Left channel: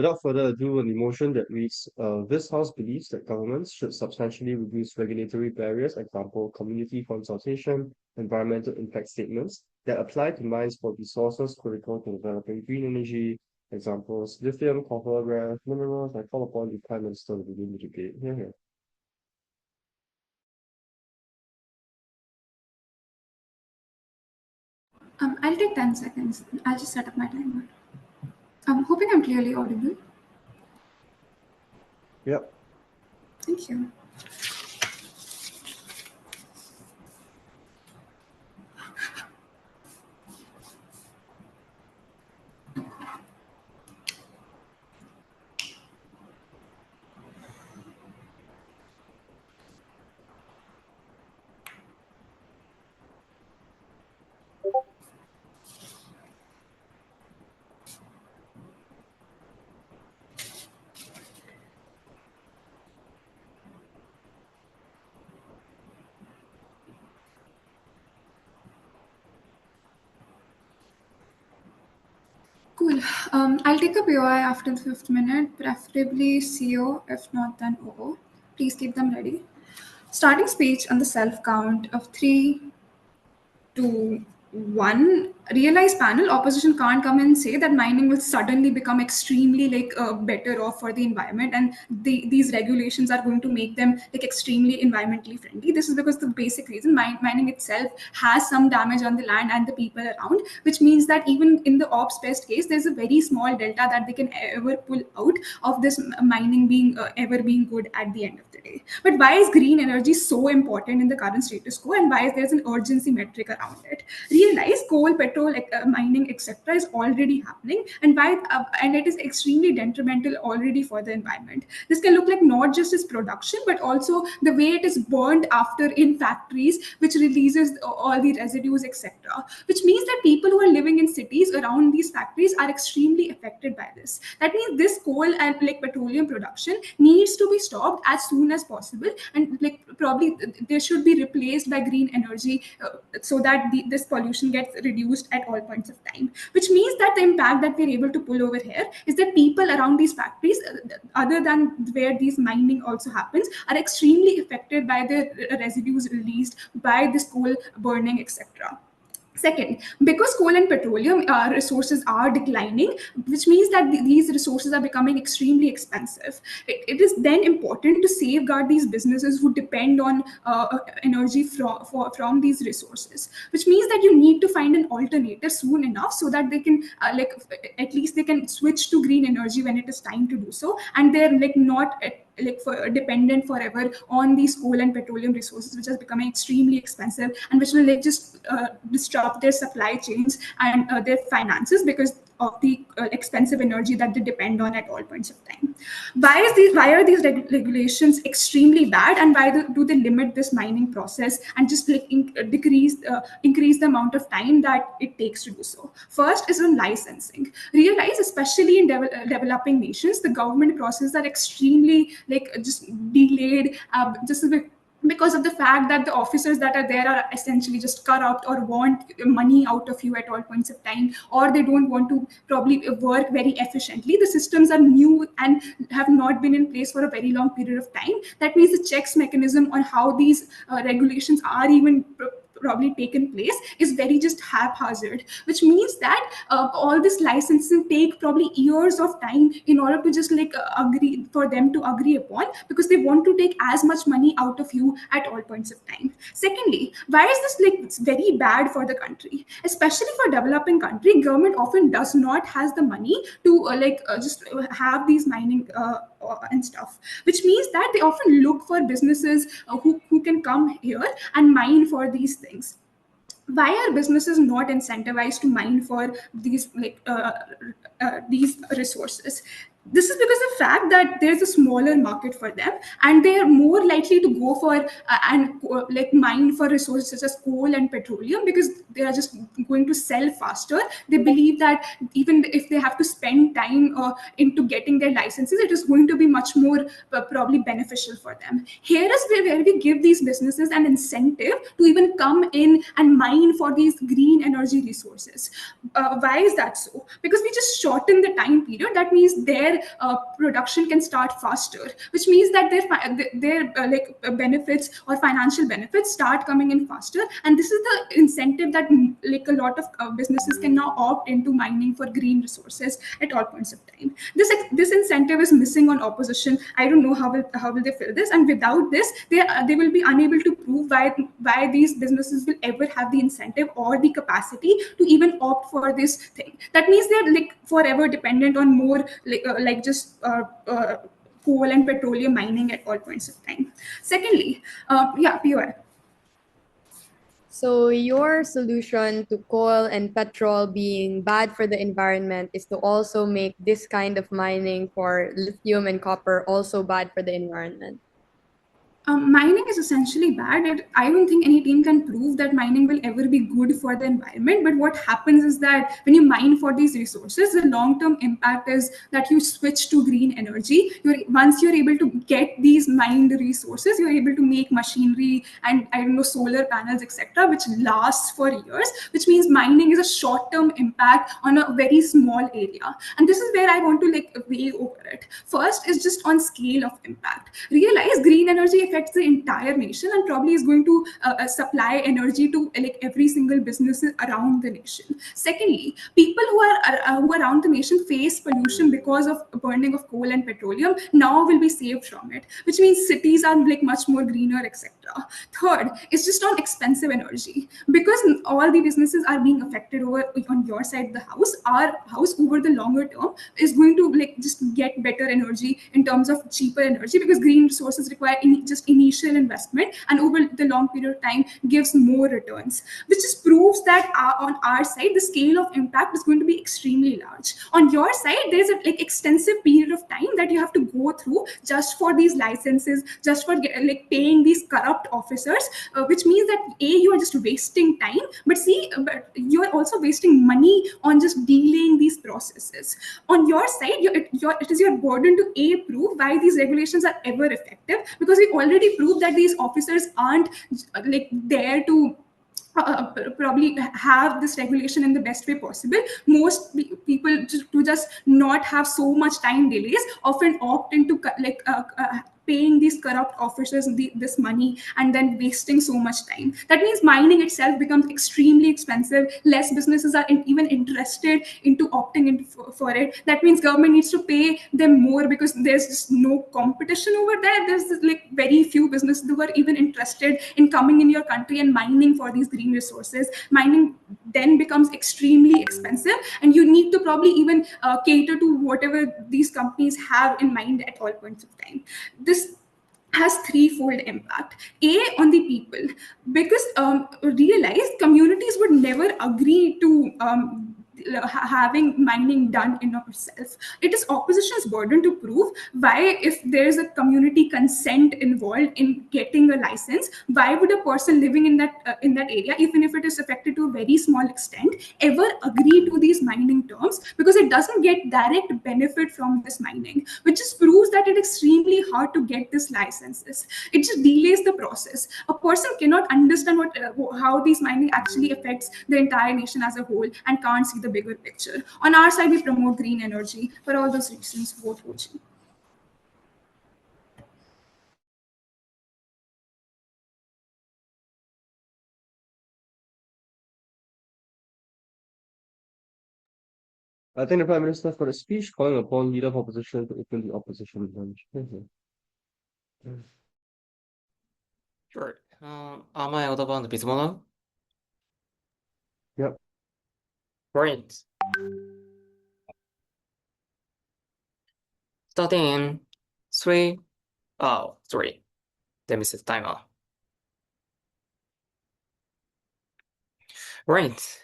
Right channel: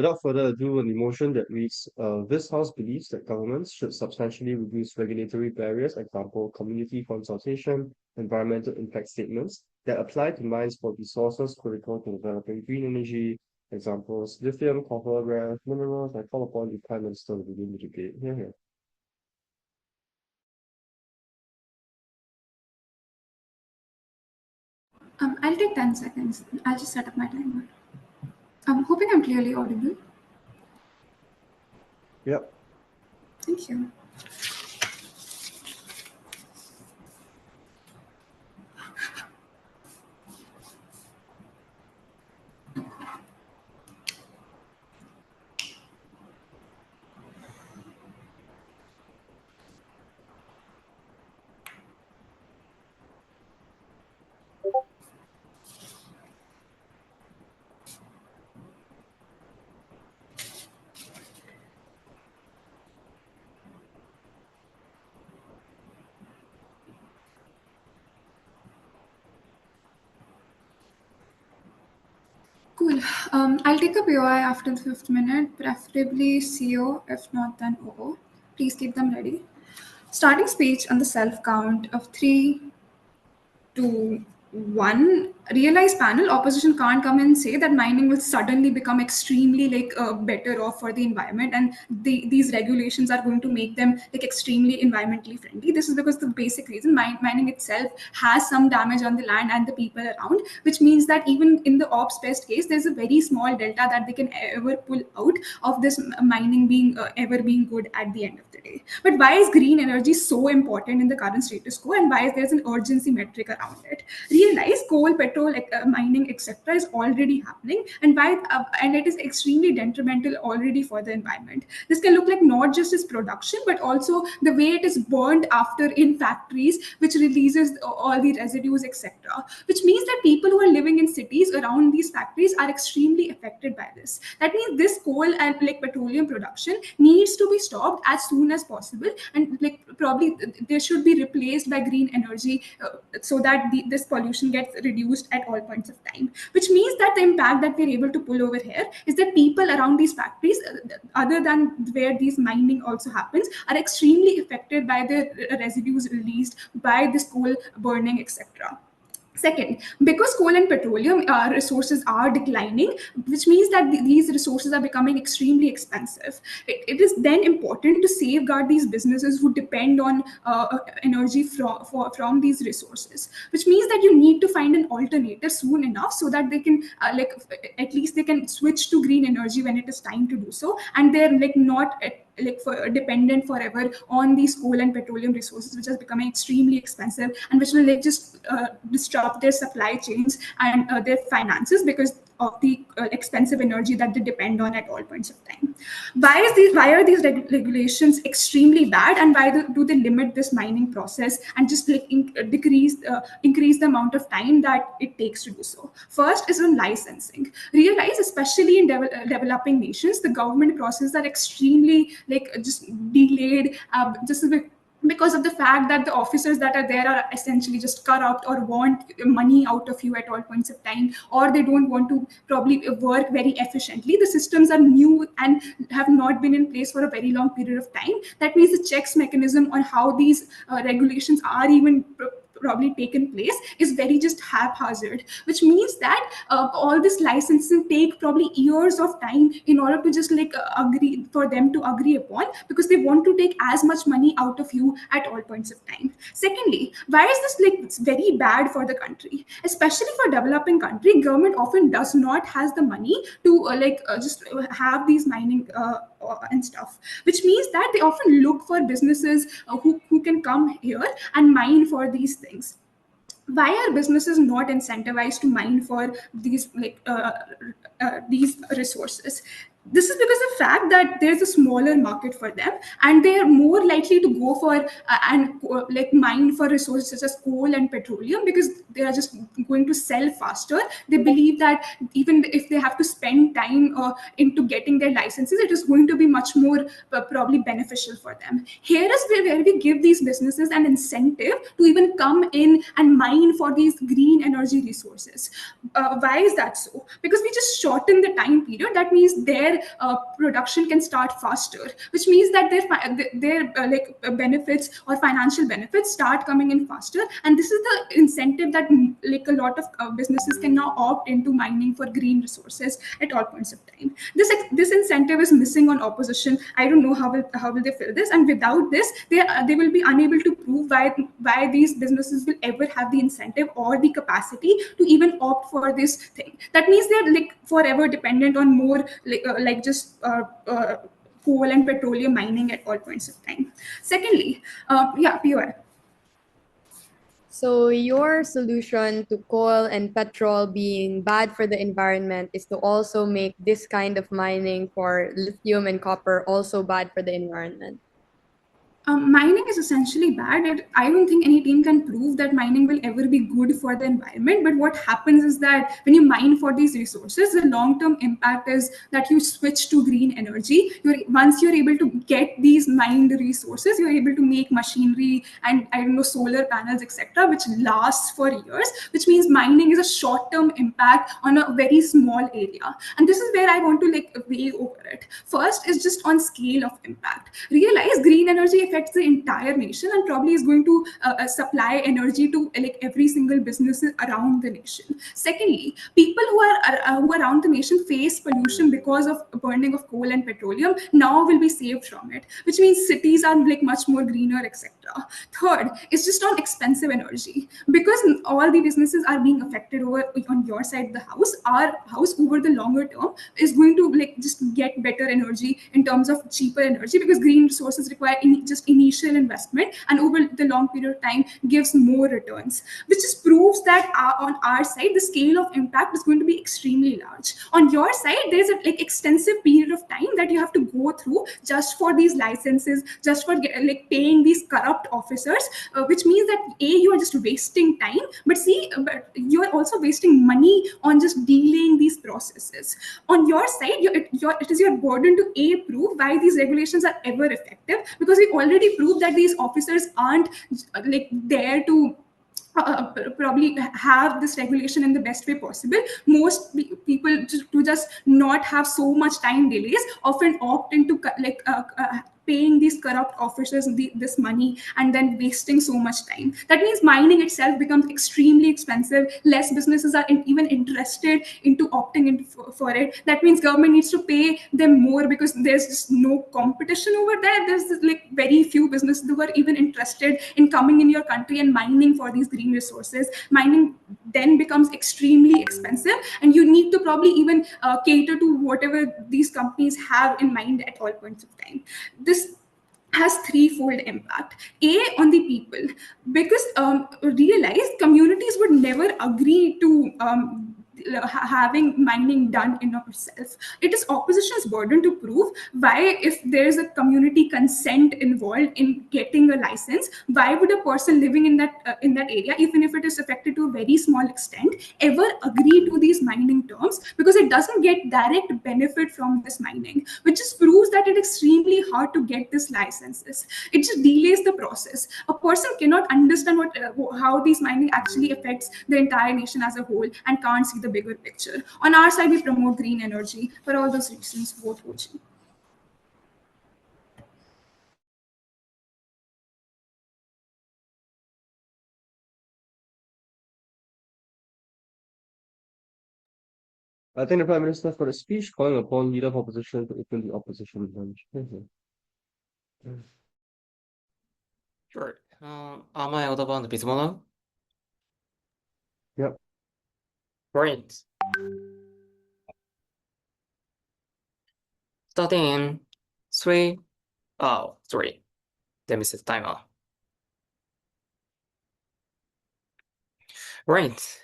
Without further ado, an emotion that reads, this House believes that governments should substantially reduce regulatory barriers, example, community consultation, environmental impact statements, that apply to mines for resources critical to developing green energy, examples, lithium, copper, rare minerals. I call upon the Prime Minister to begin the debate. Here. I'll take 10 seconds. I'll just set up my timer. I'm hoping I'm clearly audible. Yep. Thank you. Cool. I'll take a POI after the 5th minute, preferably CO, if not then OO. Please keep them ready. Starting speech on the self count of 3, 2, 1. Realize panel, opposition can't come and say that mining will suddenly become extremely better off for the environment, and these regulations are going to make them like extremely environmentally friendly. This is because the basic reason mining itself has some damage on the land and the people around, which means that even in the ops best case, there's a very small delta that they can ever pull out of this mining being ever being good at the end of the day. But why is green energy so important in the current status quo, and why is there an urgency metric around it? Realize coal, petrol, mining, etc. is already happening, and and it is extremely detrimental already for the environment. This can look like not just its production, but also the way it is burned after in factories, which releases all the residues, etc. Which means that people who are living in cities around these factories are extremely affected by this. That means this coal and petroleum production needs to be stopped as soon as possible, and probably they should be replaced by green energy so that this pollution gets reduced at all points of time. Which means that the impact that we're able to pull over here is that people around these factories, other than where these mining also happens, are extremely affected by the residues released by this coal burning, etc. Second, because coal and petroleum resources are declining, which means that these resources are becoming extremely expensive, it is then important to safeguard these businesses who depend on energy from these resources, which means that you need to find an alternative soon enough so that they can at least they can switch to green energy when it is time to do so, and they're not dependent forever on these coal and petroleum resources, which are becoming extremely expensive and which will just disrupt their supply chains and their finances because of the expensive energy that they depend on at all points of time. Why are these regulations extremely bad, and why do they limit this mining process and just increase the amount of time that it takes to do so? First is on licensing. Realize, especially in developing nations, the government processes are extremely just delayed, just because of the fact that the officers that are there are essentially just corrupt or want money out of you at all points of time, or they don't want to probably work very efficiently. The systems are new and have not been in place for a very long period of time. That means the checks mechanism on how these regulations are even probably taken place is very just haphazard, which means that all this licensing take probably years of time in order to just agree for them to agree upon, because they want to take as much money out of you at all points of time. Secondly, why is this it's very bad for the country, especially for developing country? Government often does not has the money to just have these mining and stuff, which means that they often look for businesses who can come here and mine for these things. Why are businesses not incentivized to mine for these resources? This is because of the fact that there's a smaller market for them, and they are more likely to go for mine for resources such as coal and petroleum, because they are just going to sell faster. They believe that even if they have to spend time into getting their licenses, it is going to be much more probably beneficial for them. Here is where we give these businesses an incentive to even come in and mine for these green energy resources. Why is that so? Because we just shorten the time period. That means their production can start faster, which means that their benefits or financial benefits start coming in faster. And this is the incentive that like a lot of businesses can now opt into mining for green resources at all points of time. This incentive is missing on opposition. I don't know how will they fill this, and without this, they will be unable to prove why these businesses will ever have the incentive or the capacity to even opt for this thing. That means they're like forever dependent on more just coal and petroleum mining at all points of time. Secondly, POI. So your solution to coal and petrol being bad for the environment is to also make this kind of mining for lithium and copper also bad for the environment. Mining is essentially bad, and I don't think any team can prove that mining will ever be good for the environment. But what happens is that when you mine for these resources, the long-term impact is that you switch to green energy. Once you're able to get these mined resources, you're able to make machinery and I don't know solar panels, etc., which lasts for years. Which means mining is a short-term impact on a very small area, and this is where I want to weigh over it. First is just on scale of impact. Realize green energy affects the entire nation and probably is going to supply energy to every single business around the nation. Secondly, people who are around the nation face pollution because of burning of coal and petroleum now will be saved from it, which means cities are much more greener, etc. Third is just on expensive energy, because all the businesses are being affected over on your side of the house. Our house over the longer term is going to just get better energy in terms of cheaper energy, because green resources require just initial investment and over the long period of time gives more returns, which just proves that on our side the scale of impact is going to be extremely large. On your side there is a extensive period of time that you have to go through just for these licenses, just for paying these corrupt officers, which means that you are just wasting time, but you are also wasting money on just delaying these processes. On your side, it is your burden to prove why these regulations are ever effective, because we already proved that these officers aren't there to probably have this regulation in the best way possible. Most people to just not have so much time delays often opt into paying these corrupt officers this money and then wasting so much time. That means mining itself becomes extremely expensive. Less businesses are even interested into opting in for it. That means government needs to pay them more because there's just no competition over there. There's very few businesses who are even interested in coming in your country and mining for these green resources. Mining then becomes extremely expensive, and you need to probably even cater to whatever these companies have in mind at all points of time. This has threefold impact. On the people, because realize communities would never agree to having mining done in of itself. It is opposition's burden to prove why, if there is a community consent involved in getting a license, why would a person living in that area, even if it is affected to a very small extent, ever agree to these mining terms, because it doesn't get direct benefit from this mining, which just proves that it is extremely hard to get these licenses. It just delays the process. A person cannot understand how these mining actually affects the entire nation as a whole and can't see the bigger picture. On our side, we promote green energy. For all those reasons, vote Hochi. I think the Prime Minister for the speech calling upon leader of opposition to open the opposition bench. Sure. Am I audible and visible now? Yep. Great. Starting in 3. Oh, sorry. Let me set the timer. Right.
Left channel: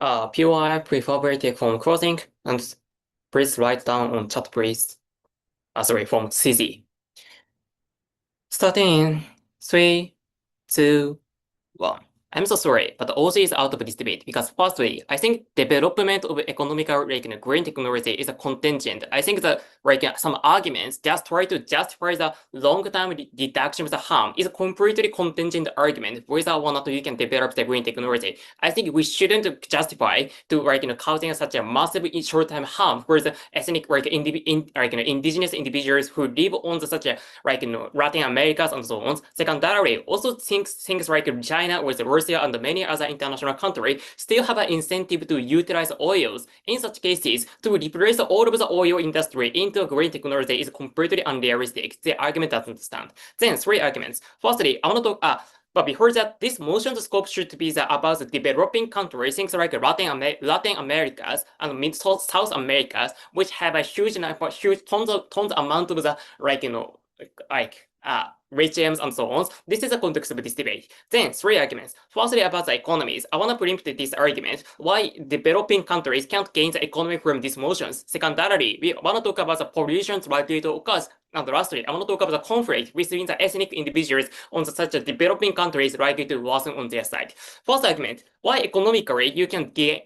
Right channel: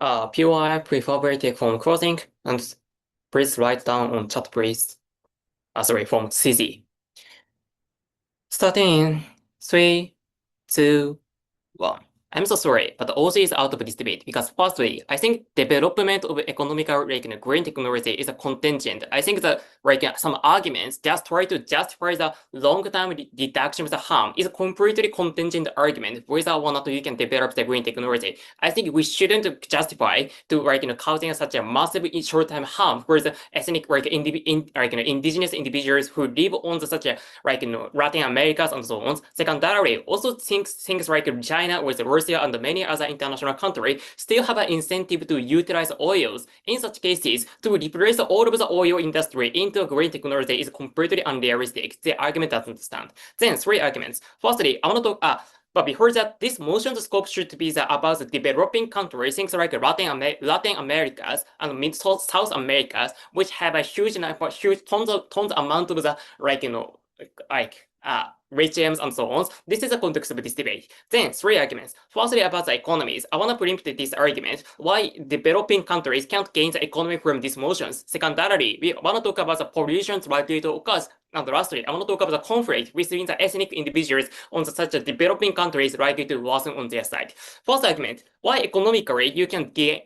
POI preferably take from closing, and please write down on chat, please. Sorry, from CZ. Starting in 3, 2, 1. I'm so sorry, but OC is out of this debate because firstly, I think development of economical green technology is a contingent. I think that some arguments just try to justify the long-term reduction of the harm is a completely contingent argument whether or not you can develop the green technology. I think we shouldn't justify to causing such a massive short-term harm for the ethnic indigenous individuals who live on such a Latin Americas and so on. Secondarily, also things like China with Russia and many other international countries still have an incentive to utilize oils. In such cases, to replace all of the oil industry into green technology is completely unrealistic. The argument doesn't stand. Then 3 arguments. Firstly, I want to talk. But before that, this motion's scope should be about the developing countries, things like Latin Americas and South Americas, which have a huge tons amount of the lithiums and so on. This is the context of this debate. Then 3 arguments. Firstly, about the economies. I want to preempt this argument why developing countries can't gain the economy from these motions. Secondarily, we want to talk about the pollutions likely to occur. And lastly, I want to talk about the conflict between the ethnic individuals on such a developing countries likely to worsen on their side. First argument, why economically you can gain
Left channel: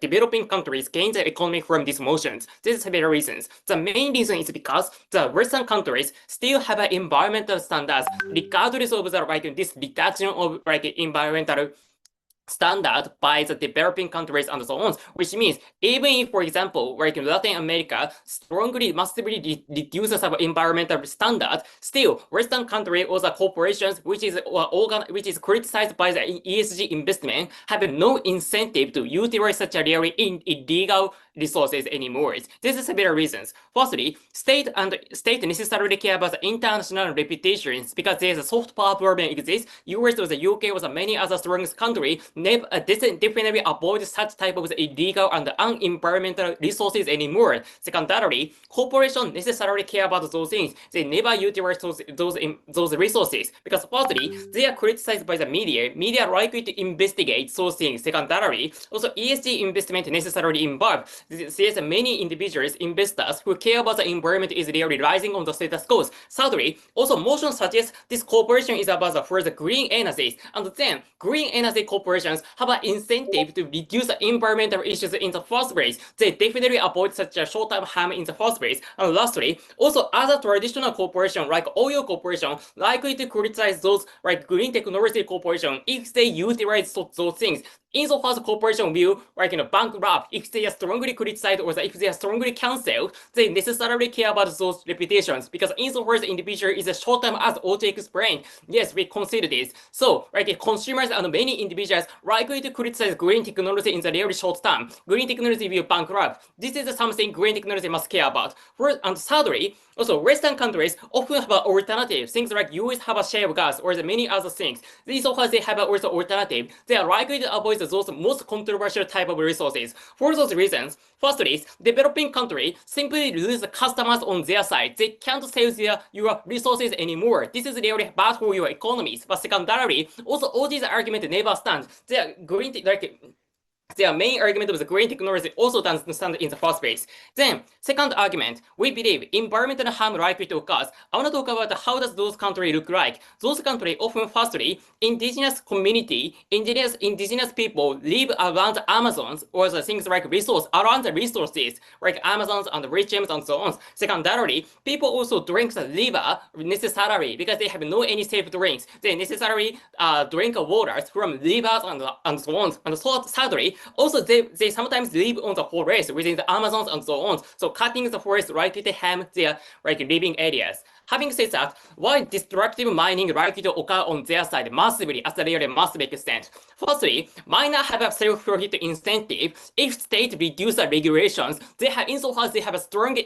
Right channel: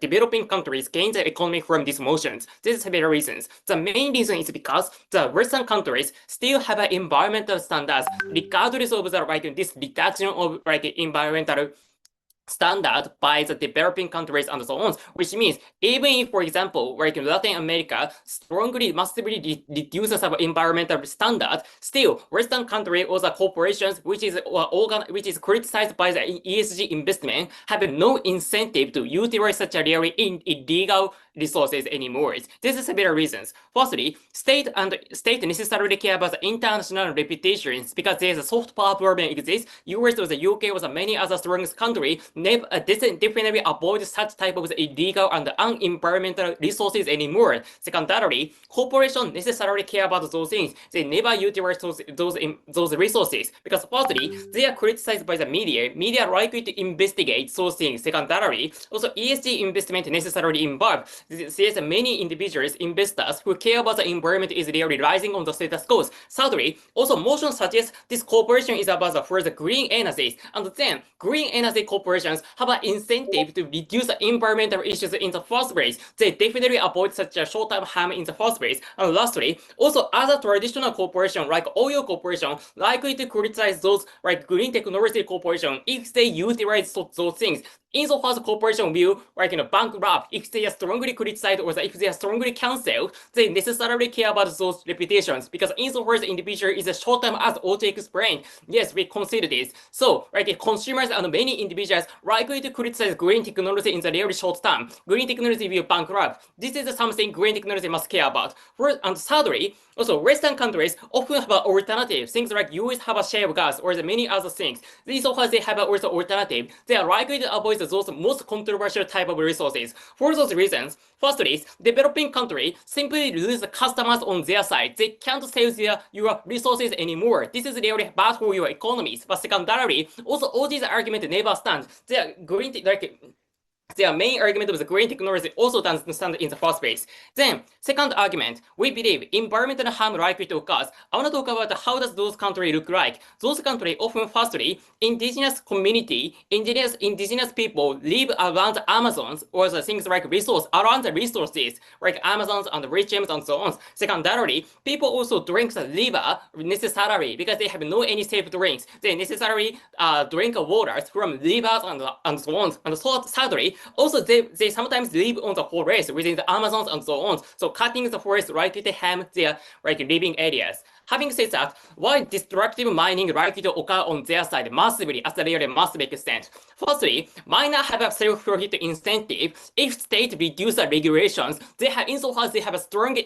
developing countries gain the economy from these motions. This is several reasons. The main reason is because the Western countries still have environmental standards regardless of the this reduction of environmental standard by the developing countries and so on, which means even if, for example, Latin America strongly, massively reduces our environmental standard, still Western countries or the corporations which is criticized by the ESG investment have no incentive to utilize such a really illegal resources anymore. This is several reasons. Firstly, state necessarily care about the international reputations because there's a soft power problem exists. US or the UK or the many other strongest countries definitely avoid such type of illegal and unenvironmental resources anymore. Secondarily, corporations necessarily care about those things. They never utilize those resources because firstly, they are criticized by the media. Media are likely to investigate those things. Secondarily, also ESG investment necessarily involved. There's many individuals, investors who care about the environment is really rising on the status quo. Thirdly, also motion suggests this corporation is about for the green energies, and then green energy corporations have an incentive to reduce the environmental issues in the first place. They definitely avoid such a short-term harm in the first place. And lastly, also other traditional corporations like oil corporation likely to criticize those green technology corporation if they utilize those things. Insofar as corporation will bankrupt if they are strongly criticized or if they are strongly cancelled, they necessarily care about those reputations because insofar as the individual is a short term as Ochi explained. Yes, we consider this. So consumers and many individuals likely to criticize green technology in the really short term. Green technology will bankrupt. This is something green technology must care about. And thirdly, also, Western countries often have an alternative. Things like US have a shale gas or the many other things. So far they have also alternative. They are likely to avoid those most controversial type of resources. For those reasons, firstly, developing countries simply lose the customers on their side. They can't sell your resources anymore. This is really bad for your economies. But secondarily, also all these arguments never stand. They are green their main argument of the green technology also doesn't stand in the first place. Then, second argument, we believe environmental harm likely to occur. I want to talk about how does those countries look like. Those countries often, firstly, indigenous community, indigenous people live around the Amazons or the things like around the resources, like Amazons and lithiums and so on. Secondarily, people also drink the river necessarily because they have no any safe drinks. They necessarily drink waters from rivers and so on. And so thirdly, also they sometimes live on the forest within the Amazons and so on. So cutting the forest likely to harm their living areas. Having said that, why destructive mining likely to occur on their side massively at a really massive extent? Firstly, miners have a self-profit incentive. If state reduce the regulations, they have insofar as they have a strong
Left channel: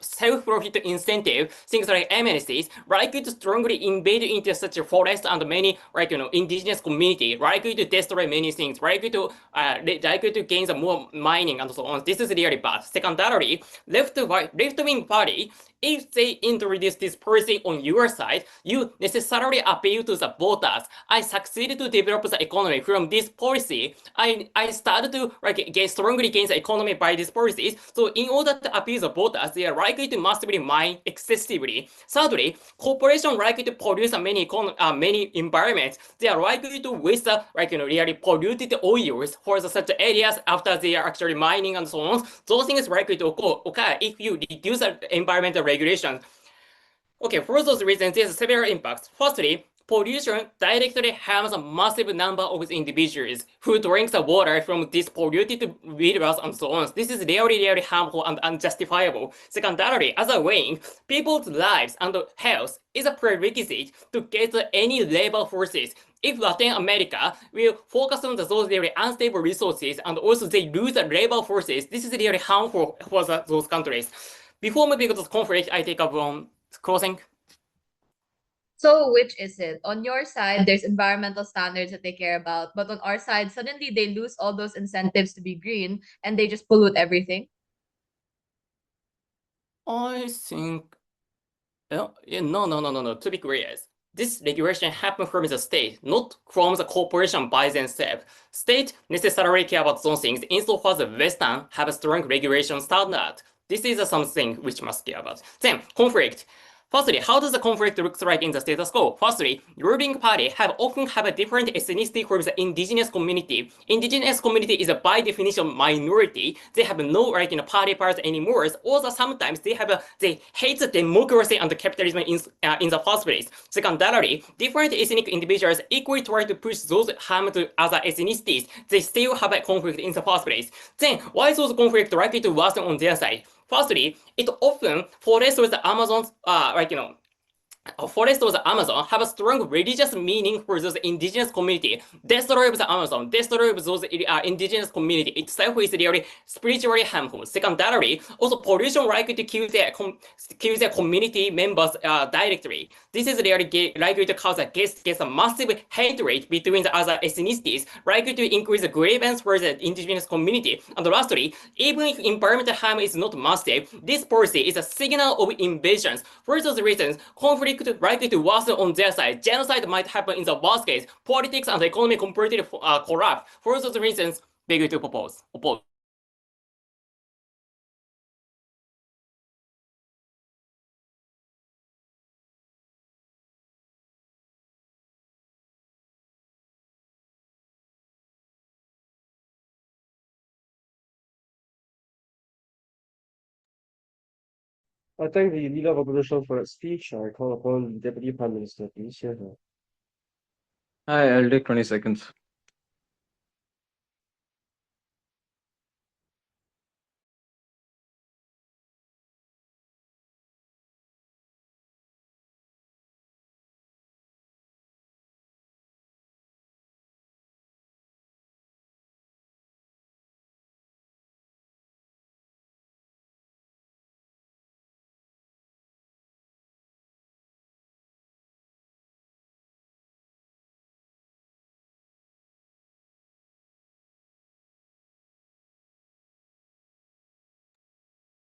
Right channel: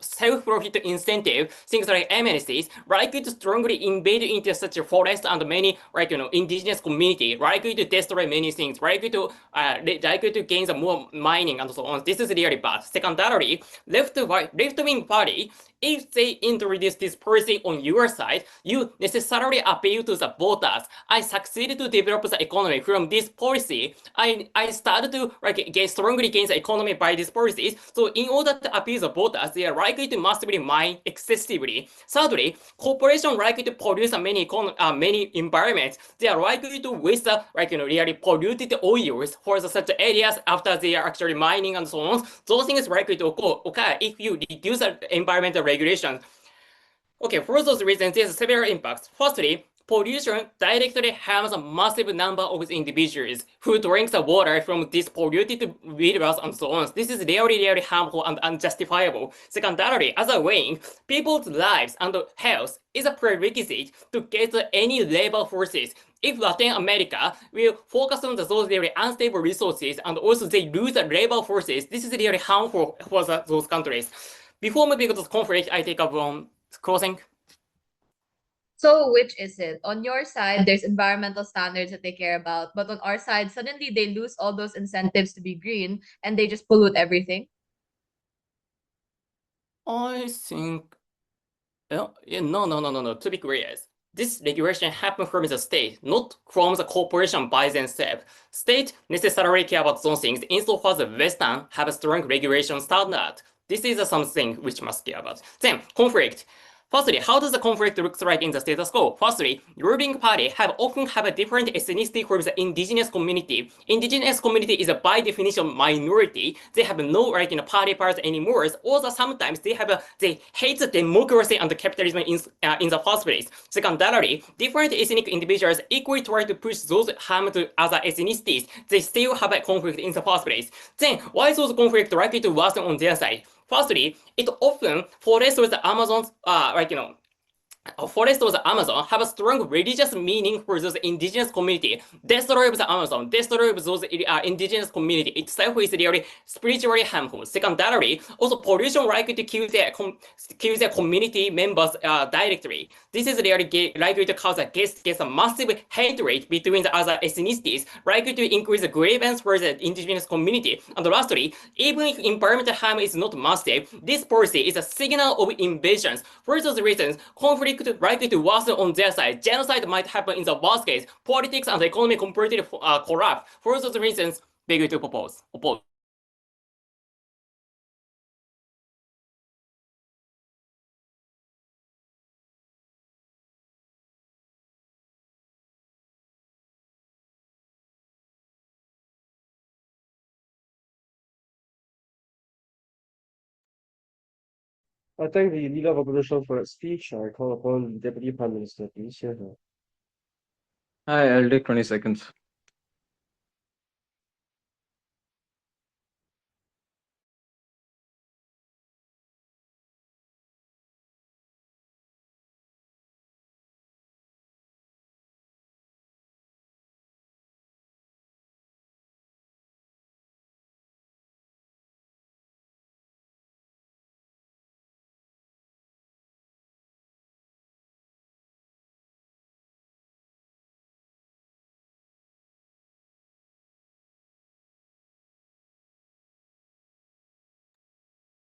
self-profit incentive, things like MNCs, likely to strongly invade into such a forest and many indigenous community, likely to destroy many things, likely to gain the more mining and so on. This is really bad. Secondarily, left-wing party if they introduce this policy on your side, you necessarily appeal to the voters. I succeeded to develop the economy from this policy. I started to get strongly against the economy by these policies. So in order to appeal the voters, they are likely to massively mine excessively. Thirdly, corporations likely to produce many environments. They are likely to waste really polluted oils for such areas after they are actually mining and so on. Those things are likely to occur if you reduce the environmental regulations. Okay, for those reasons, there's several impacts. Firstly, pollution directly harms a massive number of individuals who drink the water from these polluted rivers and so on. This is really harmful and unjustifiable. Secondarily, as a weighing, people's lives and health is a prerequisite to get any labor forces. If Latin America will focus on those very unstable resources and also they lose the labor forces, this is really harmful for those countries. Before moving to the conflict, I take up closing. So which is it? On your side, there's environmental standards that they care about, but on our side, suddenly they lose all those incentives to be green and they just pollute everything. I think, no. To be clear, this regulation happens from the state, not from the corporation by themselves. State necessarily care about those things insofar as the Western have a strong regulation standard. This is something which must care about. Then, conflict. Firstly, how does the conflict look like in the status quo? Firstly, ruling party often have a different ethnicity from the indigenous community. Indigenous community is by definition minority. They have no party powers anymore. Also, sometimes they hate the democracy and the capitalism in the first place. Secondarily, different ethnic individuals equally try to push those harm to other ethnicities. They still have a conflict in the first place. Then, why is those conflicts likely to worsen on their side? Firstly, it often forests with the Amazons, forest of the Amazon have a strong religious meaning for those indigenous community. Destroy the Amazon, destroy those indigenous community itself is really spiritually harmful. Secondarily, also pollution likely to kill their community members directly. This is really likely to cause a massive hatred between the other ethnicities, likely to increase the grievance for the indigenous community. And lastly, even if environmental harm is not massive, this policy is a signal of invasions. For those reasons, conflict likely to worsen on their side. Genocide might happen in the worst case. Politics and the economy completely corrupt. For those reasons, beg to oppose. I thank the leader of opposition for its speech. I call upon the Deputy Prime Minister, please. Here. Hi, I'll take 20 seconds.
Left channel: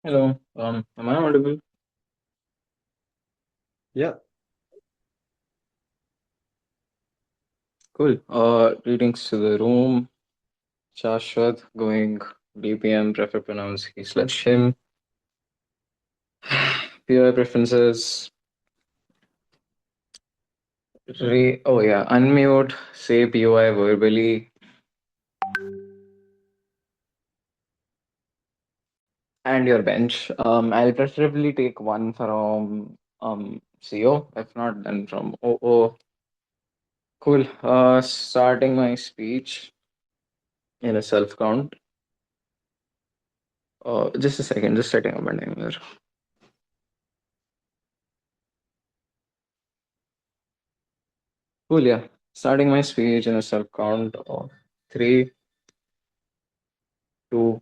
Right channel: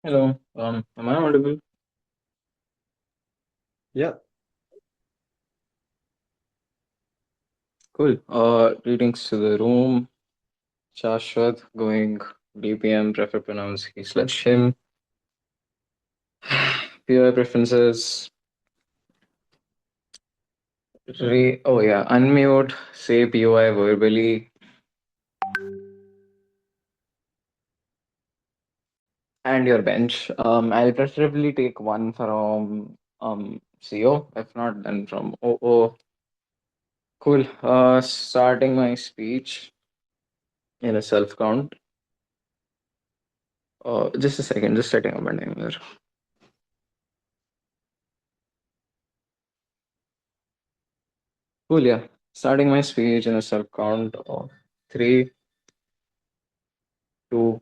Hello, am I audible? Yeah. Cool. Greetings to the room. Shashwat going BPM, prefer pronounce he/him. POI preferences. Oh yeah, unmute, say POI verbally. And your bench. I'll preferably take one from CO, if not then from OO. Cool. Starting my speech in a self count. Just a second, just setting up my timer. Cool, yeah. Starting my speech in a self count of 3, 2,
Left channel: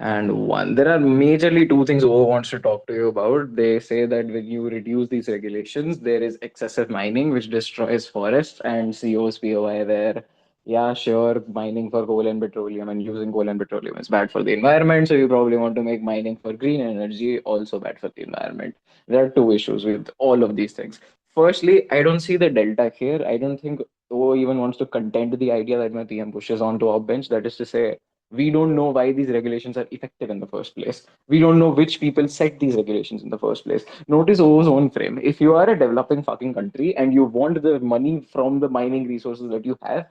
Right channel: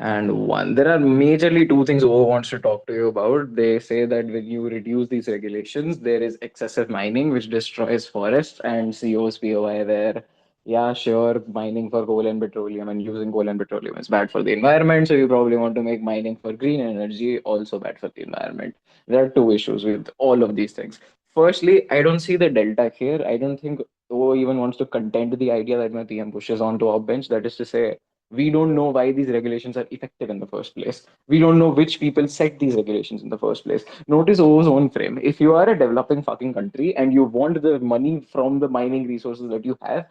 and 1. There are majorly two things O wants to talk to you about. They say that when you reduce these regulations, there is excessive mining which destroys forests, and CO's POI there yeah, sure, mining for coal and petroleum and using coal and petroleum is bad for the environment. So you probably want to make mining for green energy also bad for the environment. There are two issues with all of these things. Firstly, I don't see the delta here. I don't think O even wants to contend the idea that my PM pushes onto our bench. That is to say, we don't know why these regulations are effective in the first place. We don't know which people set these regulations in the first place. Notice O's own frame. If you are a developing fucking country and you want the money from the mining resources that you have,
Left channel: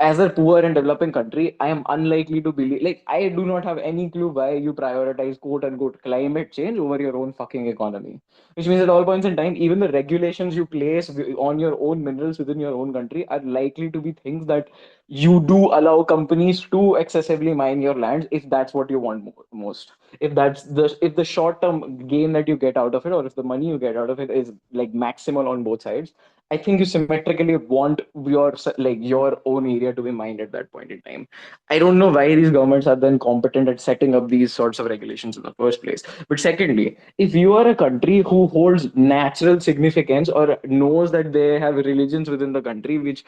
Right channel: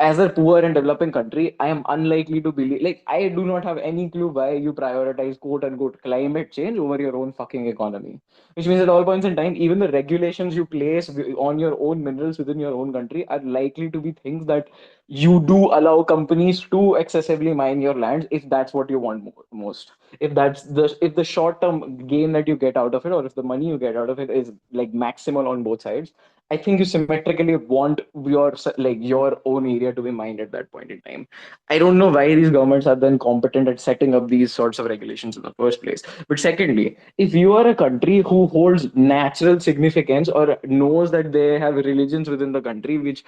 as a poor and developing country, I am unlikely to believe, like, I do not have any clue why you prioritize quote unquote climate change over your own fucking economy. Which means at all points in time, even the regulations you place on your own minerals within your own country are likely to be things that you do allow companies to excessively mine your lands if that's what you want most. If the short term gain that you get out of it, or if the money you get out of it is like maximal on both sides, I think you symmetrically want your own area to be mined at that point in time. I don't know why these governments are then competent at setting up these sorts of regulations in the first place. But secondly, if you are a country who holds natural significance or knows that they have religions within the country which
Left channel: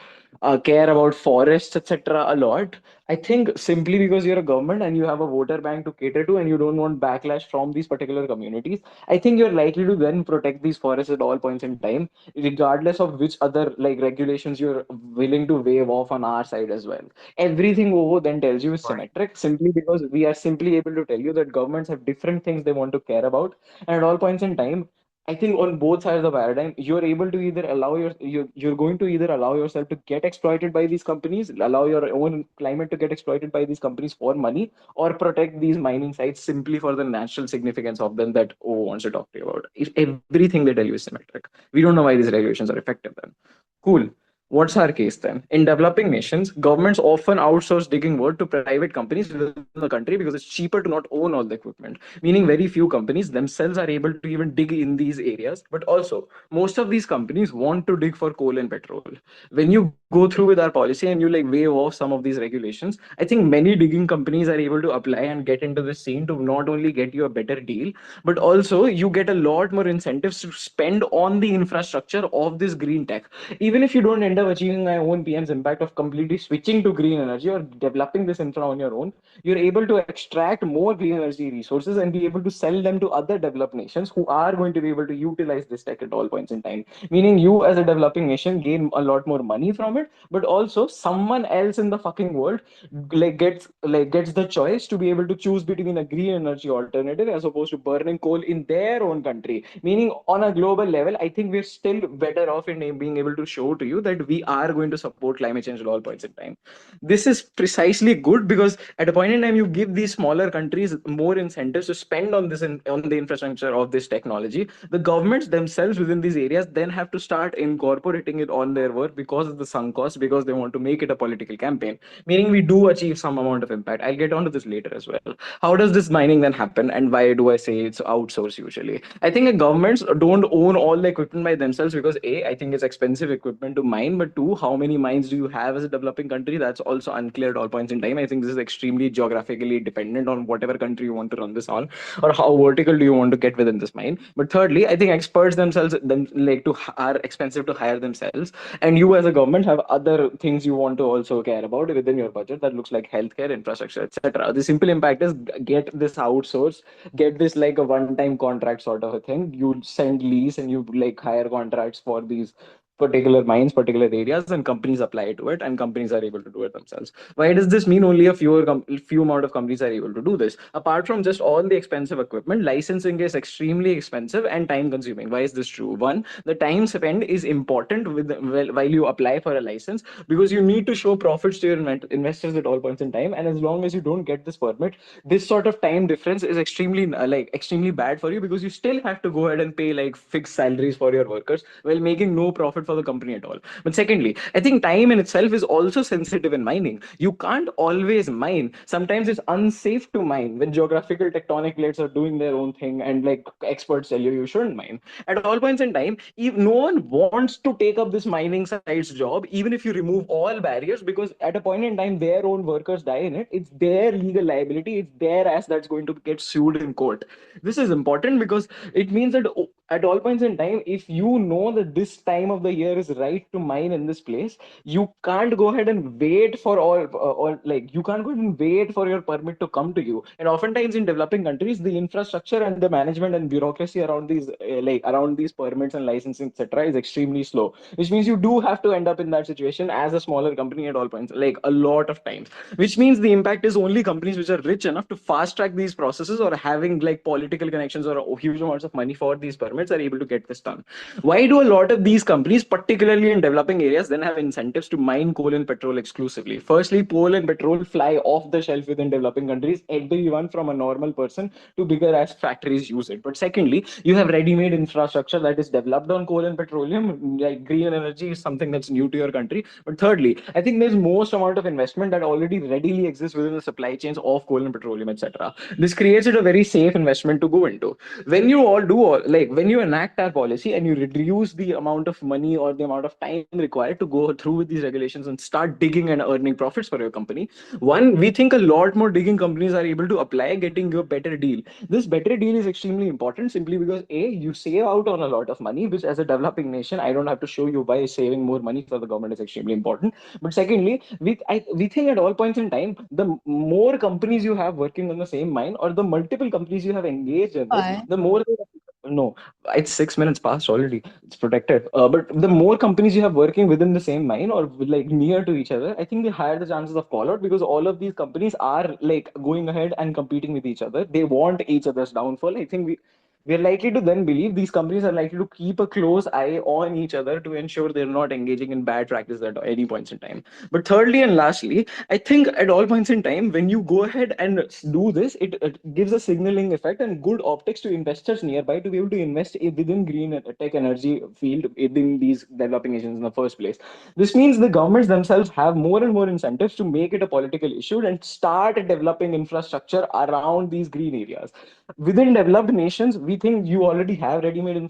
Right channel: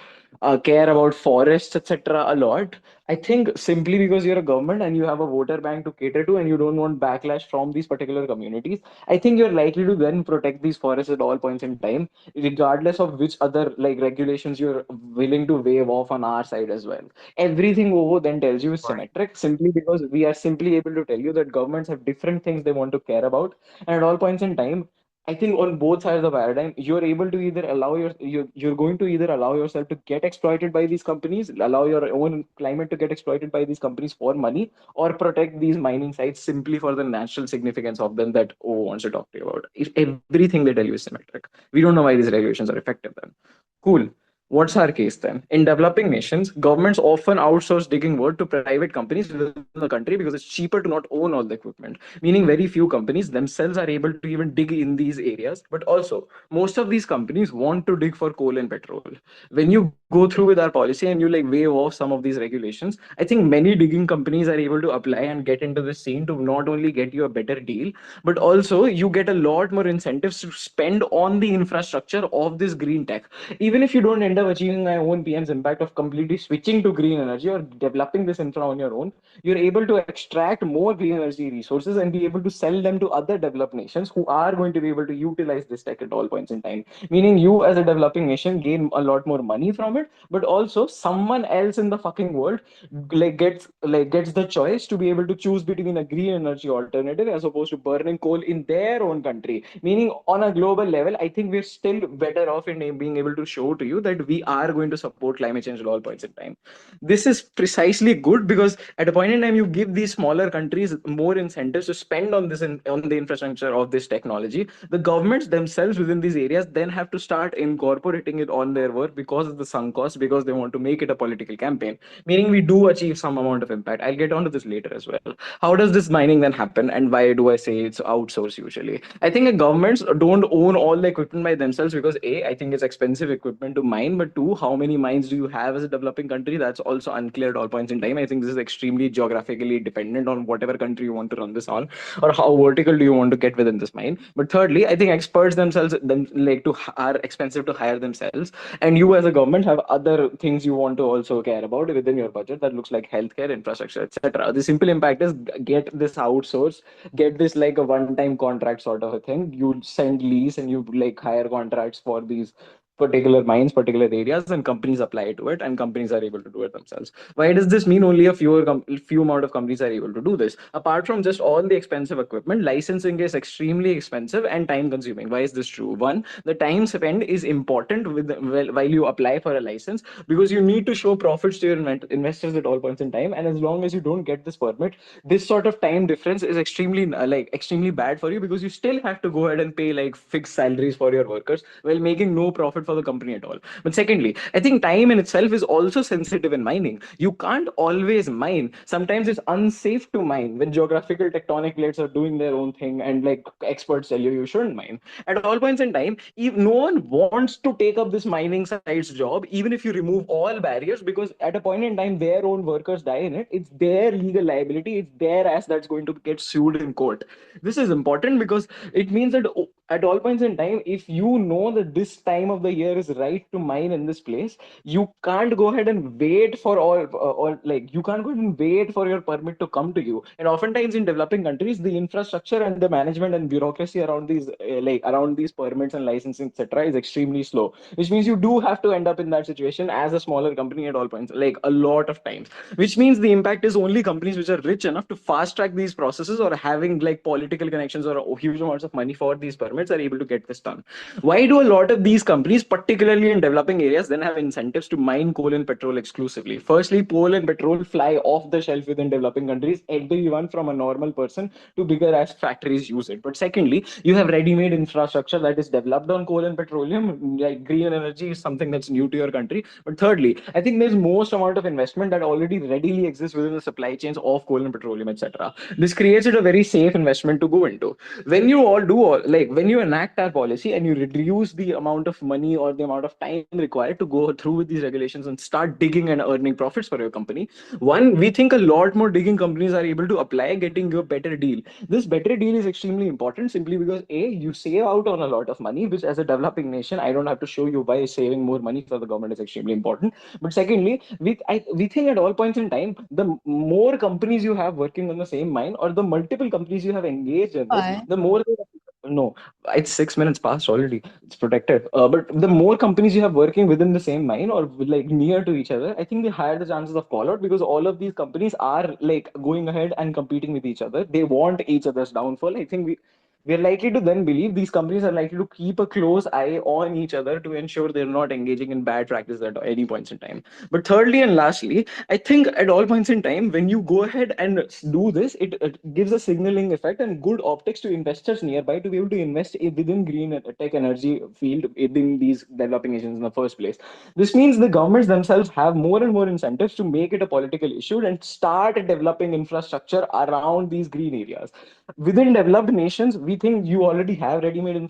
care about forests, etc., a lot, I think simply because you're a government and you have a voter bank to cater to and you don't want backlash from these particular communities, I think you're likely to then protect these forests at all points in time, regardless of which other like regulations you're willing to waive off on our side as well. Everything over then tells you is symmetric simply because we are simply able to tell you that governments have different things they want to care about, and at all points in time, I think on both sides of the paradigm, you're able to either you're going to either allow yourself to get exploited by these companies, allow your own climate to get exploited by these companies for money, or protect these mining sites simply for the natural significance of them that O wants to talk to you about. If everything they tell you is symmetric, we don't know why these regulations are effective then. Cool. What's our case then? In developing nations, governments often outsource digging work to private companies within the country because it's cheaper to not own all the equipment, meaning very few companies themselves are able to even dig in these areas. But also, most of these companies want to dig for coal and petrol. When you go through with our policy and you like waive off some of these regulations, I think many digging companies are able to apply and get into the scene to not only get you a better deal, but also you get a lot more incentives to spend on the infrastructure of this green tech. Even if you don't end up achieving my own PM's impact of completely switching to green energy or developing this infra on your own, you're able to extract more clean energy resources and be able to sell them to other developed nations who are going to be able to utilize this tech at all points in time. Meaning you as a developing nation gain a lot more money from it, but also someone else in the fucking world gets the choice to be able to choose between a green energy alternative as opposed to burning coal in their own country. Meaning on a global level, I think we're still better off in being able to show to you that we are going to support climate change at all points in time. This is precisely good because at a point in time you give these smaller countries more incentives to spend on on the infrastructure of this technology. The governments themselves within these areas then have to start incorporating it on their work because of the sunk cost, because they want to make it a political campaign, meaning we do achieve some amount of impact. I'll get onto this later as well. How does this mining then happen, and why do I say it's outsourced usually? I think the governments don't own all the equipment by themselves because A, I think it's expensive equipment to mine, but two, how many mines do you have as a developing country? That's also unclear at all points in time. I think this is extremely geographically dependent on whatever country you want to run this on, or how vertical do you want to get within this mine. But thirdly, I think experts themselves are expensive to hire themselves, and you as a government have other things you want to also care about within your budget that looks like healthcare, infrastructure, etc. The simple impact is get this outsourced, get this like a one-time contract sort of a thing. You send lease and you like hire contracts for these particular mines, particular areas, and companies apply to it, and companies are able to do it themselves. Why does this mean only a few amount of companies are able to do this? Apart from just all the expensive equipment, licensing is extremely expensive and time consuming. Why is this true? One, the time spent is important while you apply for a license, because you need to show profits to your investors at all points in time, and as long as you don't get this permit, this sort of time difference is extremely bad for you, because you still have to go ahead and pay like fixed salaries for your workers while making no profit for the company at all. But secondly, I think time in itself is also sensitive in mining. You can't always mine. Sometimes it's unsafe to mine when geographical tectonic plates are doing their own thing, and like experts tell you shouldn't mine. At all points in time, if no one wants to take up this mining site's job, even if you remove all barriers, because at a point in time their own workers die in it, it's their legal liability, it's their ass that's going to get sued in court. This is important because it means that at all points in time, if you know that this time of the year is right to mine in this place, you can't go ahead and wait for you can't go ahead and wait for your permit to come to you. And oftentimes in developing countries, the infrastructure and the management and bureaucracy around these permits and licensing, etc., is extremely slow, which means you do have to end up in that situation as a smaller company at all points, like a lot of times. Which means the impact is only companies which are rich enough to fast track these processes or having like political connections or huge amounts of money for these permits are able to get this done. Why do a lot of these companies, particularly in developing areas, then have incentives to mine coal and petrol exclusively? Firstly, coal and petrol fly off the shelf within developing countries. Everyone from a normal person to bigger ass factories use it. But secondly, you have ready-made infrastructure that is developed on coal and petroleum. Like green energy is something that's new to your country. But thirdly, I think there's most amount of investment that already readily exists within the supply chains of coal and petroleum, etc. This creates it a very safe investment to go into. When you when you enact that policy and you reduce the amount of money or the amount of time required to go through with these regulations and start digging and earning profits for your company, we think a lot more digging companies are able to apply, getting you a better deal. This better deal is extremely important simply because you save out on a lot of money, which as a developing nation, I don't have to show you why saving more money for the government is extremely important. But secondly, we think at all points in time, the more companies you have working on the same mine or the multiple companies you have engaged in this, the more no, it's 6 minutes past already. It's protected. But the more companies you have working within the same mine or like near to each other, I think the higher the chances of call out, because all of these companies are like going ahead and competing with each other. They want each other's downfall. I think we're likely to then believe these companies are likely to keep a close eye on each other to ensure they're not engaging in bad practices at any points in time. But thirdly and lastly, I think at all points in time, when you go ahead and do this, it gives a signaling effect and good optics to investors nearby to be able to invest within green tech energy field within these developing nations in the first place. This means the governments themselves have more and more incentives to make it a political issue and start developing infrastructure around these green areas. Within developed nations, we think you already have ready-made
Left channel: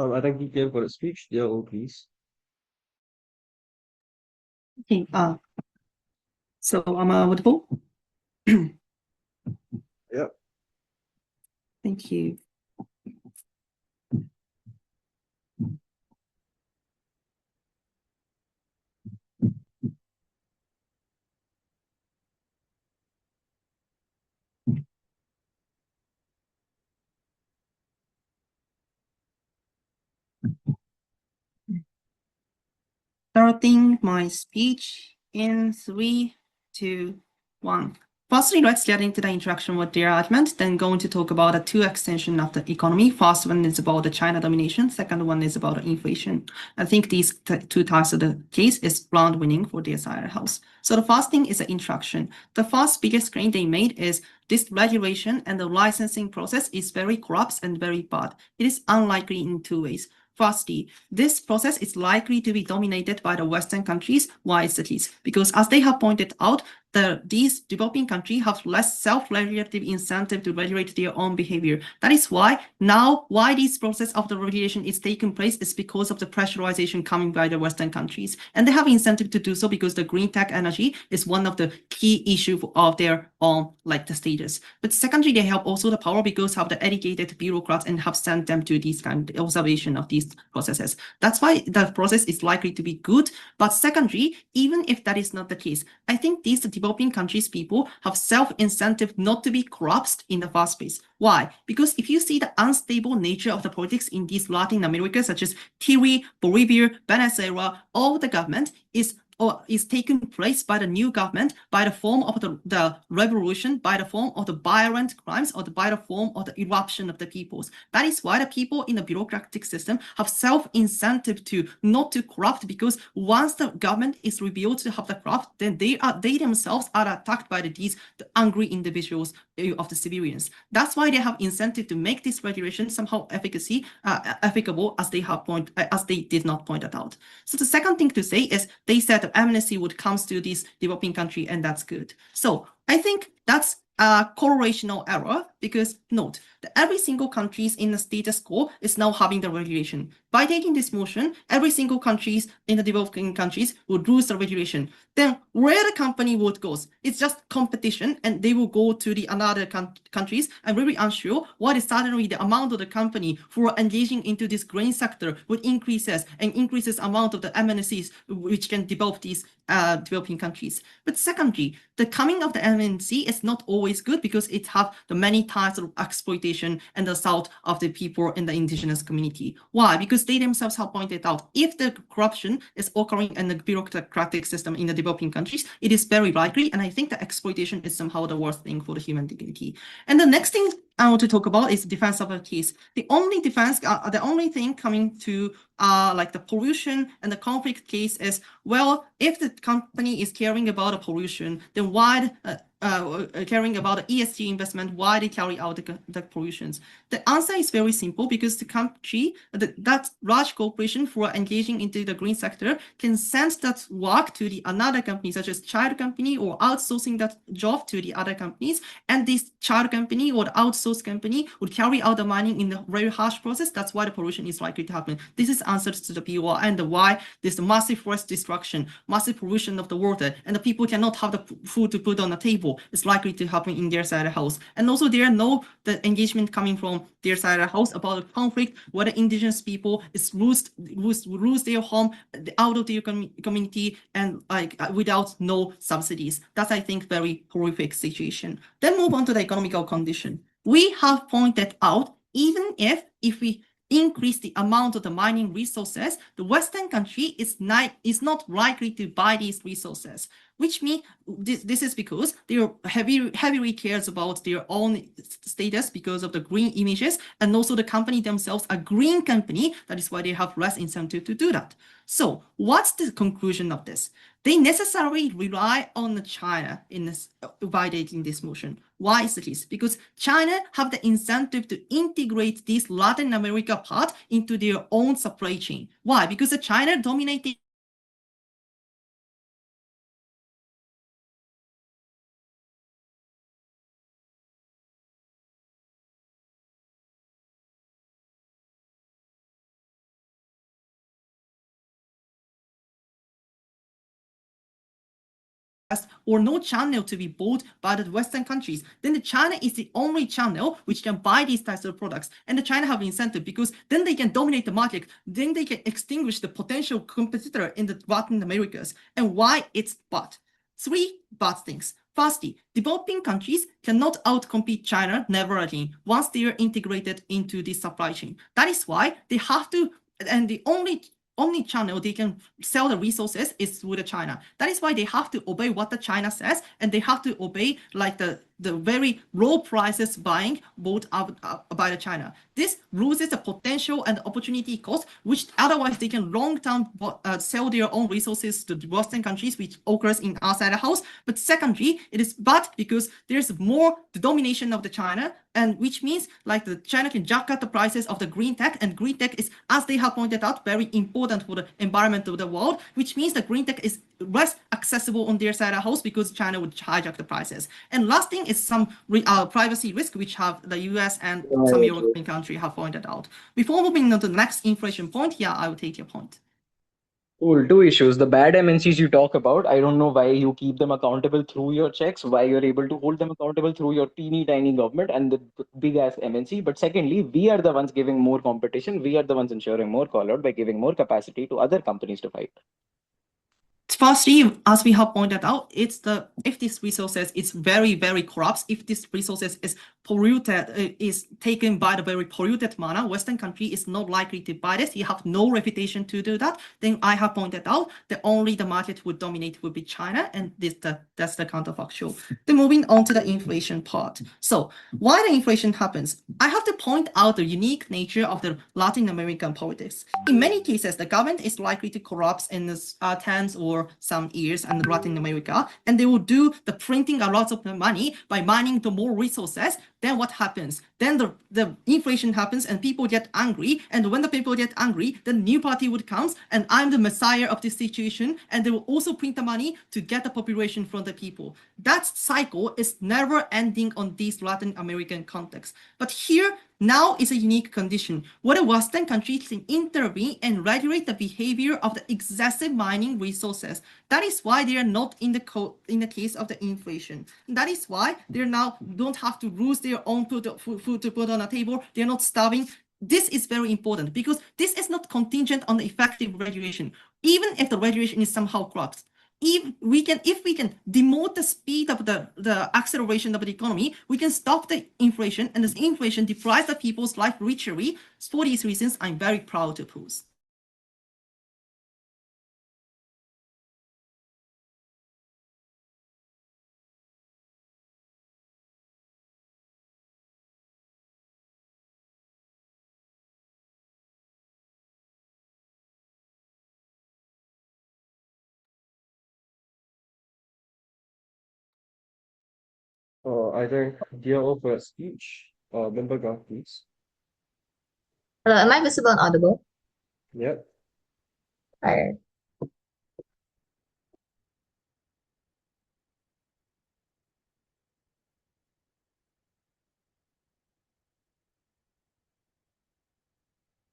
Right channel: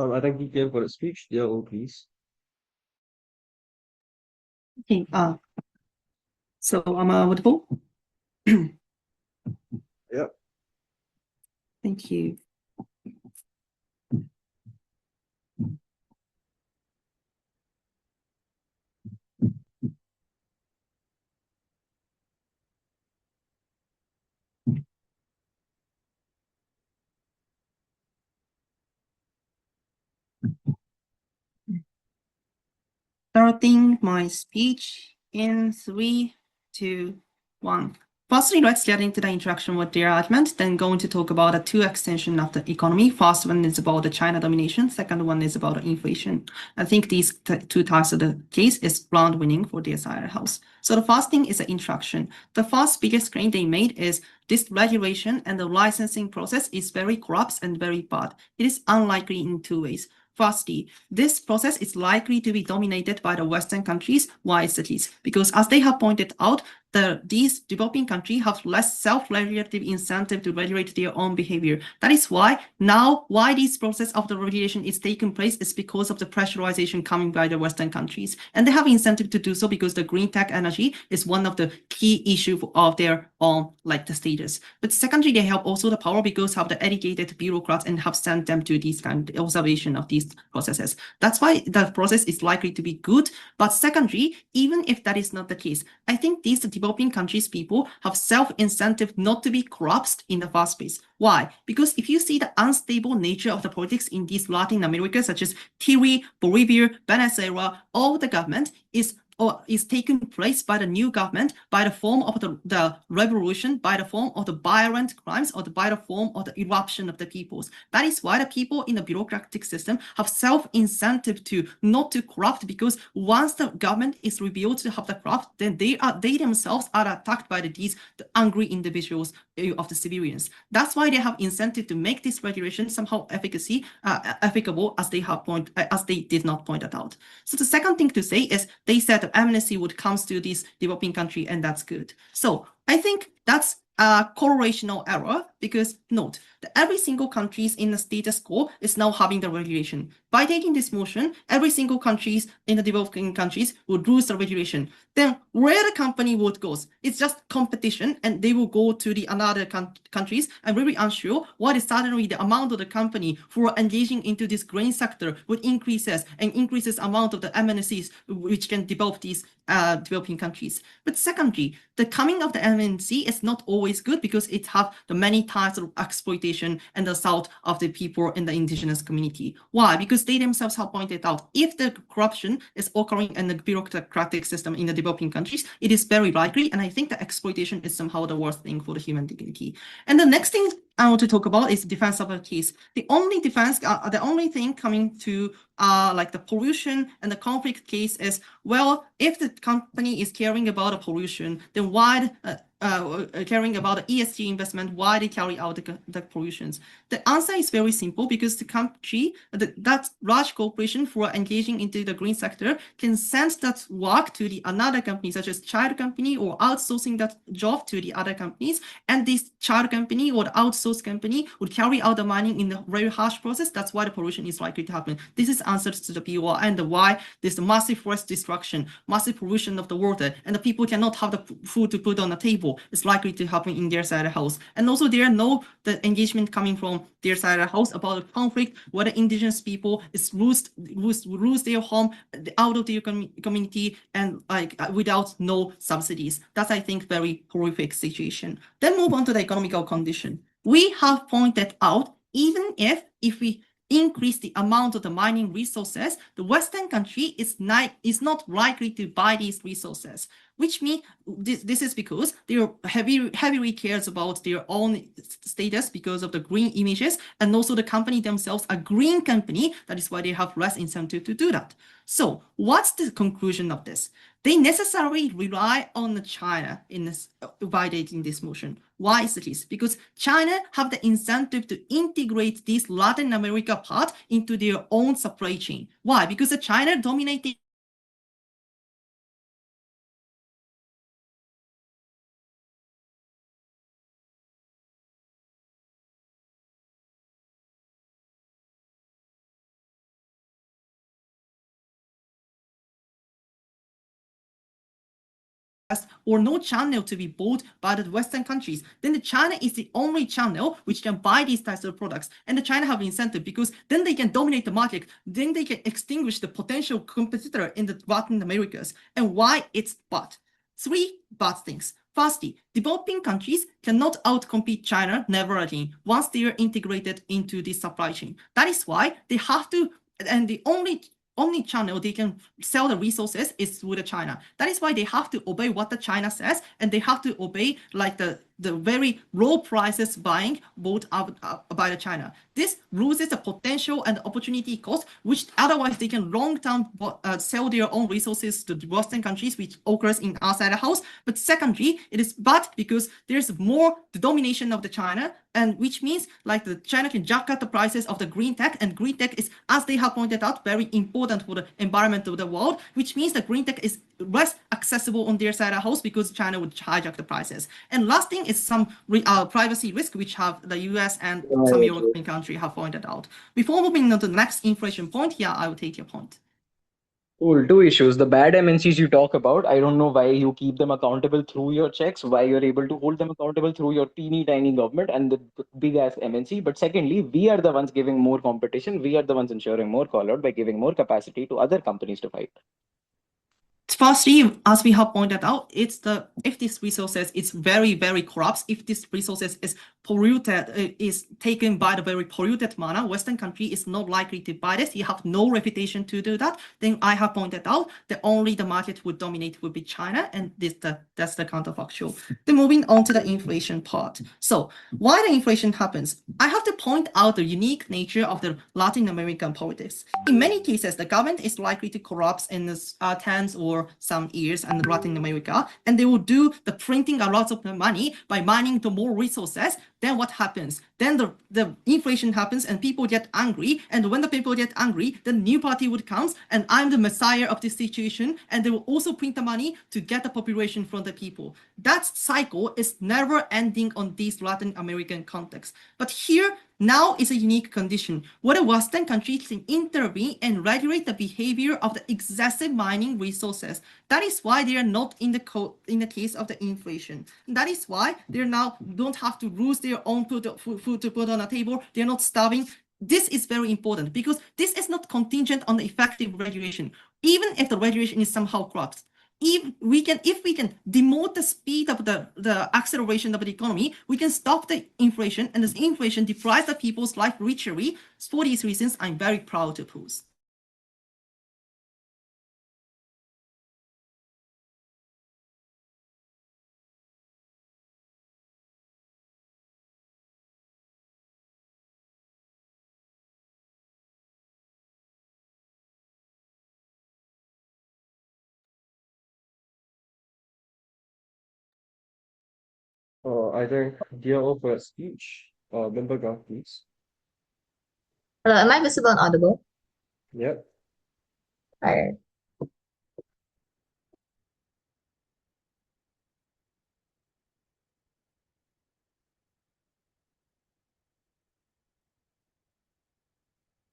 I think you came for a speech. Yeah, oh, please. Okay, so am I audible? Yeah. Thank you. Starting my speech in 3, 2, 1. Firstly, let's get into the interaction with their argument, then going to talk about the two extensions of the economy. First one is about the China domination. Second one is about inflation. I think these two types of the case is round winning for the entire house. So the first thing is the interaction. The first biggest claim they made is this regulation and the licensing process is very corrupt and very bad. It is unlikely in 2 ways. Firstly, this process is likely to be dominated by the Western countries. Why is this? Because as they have pointed out, these developing countries have less self-regulative incentive to regulate their own behavior. That is why this process of the regulation is taking place is because of the pressurization coming by the Western countries. And they have incentive to do so because the green tech energy is one of the key issues of their own the status. But secondly, they have also the power because of the educated bureaucrats and have sent them to this kind of observation of these processes. That's why the process is likely to be good. But secondly, even if that is not the case, I think these developing countries people have self-incentive not to be corrupt in the first place. Why? Because if you see the unstable nature of the politics in these Latin America, such as Chile, Bolivia, Venezuela, all the government is or is taking place by the new government by the form of the revolution, by the form of the violent crimes, or by the form of the eruption of the peoples. That is why the people in the bureaucratic system have self-incentive to not to corrupt, because once the government is revealed to have the corrupt, then they themselves are attacked by the angry individuals of the civilians. That's why they have incentive to make this regulation somehow applicable, as they did not point it out. So the second thing to say is they said that amnesty would come to this developing country, and that's good. So I think that's a correlational error, because note that every single country in the status quo is now having the regulation. By taking this motion, every single country in the developing countries would lose the regulation. Then where the company would go, it's just competition, and they will go to the another countries. I'm really unsure what is suddenly the amount of the company who are engaging into this green sector would increases amount of the MNCs which can develop these developing countries. But secondly, the coming of the MNC is not always good, because it have the many types of exploitation and assault of the people in the indigenous community. Why? Because they themselves have pointed out, if the corruption is occurring in the bureaucratic system in the developing countries, it is very likely, and I think the exploitation is somehow the worst thing for the human dignity. And the next thing I want to talk about is the defense of the case. The only thing coming to like the pollution and the conflict case is, well, if the company is caring about the pollution, then why caring about the ESG investment, why they carry out the pollutions? The answer is very simple, because the country, that large corporation who are engaging into the green sector can send that work to the another company, such as child company, or outsourcing that job to the other companies, and this child company or the outsourced company would carry out the mining in a very harsh process. That's why the pollution is likely to happen. This is answers to the POR, and why there's massive forest destruction, massive pollution of the water, and the people cannot have the food to put on the table. It's likely to happen in their side of the house. And also there are no the engagement coming from their side of the house about the conflict where the indigenous people is lose their home out of their community, and like without no subsidies. That's, I think, very horrific situation. Then move on to the economical condition. We have pointed out, even if we increase the amount of the mining resources, the Western country is not likely to buy these resources, which means this is because they heavily cares about their own status because of the green images, and also the company themselves a green company. That is why they have less incentive to do that. So what's the conclusion of this? They necessarily rely on China in this, validating this motion. Why is this? Because China have the incentive to integrate this Latin America part into their own supply chain. Why? Because the China dominated or no channel to be bought by the Western countries, then the China is the only channel which can buy these types of products. And the China have incentive, because then they can dominate the market, then they can extinguish the potential competitor in the Latin Americas. And why it's bad? Three bad things. Firstly, developing countries cannot outcompete China, never again, once they are integrated into the supply chain. That is why they have to, and the only channel they can sell the resources is through the China. That is why they have to obey what the China says, and they have to obey like the very low prices buying bought out by the China. This loses the potential and opportunity cost, which otherwise they can long-term sell their own resources to the Western countries, which occurs in outside the house. But secondly, it is bad because there's more the domination of the China, and which means like the China can jack up the prices of the green tech, and green tech is, as they have pointed out, very important for the environment of the world, which means the green tech is less accessible on their side of the house because China would hijack the prices. And last thing is some privacy risk, which have the US and some European countries have pointed out. Before moving on to the next inflation point, yeah, I will take your point. Cool. Two issues. The bad MNCs you talk about, I don't know why you keep them accountable through your checks, why you're able to hold them accountable through your teeny tiny government and the big ass MNC. But secondly, we are the ones giving more competition. We are the ones ensuring more call out by giving more capacity to other companies to fight. Firstly, as we have pointed out, if this resources is very, very corrupt, if this resources is polluted, is taken by the very polluted manner, Western country is not likely to buy this. You have no reputation to do that. Then I have pointed out that only the market would dominate would be China, and that's the counterfactual. Then moving on to the inflation part. So why the inflation happens? I have to point out the unique nature of the Latin American politics. In many cases, the government is likely to corrupt in the tens or some years in Latin America, and they will do the printing a lot of money by mining the more resources. Then what happens? Then the inflation happens and people get angry. And when the people get angry, the new party would come and I'm the messiah of this situation. And they will also print the money to get the population from the people. That cycle is never ending on these Latin American contexts. But here, now is a unique condition where the Western countries can intervene and regulate the behavior of the excessive mining resources. That is why they are not in the case of the inflation. That is why they now don't have to lose their own food to put on the table. They're not starving. This is very important because this is not contingent on the effective regulation. Even if the regulation is somehow corrupt, if we can demote the speed of the acceleration of the economy, we can stop the inflation, and this inflation deprives the people's life richly. For these reasons, I'm very proud to oppose. Either DLO for a speech or bAngbAngbAng, please. Hello, am I visible and audible? Yep. All right.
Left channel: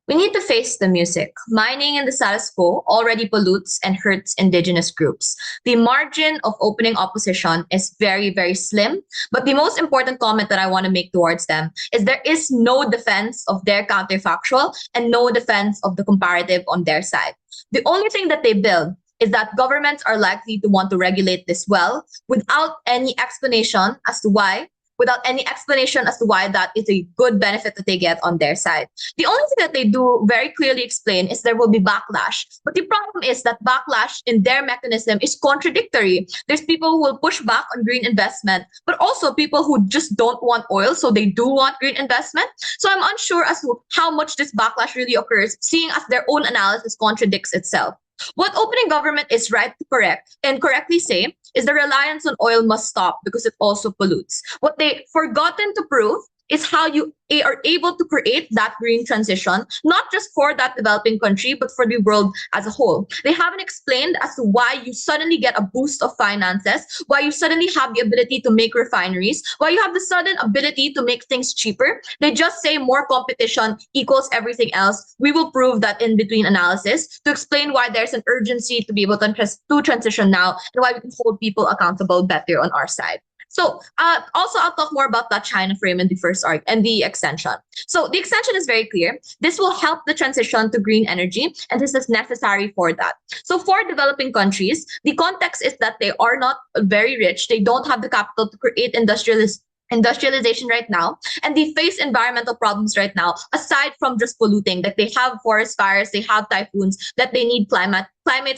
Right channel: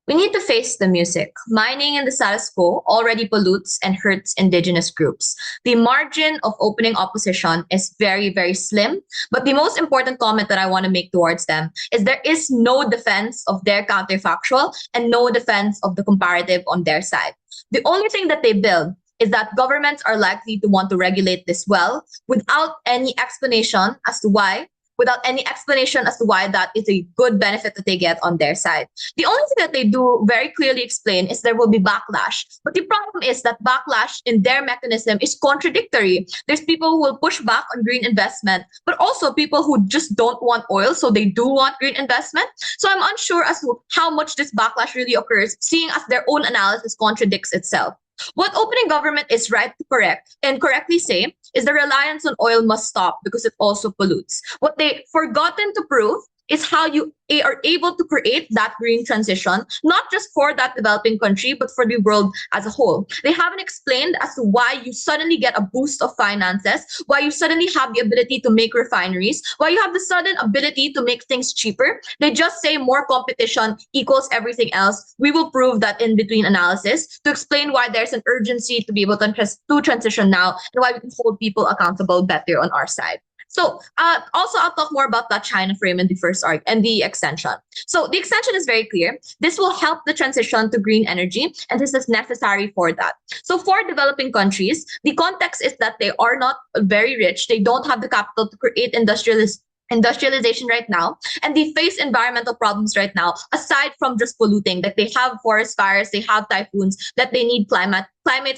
We need to face the music. Mining in the status quo already pollutes and hurts indigenous groups. The margin of opening opposition is very, very slim. But the most important comment that I want to make towards them is there is no defense of their counterfactual and no defense of the comparative on their side. The only thing that they build is that governments are likely to want to regulate this well without any explanation as to why that is a good benefit that they get on their side. The only thing that they do very clearly explain is there will be backlash. But the problem is that backlash in their mechanism is contradictory. There's people who will push back on green investment, but also people who just don't want oil, so they do want green investment. So I'm unsure as to how much this backlash really occurs, seeing as their own analysis contradicts itself. What opening government is right to correct and correctly say is the reliance on oil must stop because it also pollutes. What they forgotten to prove is how you are able to create that green transition, not just for that developing country, but for the world as a whole. They haven't explained as to why you suddenly get a boost of finances, why you suddenly have the ability to make refineries, why you have the sudden ability to make things cheaper. They just say more competition equals everything else. We will prove that in between analysis to explain why there's an urgency to be able to transition now and why we can hold people accountable better on our side. So also I'll talk more about that China frame in the first arc and the extension. So the extension is very clear. This will help the transition to green energy, and this is necessary for that. So for developing countries, the context is that they are not very rich. They don't have the capital to create industrialization right now, and they face environmental problems right now aside from just polluting, that they have forest fires, they have typhoons, that they need climate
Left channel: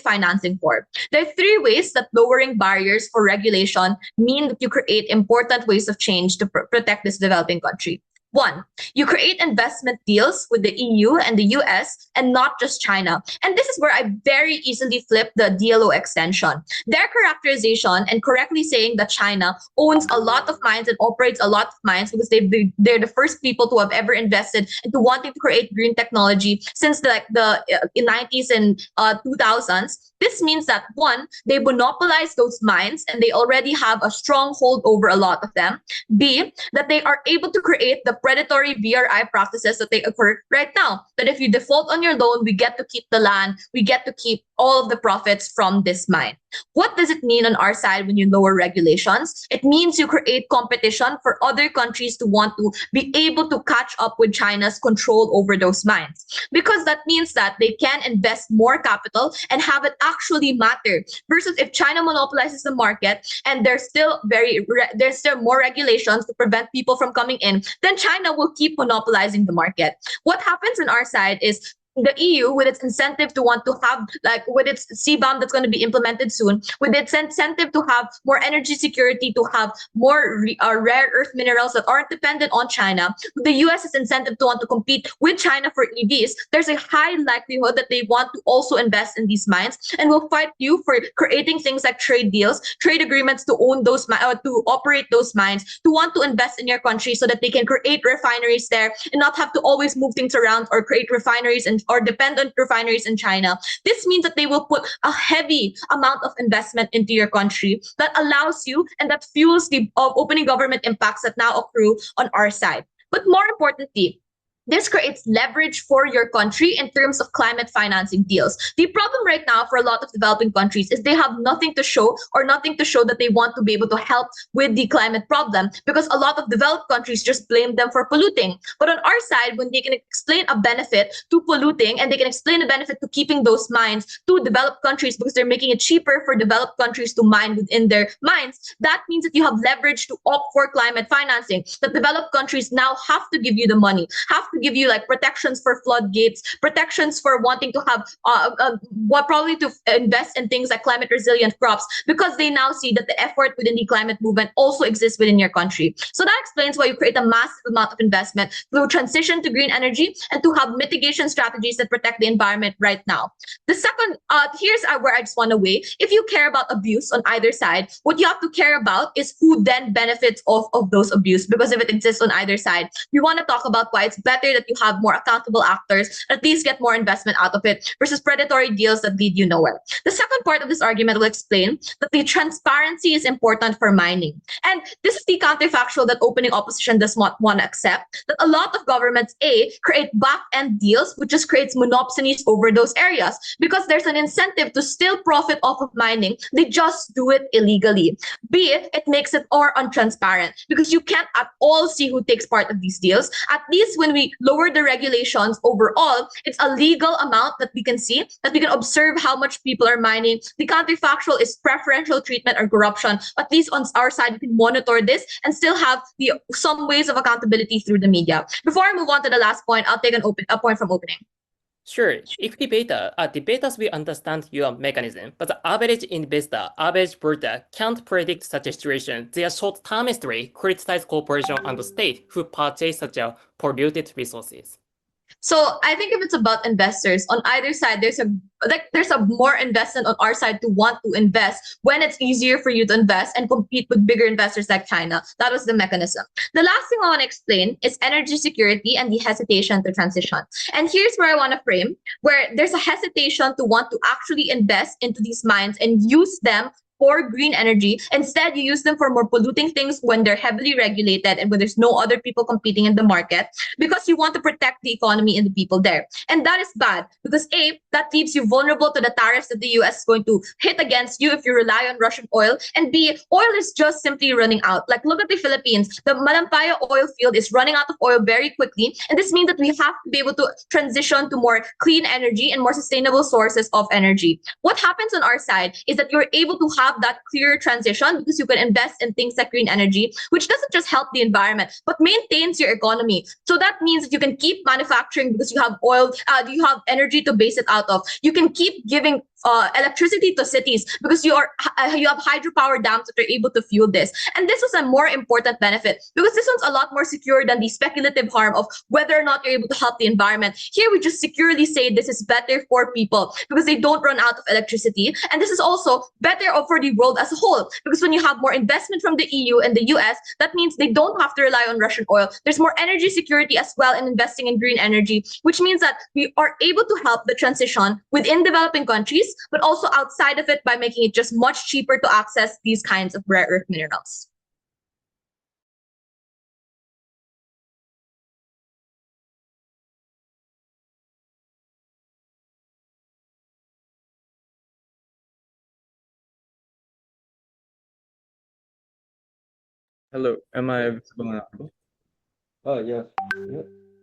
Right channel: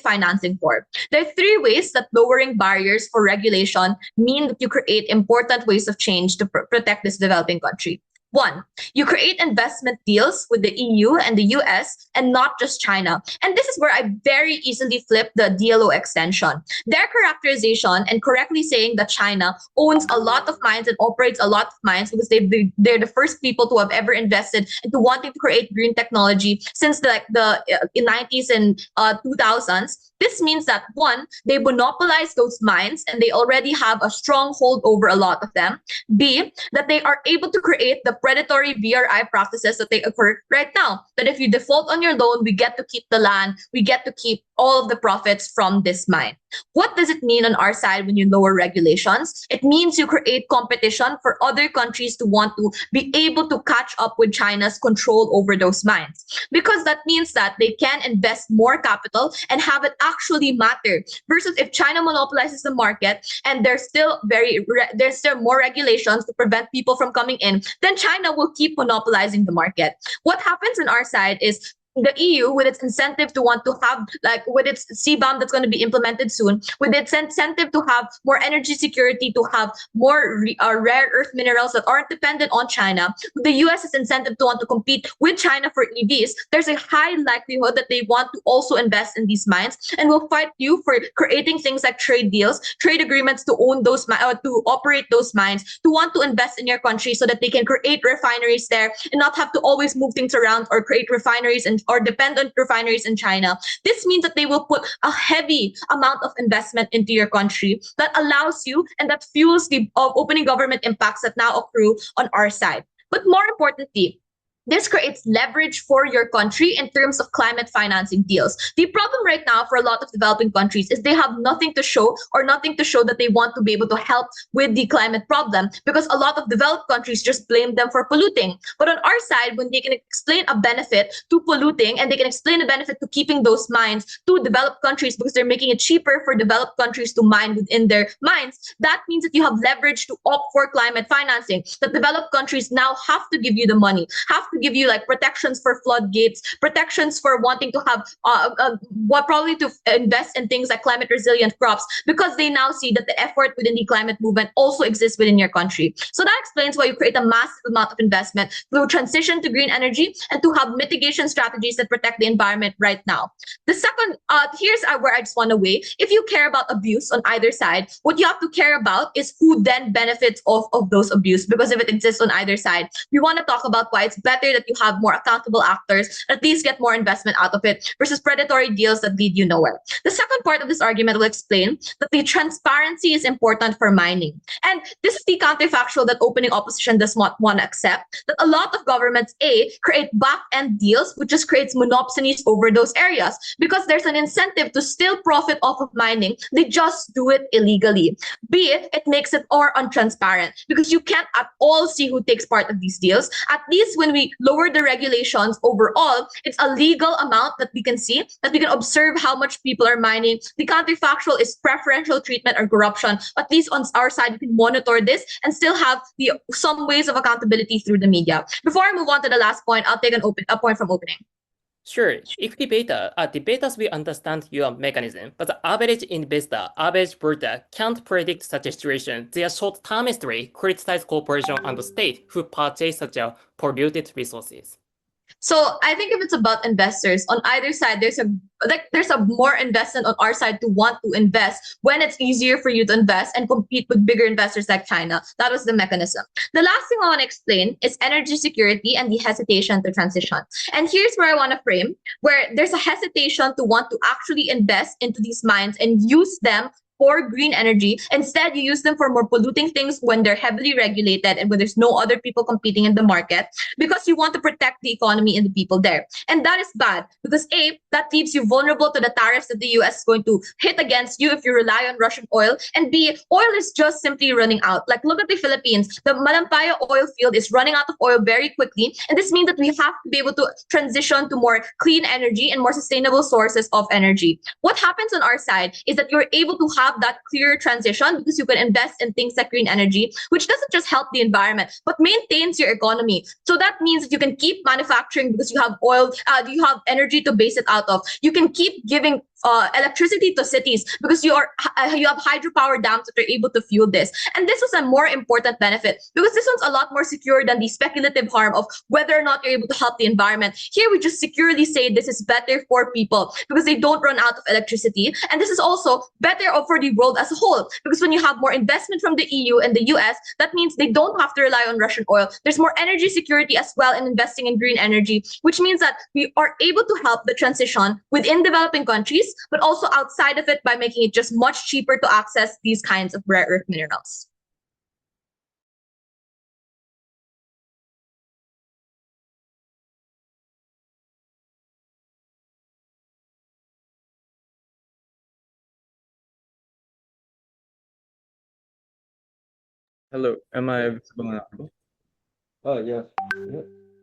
financing for. There are three ways that lowering barriers for regulation mean that you create important ways of change to protect this developing country. One, you create investment deals with the EU and the US and not just China. And this is where I very easily flip the DLO extension. Their characterization and correctly saying that China owns a lot of mines and operates a lot of mines because they're the first people to have ever invested into wanting to create green technology since the 90s and 2000s. This means that one, they monopolize those mines and they already have a strong hold over a lot of them. B, that they are able to create the predatory VRI practices that they occur right now. That if you default on your loan, we get to keep the land, we get to keep all of the profits from this mine. What does it mean on our side when you lower regulations? It means you create competition for other countries to want to be able to catch up with China's control over those mines. Because that means that they can invest more capital and have it actually matter. Versus if China monopolizes the market and there's still more regulations to prevent people from coming in, then China will keep monopolizing the market. What happens on our side is the EU, with its incentive to want to have, like with its CBAM that's going to be implemented soon, with its incentive to have more energy security, to have more rare earth minerals that aren't dependent on China, with the US's incentive to want to compete with China for EVs, there's a high likelihood that they want to also invest in these mines and will fight you for creating things like trade deals, trade agreements to own those, to operate those mines, to want to invest in your country so that they can create refineries there and not have to always move things around or create refineries and or dependent refineries in China. This means that they will put a heavy amount of investment into your country that allows you and that fuels the opening government impacts that now accrue on our side. But more importantly, this creates leverage for your country in terms of climate financing deals. The problem right now for a lot of developing countries is they have nothing to show that they want to be able to help with the climate problem, because a lot of developed countries just blame them for polluting. But on our side, when they can explain a benefit to polluting and they can explain a benefit to keeping those mines to developed countries because they're making it cheaper for developed countries to mine within their mines, that means that you have leverage to opt for climate financing. The developed countries now have to give you the money, have to give you like protections for floodgates, protections for wanting to have probably to invest in things like climate resilient crops, because they now see that the effort within the climate movement also exists within your country. So that explains why you create a massive amount of investment through transition to green energy and to have mitigation strategies that protect the environment right now. The second, here's where I just want to weigh. If you care about abuse on either side, what you have to care about is who then benefits of those abuse, because if it exists on either side, we want to talk about why it's better that you have more accountable actors, at least get more investment out of it, versus predatory deals that lead you nowhere. The second part of this argument will explain that the transparency is important for mining. And this is the counterfactual that opening opposition does not want to accept, that a lot of governments, A, create back-end deals, which just creates monopolies over those areas. Because there's an incentive to still profit off of mining, they just do it illegally. B, it makes it more untransparent, because you can't at all see who takes part of these deals. At least when we lower the regulations overall, it's a legal amount that we can see, that we can observe how much people are mining. The counterfactual is preferential treatment or corruption. At least on our side, we can monitor this and still have some ways of accountability through the media. Before I move on to the last point, I'll take a point from opening. Sure. If debaters will understand your mechanism, but the average investor, average voter can't predict such a situation. They are short-termistry, criticize corporation and the state who purchase such a polluted resources. So I think if it's about investors on either side, there's a more investment on our side to want to invest when it's easier for you to invest and compete with bigger investors like China. That was the mechanism. The last thing I want to explain is energy security and the hesitation to transition. And here's where I want to frame, where there's a hesitation to want to actually invest into these mines and use them for green energy. Instead, you use them for more polluting things when they're heavily regulated and when there's no other people competing in the market, because you want to protect the economy and the people there. And that is bad because A, that leaves you vulnerable to the tariffs that the US is going to hit against you if you rely on Russian oil. And B, oil is just simply running out. Like, look at the Philippines. The Malampaya oil field is running out of oil very quickly. And this means that we have to be able to transition to more clean energy and more sustainable sources of energy. What happens on our side is that you're able to have that clear transition because you can invest in things like green energy, which doesn't just help the environment, but maintains your economy. So that means that you can keep manufacturing because you have oil, you have energy to base it out of. You can keep giving electricity to cities because you have hydropower dams that are able to fuel this. And this was a more important benefit because this one's a lot more secure than the speculative harm of whether or not you're able to help the environment. Here we just securely say this is better for people because they don't run out of electricity. And this is also better for the world as a whole, because when you have more investment from the EU and the US, that means they don't have to rely on Russian oil. There's more energy security as well in investing in green energy, which means that we are able to help the transition within developing countries, but also outside of it by making it just much cheaper to access these kinds of rare earth minerals. Hello, am I visible now? Oh, yeah.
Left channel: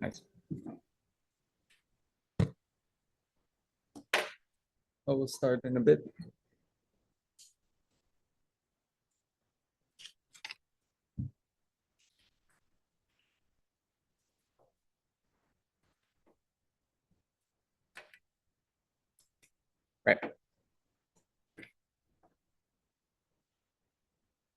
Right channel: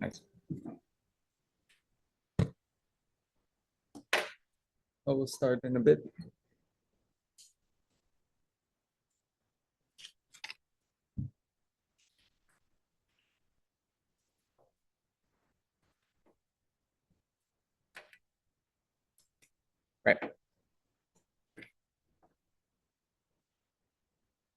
Nice. I will start in a bit. Right.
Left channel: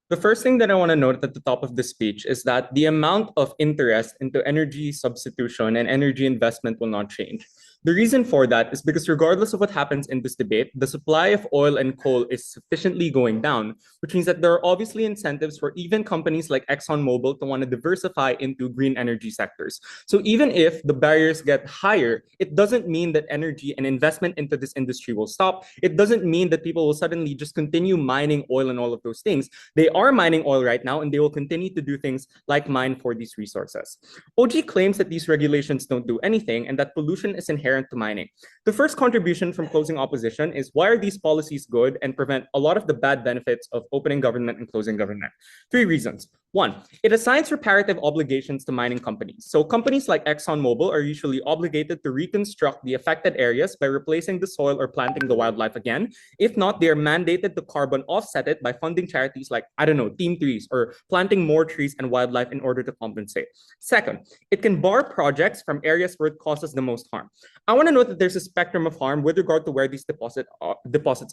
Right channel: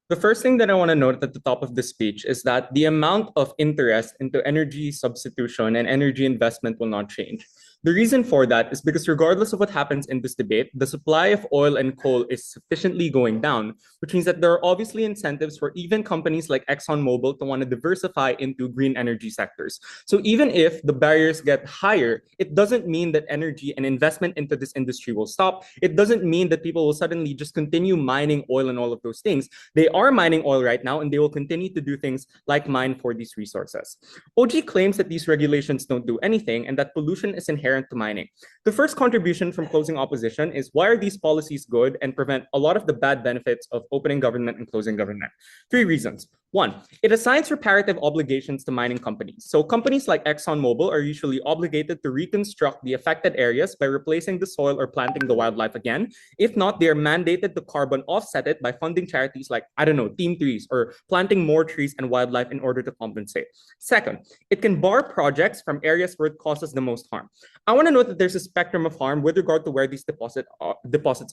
The first thing that I want to note at the top of this speech is that the amount of interest into energy substitution and energy investment will not change. The reason for that is because regardless of what happens in this debate, the supply of oil and coal is sufficiently going down, which means that there are obviously incentives for even companies like ExxonMobil to want to diversify into green energy sectors. So even if the barriers get higher, it doesn't mean that energy and investment into this industry will stop. It doesn't mean that people will suddenly just continue mining oil and all of those things. They are mining oil right now, and they will continue to do things like mine for these resources. OG claims that these regulations don't do anything and that pollution is inherent to mining. The first contribution from closing opposition is why are these policies good and prevent a lot of the bad benefits of opening government and closing government? 3 reasons. 1, it assigns reparative obligations to mining companies. So companies like ExxonMobil are usually obligated to reconstruct the affected areas by replacing the soil or planting the wildlife again. If not, they are mandated to carbon offset it by funding charities like, I don't know, Team Trees or planting more trees and wildlife in order to compensate. Second, it can bar projects from areas where it causes the most harm. I want to note that there's a spectrum of harm with regard to where these deposits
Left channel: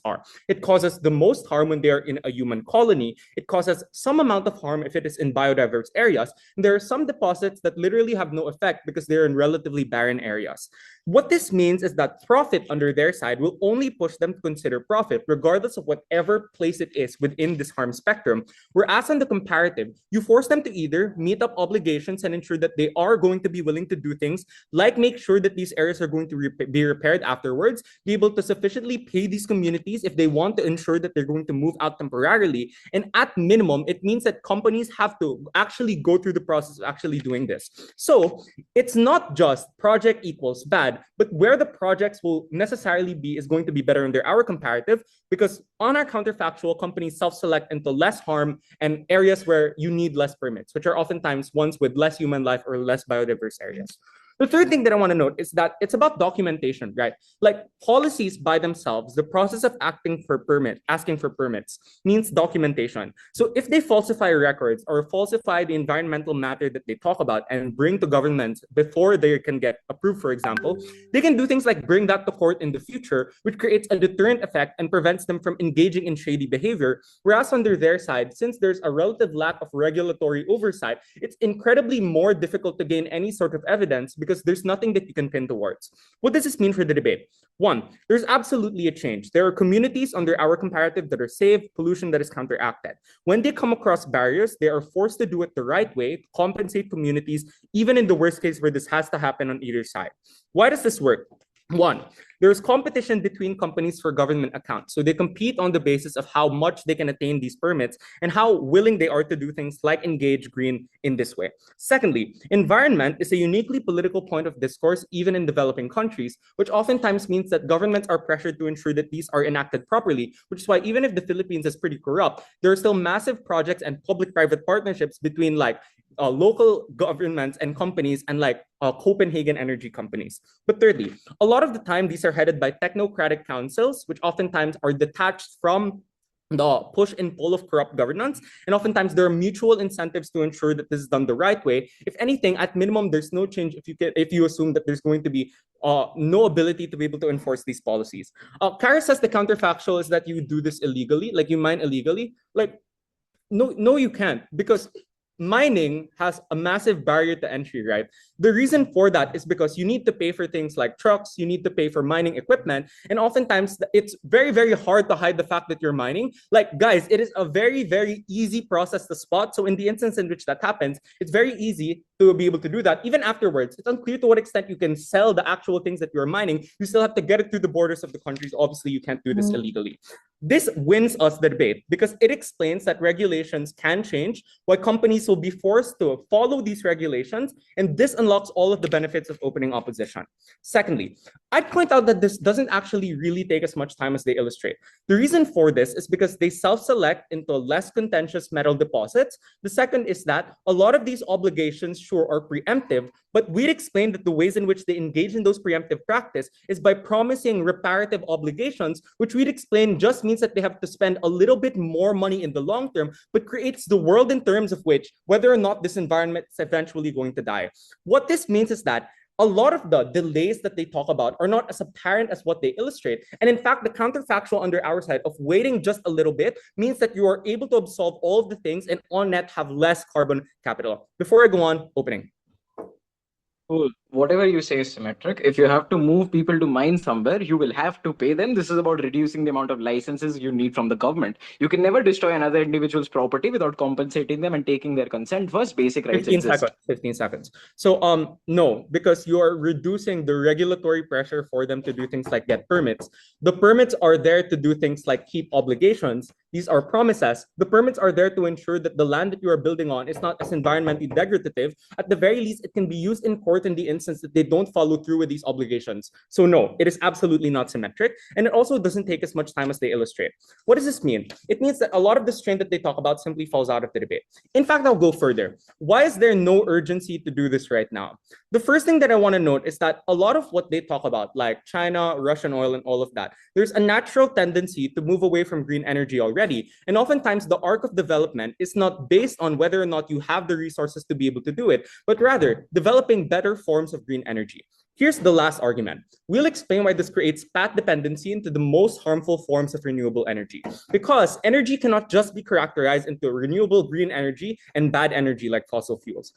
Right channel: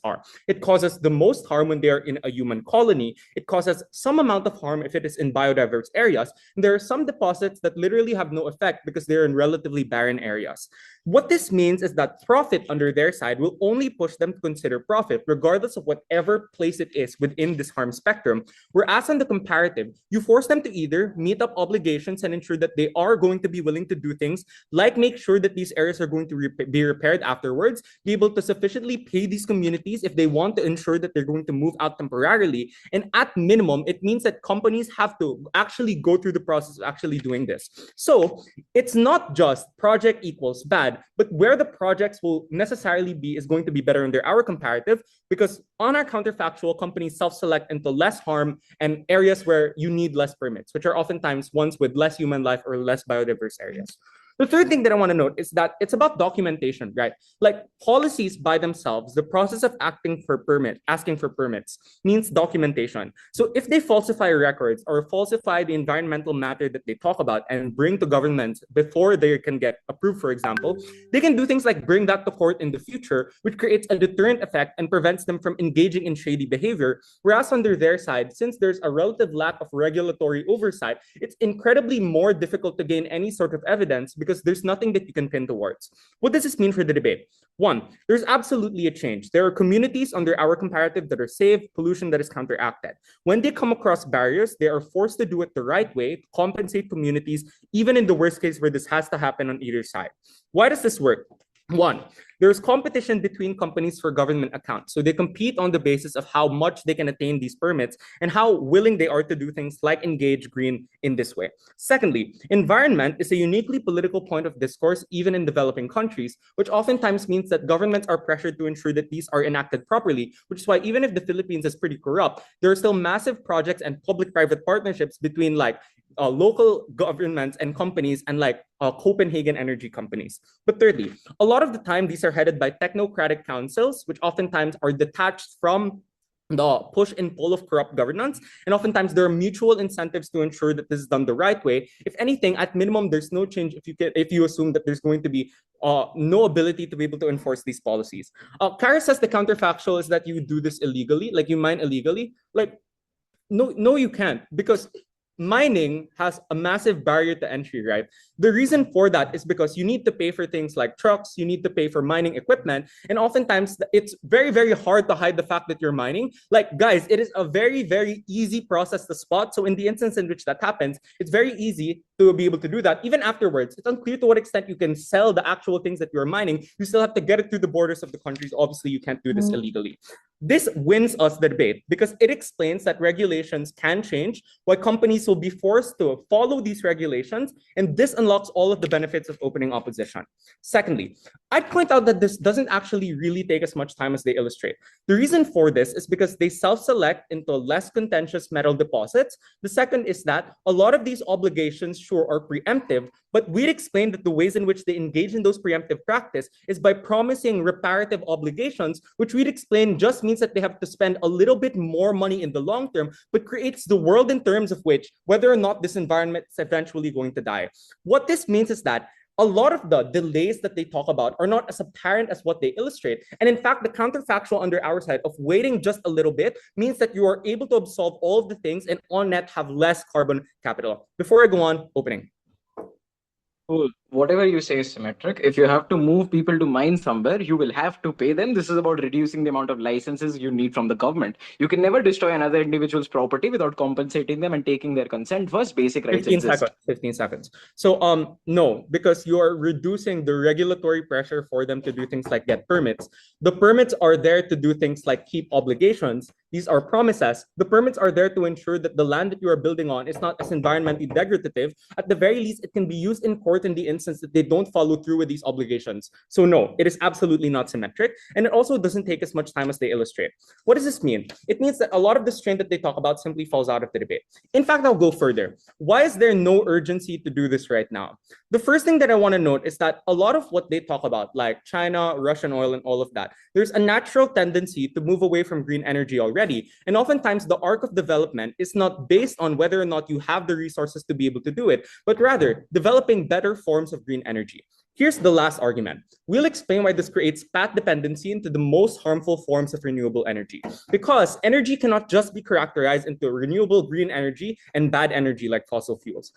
are. It causes the most harm when they are in a human colony. It causes some amount of harm if it is in biodiverse areas. And there are some deposits that literally have no effect because they're in relatively barren areas. What this means is that profit under their side will only push them to consider profit, regardless of whatever place it is within this harm spectrum. Whereas on the comparative, you force them to either meet up obligations and ensure that they are going to be willing to do things like make sure that these areas are going to be repaired afterwards, be able to sufficiently pay these communities if they want to ensure that they're going to move out temporarily. And at minimum, it means that companies have to actually go through the process of actually doing this. So it's not just project equals bad, but where the projects will necessarily be is going to be better under our comparative, because on our counterfactual, companies self-select into less harm and areas where you need less permits, which are oftentimes ones with less human life or less biodiverse areas. The third thing that I want to note is that it's about documentation, right? Like policies by themselves, the process of asking for permits means documentation. So if they falsify records or falsify the environmental matter that they talk about and bring to governments before they can get approved, for example, they can do things like bring that to court in the future, which creates a deterrent effect and prevents them from engaging in shady behavior. Whereas under their side, since there's a relative lack of regulatory oversight, it's incredibly more difficult to gain any sort of evidence because there's nothing that you can pin towards. What does this mean for the debate? 1, there's absolutely a change. There are communities under our comparative that are saved, pollution that is counteracted. When they come across barriers, they are forced to do it the right way to compensate communities, even in the worst case where this has to happen on either side. Why does this work? 1, there's competition between companies for government accounts. So they compete on the basis of how much they can attain these permits and how willing they are to do things like engage green in this way. Secondly, environment is a uniquely political point of discourse, even in developing countries, which oftentimes means that governments are pressured to ensure that these are enacted properly, which is why even if the Philippines is pretty corrupt, there are still massive projects and public-private partnerships between local governments and companies and Copenhagen energy companies. But thirdly, a lot of the time, these are headed by technocratic councils, which oftentimes are detached from the push and pull of corrupt governance. And oftentimes there are mutual incentives to ensure that this is done the right way. If anything, at minimum, there's no change if you assume that there's going to be no ability to be able to enforce these policies. Cara says the counterfactual is that you do this illegally, like you mine illegally. No, you can't, because mining has a massive barrier to entry, right? The reason for that is because you need to pay for things like trucks, you need to pay for mining equipment, and oftentimes it's very, very hard to hide the fact that you're mining. Guys, it is a very, very easy process to spot. So in the instance in which that happens, it's very easy to be able to do that. Even afterwards, it's unclear to what extent you can sell the actual things that you're mining. You still have to get it through the borders of the countries. Obviously, you can't do this illegally. This wins us the debate because it explains that regulations can change, why companies will be forced to follow these regulations, and this unlocks all of the benefits of opening opposition. Secondly, I'd point out that this doesn't actually really take as much time as they illustrate. The reason for this is because they self-select into less contentious metal deposits. The second is that a lot of these obligations sure are preemptive, but we'd explain that the ways in which they engage in those preemptive practice is by promising reparative obligations, which we'd explain just means that they have to spend a little bit more money in the long term, but creates the world in terms of which whether or not this environment is eventually going to die. What this means is that a lot of the delays that they talk about are not as apparent as what they illustrate. And in fact, the counterfactual under our side of waiting just a little bit means that you are able to absorb all of the things and on net have less carbon capital. Before I go on, opening. Cool. Whatever you say is symmetric. If you have to move people to mine somewhere, you will have to pay them. This is about reducing the amount of licenses you need from the government. You can never destroy another individual's property without compensating them and taking their consent first. Basic rights 15 exist. seconds. 15 seconds. So no, because you are reducing the regulatory pressure for them to do things like get permits. The permits are there to do things like keep obligations. These are promises. The permits are there to ensure that the land that you are building on is not as environmentally degradative. At the very least, it can be used in court in the instance that they don't follow through with these obligations. So no, it is absolutely not symmetric. And it also doesn't take as much time as they illustrate. What does this mean? It means that a lot of the strain that they talk about simply falls out of the debate. In fact, I'll go further. Why is there no urgency to do this right now? The first thing that I want to note is that a lot of what they talk about, like China, Russian oil, and all of that, there's a natural tendency to move away from green energy already. And oftentimes the arc of development is not based on whether or not you have the resources to be able to do it, but rather developing better forms of green energy. Here's the last argument. We'll explain why this creates path dependency into the most harmful forms of renewable energy. Because energy cannot just be characterized into renewable green energy and bad energy like fossil fuels.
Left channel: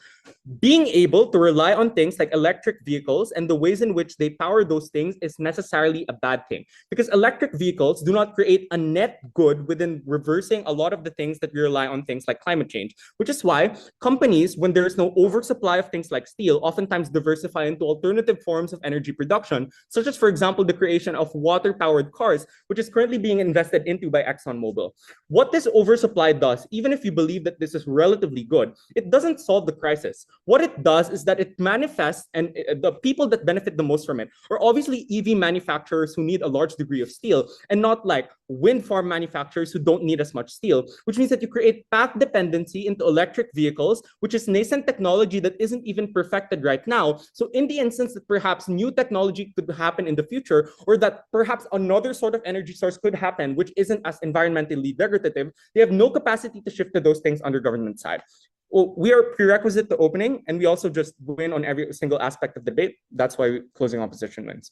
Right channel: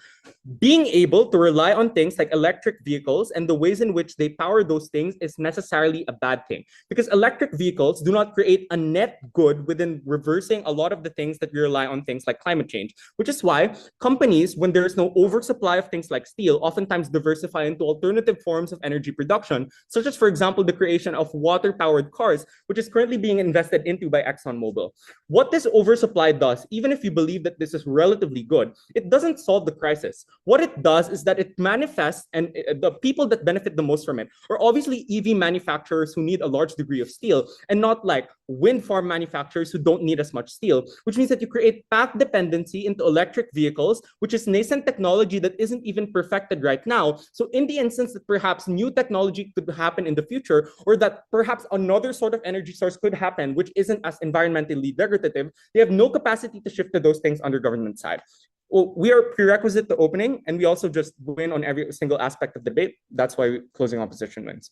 Being able to rely on things like electric vehicles and the ways in which they power those things is necessarily a bad thing. Because electric vehicles do not create a net good within reversing a lot of the things that we rely on things like climate change. Which is why companies, when there is no oversupply of things like steel, oftentimes diversify into alternative forms of energy production, such as, for example, the creation of water-powered cars, which is currently being invested into by ExxonMobil. What this oversupply does, even if you believe that this is relatively good, it doesn't solve the crisis. What it does is that it manifests, and the people that benefit the most from it are obviously EV manufacturers who need a large degree of steel, and not like wind farm manufacturers who don't need as much steel, which means that you create path dependency into electric vehicles, which is nascent technology that isn't even perfected right now. So in the instance that perhaps new technology could happen in the future, or that perhaps another sort of energy source could happen, which isn't as environmentally degradative, they have no capacity to shift to those things on the government side. Well, we are prerequisite to opening, and we also just win on every single aspect of the debate. That's why closing opposition wins.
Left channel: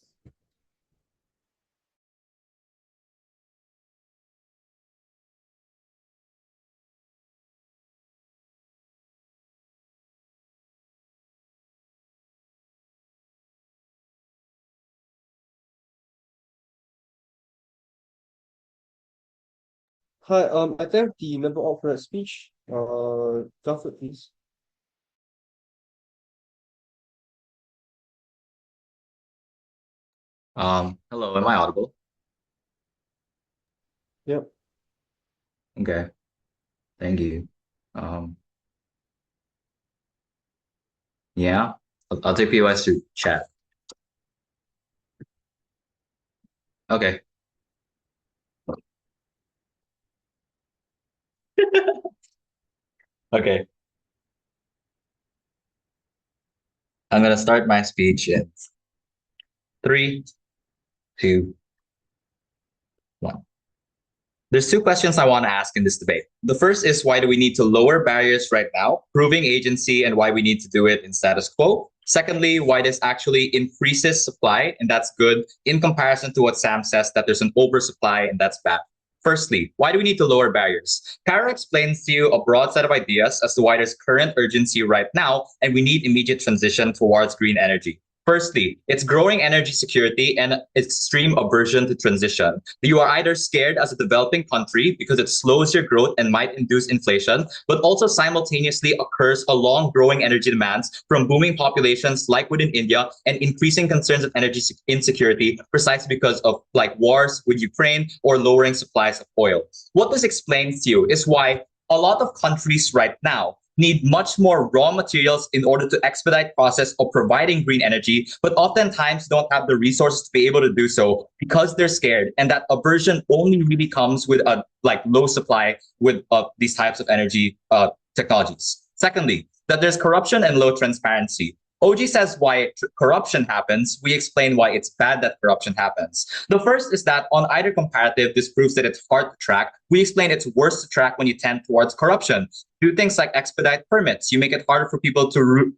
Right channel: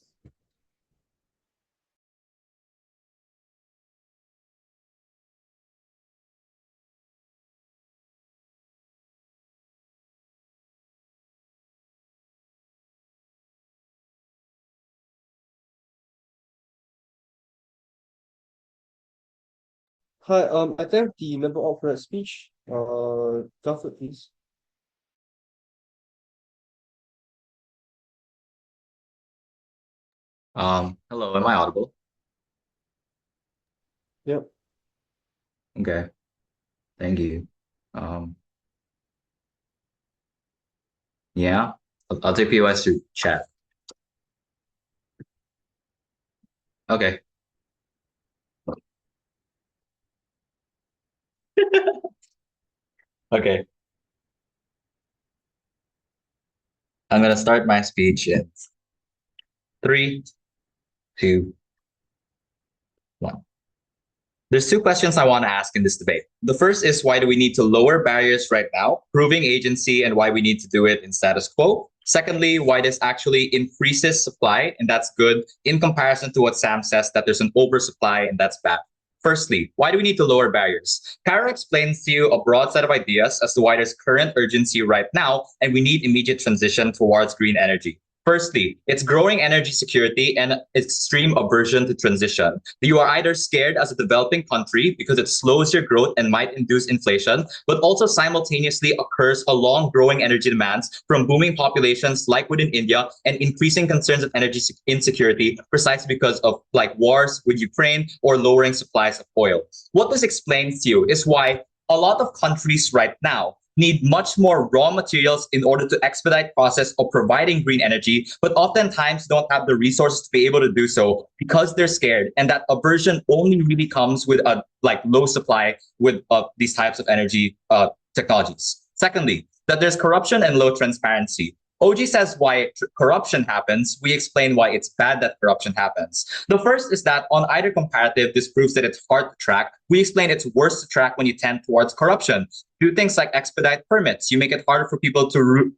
Hi, I think the member of the speech, Garfield, please. Hello, am I audible? Yep. Okay, thank you. Yeah, I'll take POS through chat. Okay. Okay. I'm gonna start my speech in 3, 2, 1. There's 2 questions I want to ask in this debate. The first is, why do we need to lower barriers right now, proving agency, and why we need to do it in status quo? Secondly, why this actually increases supply, and that's good, in comparison to what Sam says, that there's an oversupply, and that's bad. Firstly, why do we need to lower barriers? Cara explains to you a broad set of ideas as to why there's current urgency right now, and we need immediate transition towards green energy. Firstly, it's growing energy security and extreme aversion to transition. You are either scared as a developing country because it slows your growth and might induce inflation, but also simultaneously occurs along growing energy demands from booming populations like within India and increasing concerns of energy insecurity precisely because of like wars with Ukraine or lowering supplies of oil. What this explains to you is why a lot of countries right now need much more raw materials in order to expedite process of providing green energy, but oftentimes don't have the resources to be able to do so because they're scared. And that aversion only really comes with a like low supply with these types of energy technologies. Secondly, that there's corruption and low transparency. OG says why corruption happens. We explain why it's bad that corruption happens. The first is that on either comparative, this proves that it's hard to track. We explain it's worse to track when you tend towards corruption. Do things like expedite permits. You make it harder for people to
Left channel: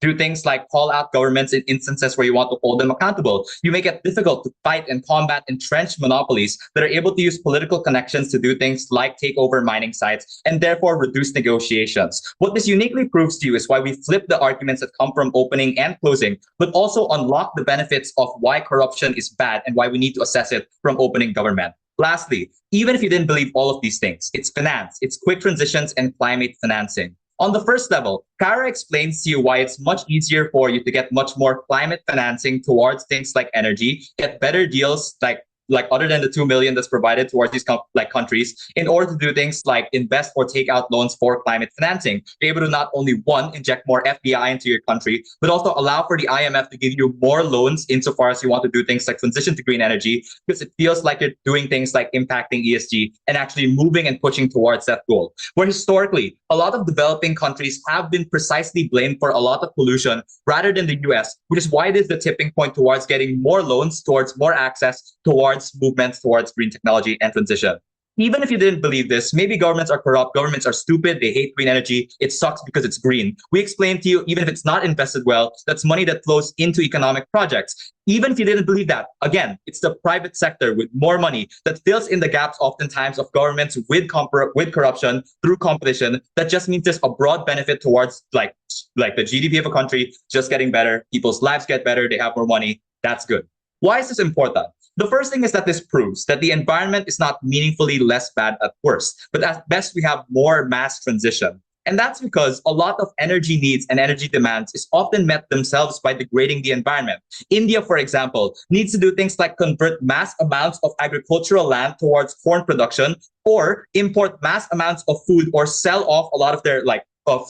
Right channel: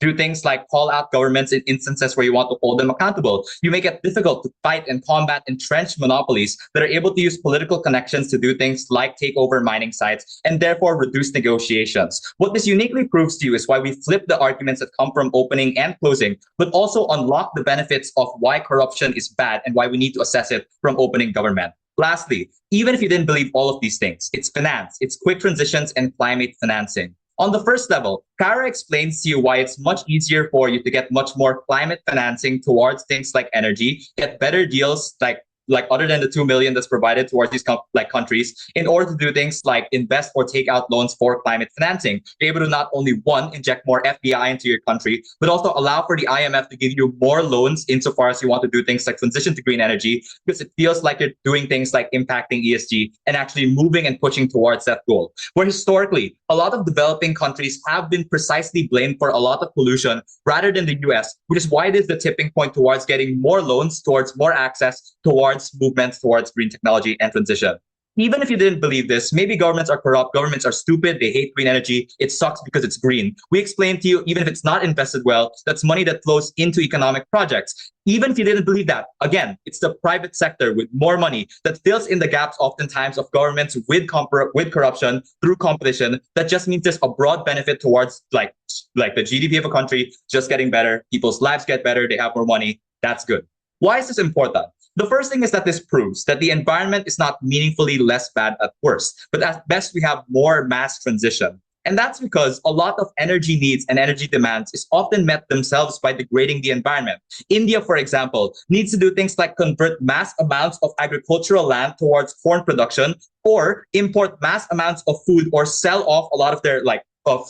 do things like call out governments in instances where you want to hold them accountable. You make it difficult to fight and combat entrenched monopolies that are able to use political connections to do things like take over mining sites and therefore reduce negotiations. What this uniquely proves to you is why we flip the arguments that come from opening and closing, but also unlock the benefits of why corruption is bad and why we need to assess it from opening government. Lastly, even if you didn't believe all of these things, it's finance, it's quick transitions and climate financing. On the first level, Cara explains to you why it's much easier for you to get much more climate financing towards things like energy, get better deals like other than the 2 million that's provided towards these countries in order to do things like invest or take out loans for climate financing. Be able to not only one, inject more FDI into your country, but also allow for the IMF to give you more loans insofar as you want to do things like transition to green energy, because it feels like you're doing things like impacting ESG and actually moving and pushing towards that goal. Where historically, a lot of developing countries have been precisely blamed for a lot of pollution rather than the US, which is why it is the tipping point towards getting more loans, towards more access, towards movements towards green technology and transition. Even if you didn't believe this, maybe governments are corrupt, governments are stupid, they hate green energy, it sucks because it's green. We explain to you, even if it's not invested well, that's money that flows into economic projects. Even if you didn't believe that, again, it's the private sector with more money that fills in the gaps oftentimes of governments with corruption through competition. That just means there's a broad benefit towards like the GDP of a country just getting better, people's lives get better, they have more money, that's good. Why is this important? The first thing is that this proves that the environment is not meaningfully less bad at worst, but at best we have more mass transition. And that's because a lot of energy needs and energy demands is often met themselves by degrading the environment. India, for example, needs to do things like convert mass amounts of agricultural land towards corn production or import mass amounts of food or sell off a lot of their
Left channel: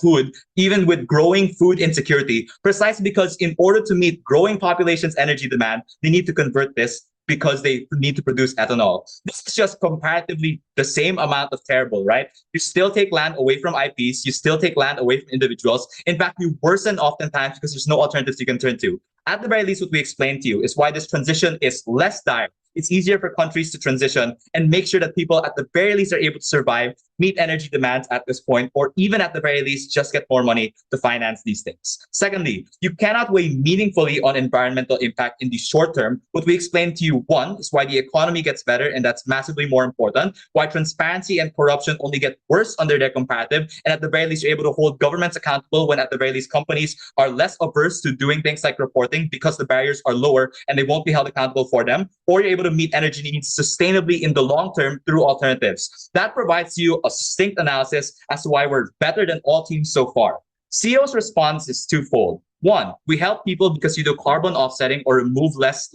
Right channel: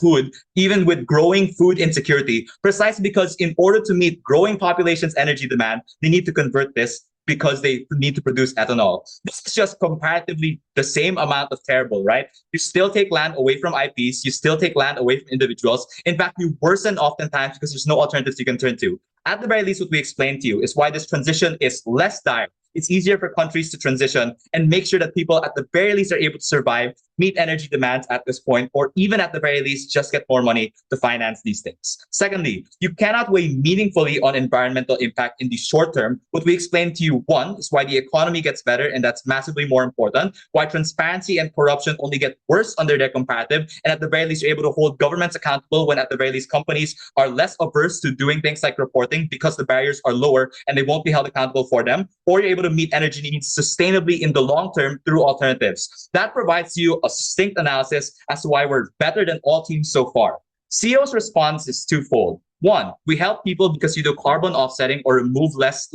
food, even with growing food insecurity, precisely because in order to meet growing populations' energy demand, they need to convert this because they need to produce ethanol. This is just comparatively the same amount of terrible, right? You still take land away from IPs, you still take land away from individuals. In fact, you worsen oftentimes because there's no alternatives you can turn to. At the very least, what we explained to you is why this transition is less dire. It's easier for countries to transition and make sure that people at the very least are able to survive, meet energy demands at this point, or even at the very least just get more money to finance these things. Secondly, you cannot weigh meaningfully on environmental impact in the short term. What we explained to you, one, is why the economy gets better, and that's massively more important, why transparency and corruption only get worse under their comparative, and at the very least you're able to hold governments accountable when at the very least companies are less averse to doing things like reporting because the barriers are lower and they won't be held accountable for them, or you're able to meet energy needs sustainably in the long term through alternatives. That provides you a succinct analysis as to why we're better than all teams so far. CEO's response is twofold. One, we help people because you do carbon offsetting or remove less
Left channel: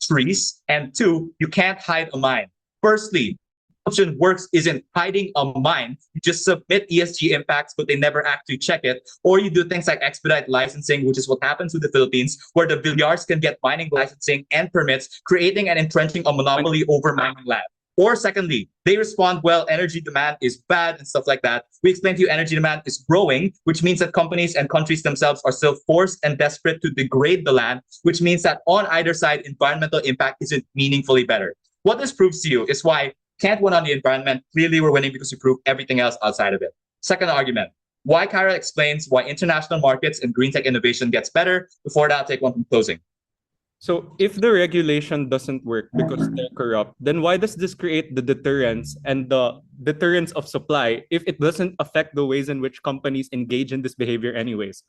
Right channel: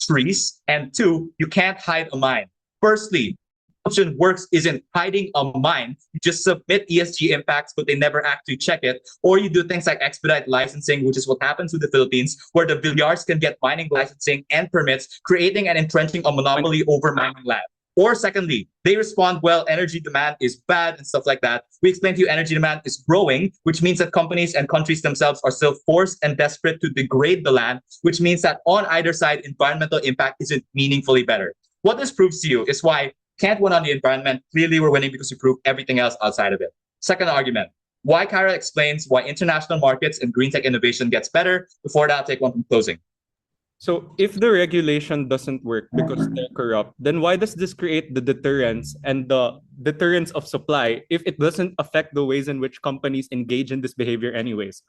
trees. And two, you can't hide a mine. Firstly, option works isn't hiding a mine. You just submit ESG impacts, but they never actually check it. Or you do things like expedite licensing, which is what happens with the Philippines, where the billiards can get mining licensing and permits, creating and entrenching a monopoly over mining land. Or secondly, they respond, well, energy demand is bad and stuff like that. We explain to you energy demand is growing, which means that companies and countries themselves are still forced and desperate to degrade the land, which means that on either side, environmental impact isn't meaningfully better. What this proves to you is why can't win on the environment. Clearly, we're winning because we prove everything else outside of it. Second argument, why Cara explains why international markets and green tech innovation gets better. Before that, I'll take one from closing. So if the regulation doesn't work because they're corrupt, then why does this create the deterrence and the deterrence of supply if it doesn't affect the ways in which companies engage in this behavior anyways?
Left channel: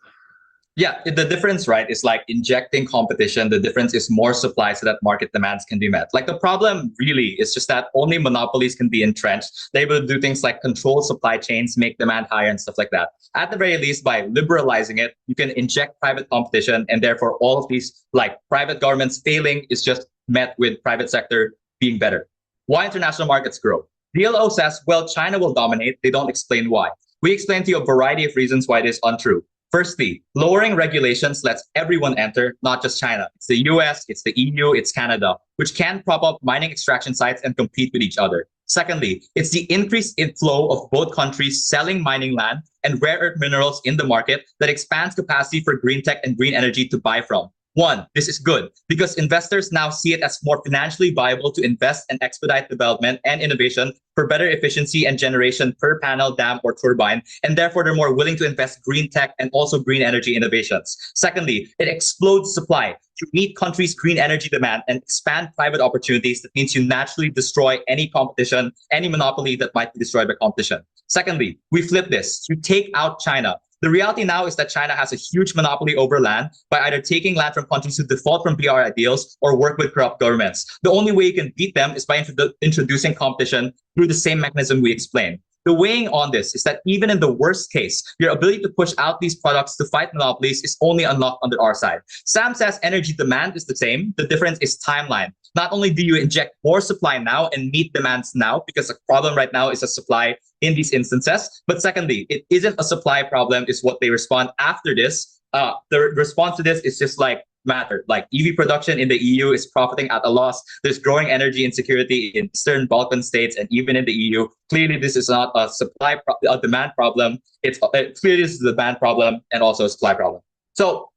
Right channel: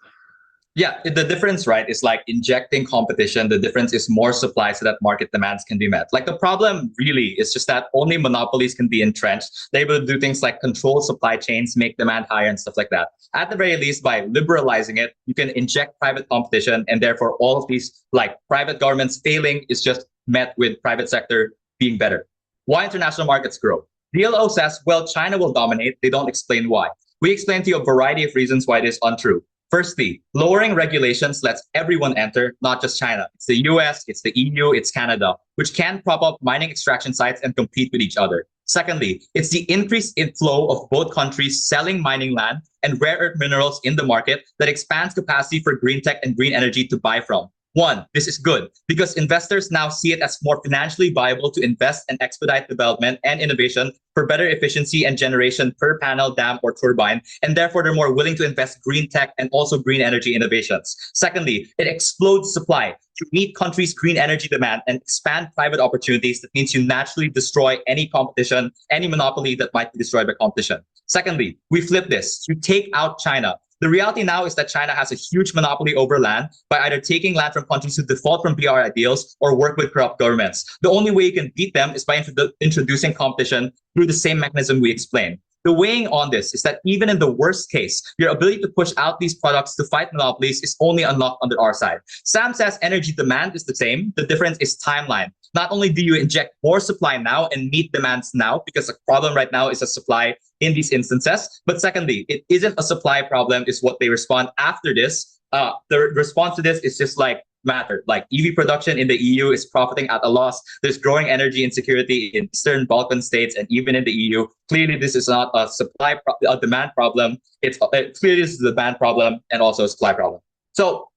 Yeah, the difference, right, is like injecting competition. The difference is more supply so that market demands can be met. Like the problem really is just that only monopolies can be entrenched. They're able to do things like control supply chains, make demand higher and stuff like that. At the very least, by liberalizing it, you can inject private competition, and therefore all of these like private governments failing is just met with private sector being better. Why international markets grow? DLO says, well, China will dominate. They don't explain why. We explain to you a variety of reasons why it is untrue. Firstly, lowering regulations lets everyone enter, not just China. It's the US, it's the EU, it's Canada, which can prop up mining extraction sites and compete with each other. Secondly, it's the increased inflow of both countries selling mining land and rare earth minerals in the market that expands capacity for green tech and green energy to buy from. One, this is good because investors now see it as more financially viable to invest and expedite development and innovation for better efficiency and generation per panel, dam, or turbine, and therefore they're more willing to invest green tech and also green energy innovations. Secondly, it explodes supply to meet countries' green energy demand and expand private opportunities. That means you naturally destroy any competition, any monopoly that might be destroyed by competition. Secondly, we flip this. You take out China. The reality now is that China has a huge monopoly over land by either taking land from countries who default from BR ideals or work with corrupt governments. The only way you can beat them is by introducing competition through the same mechanism we explained. The weighing on this is that even in the worst case, your ability to push out these products to fight monopolies is only unlocked under our side. Sam says energy demand is the same. The difference is timeline. Not only do you inject more supply now and meet demands now, because the problem right now is a supply in these instances, but secondly, it isn't a supply problem, is what they respond after this. The response to this is just like mattered. Like EV production in the EU is profiting at a loss. There's growing energy insecurity in certain Balkan states and even in the EU. Clearly, this is not a demand problem. It's clearly this is a demand problem and also a supply problem. So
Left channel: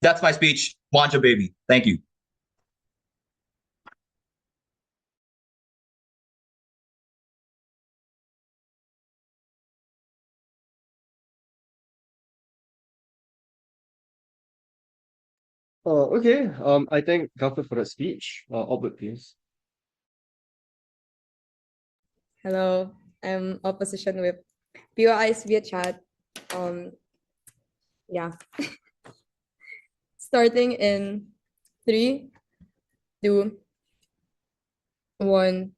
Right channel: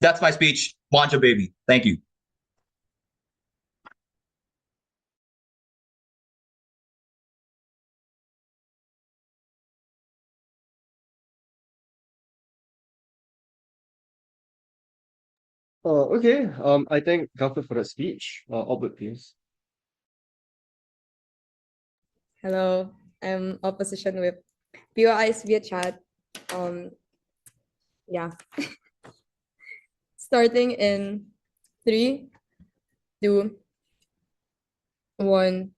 that's my speech. Wanja baby. Thank you. Okay, I think Gaffer for a speech. Albert, please. Hello, I'm Opposition Whip. POIs via chat. Yeah. Starting in 3, 2, 1,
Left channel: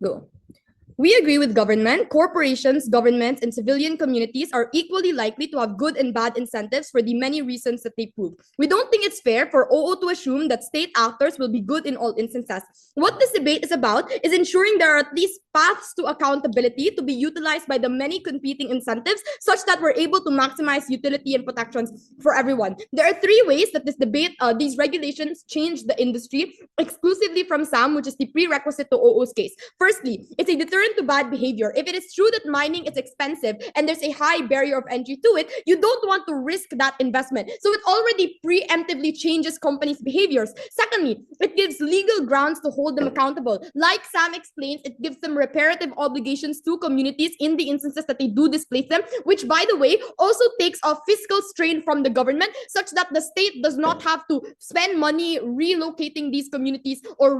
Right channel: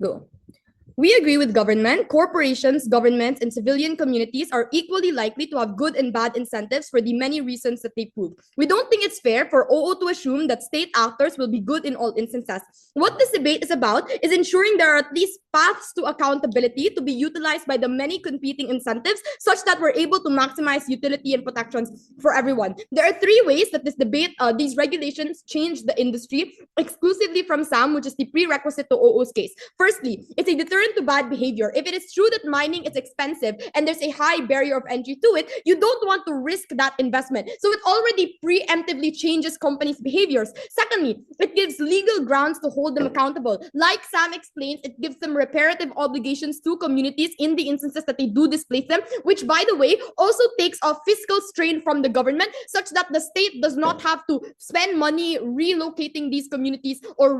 go. We agree with government, corporations, governments, and civilian communities are equally likely to have good and bad incentives for the many reasons that they prove. We don't think it's fair for OO to assume that state actors will be good in all instances. What this debate is about is ensuring there are at least paths to accountability to be utilized by the many competing incentives such that we're able to maximize utility and protections for everyone. There are 3 ways that this debate, these regulations change the industry exclusively from SAM, which is the prerequisite to OO's case. Firstly, it's a deterrent to bad behavior. If it is true that mining is expensive and there's a high barrier of entry to it, you don't want to risk that investment. So it already preemptively changes companies' behaviors. Secondly, it gives legal grounds to hold them accountable. Like Sam explains, it gives them reparative obligations to communities in the instances that they do displace them, which, by the way, also takes off fiscal strain from the government such that the state does not have to spend money relocating these communities or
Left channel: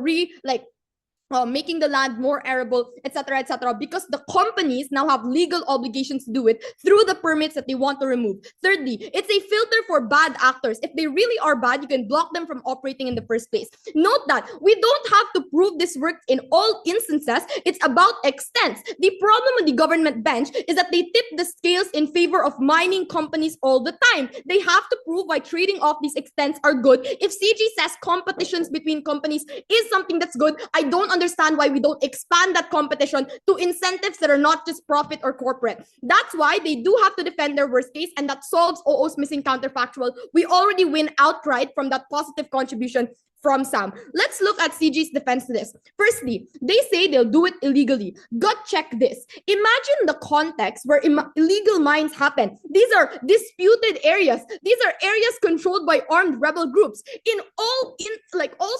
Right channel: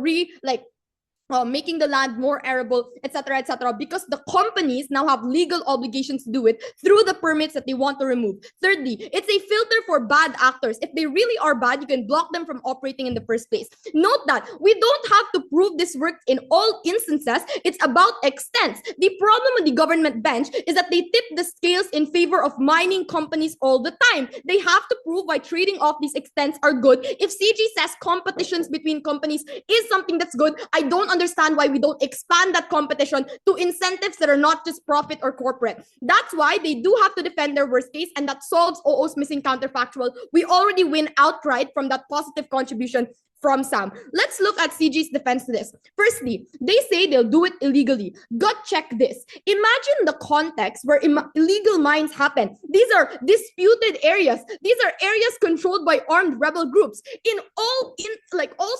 making the land more arable, etc., because the companies now have legal obligations to do it through the permits that they want to remove. Thirdly, it's a filter for bad actors. If they really are bad, you can block them from operating in the first place. Note that we don't have to prove this works in all instances. It's about extents. The problem with the government bench is that they tip the scales in favor of mining companies all the time. They have to prove why trading off these extents are good. If CG says competitions between companies is something that's good, I don't understand why we don't expand that competition to incentives that are not just profit or corporate. That's why they do have to defend their worst case, and that solves OO's missing counterfactual. We already win outright from that positive contribution from Sam. Let's look at CG's defense to this. Firstly, they say they'll do it illegally. Gut check this. Imagine the context where illegal mines happen. These are disputed areas. These are areas controlled by armed rebel groups. In all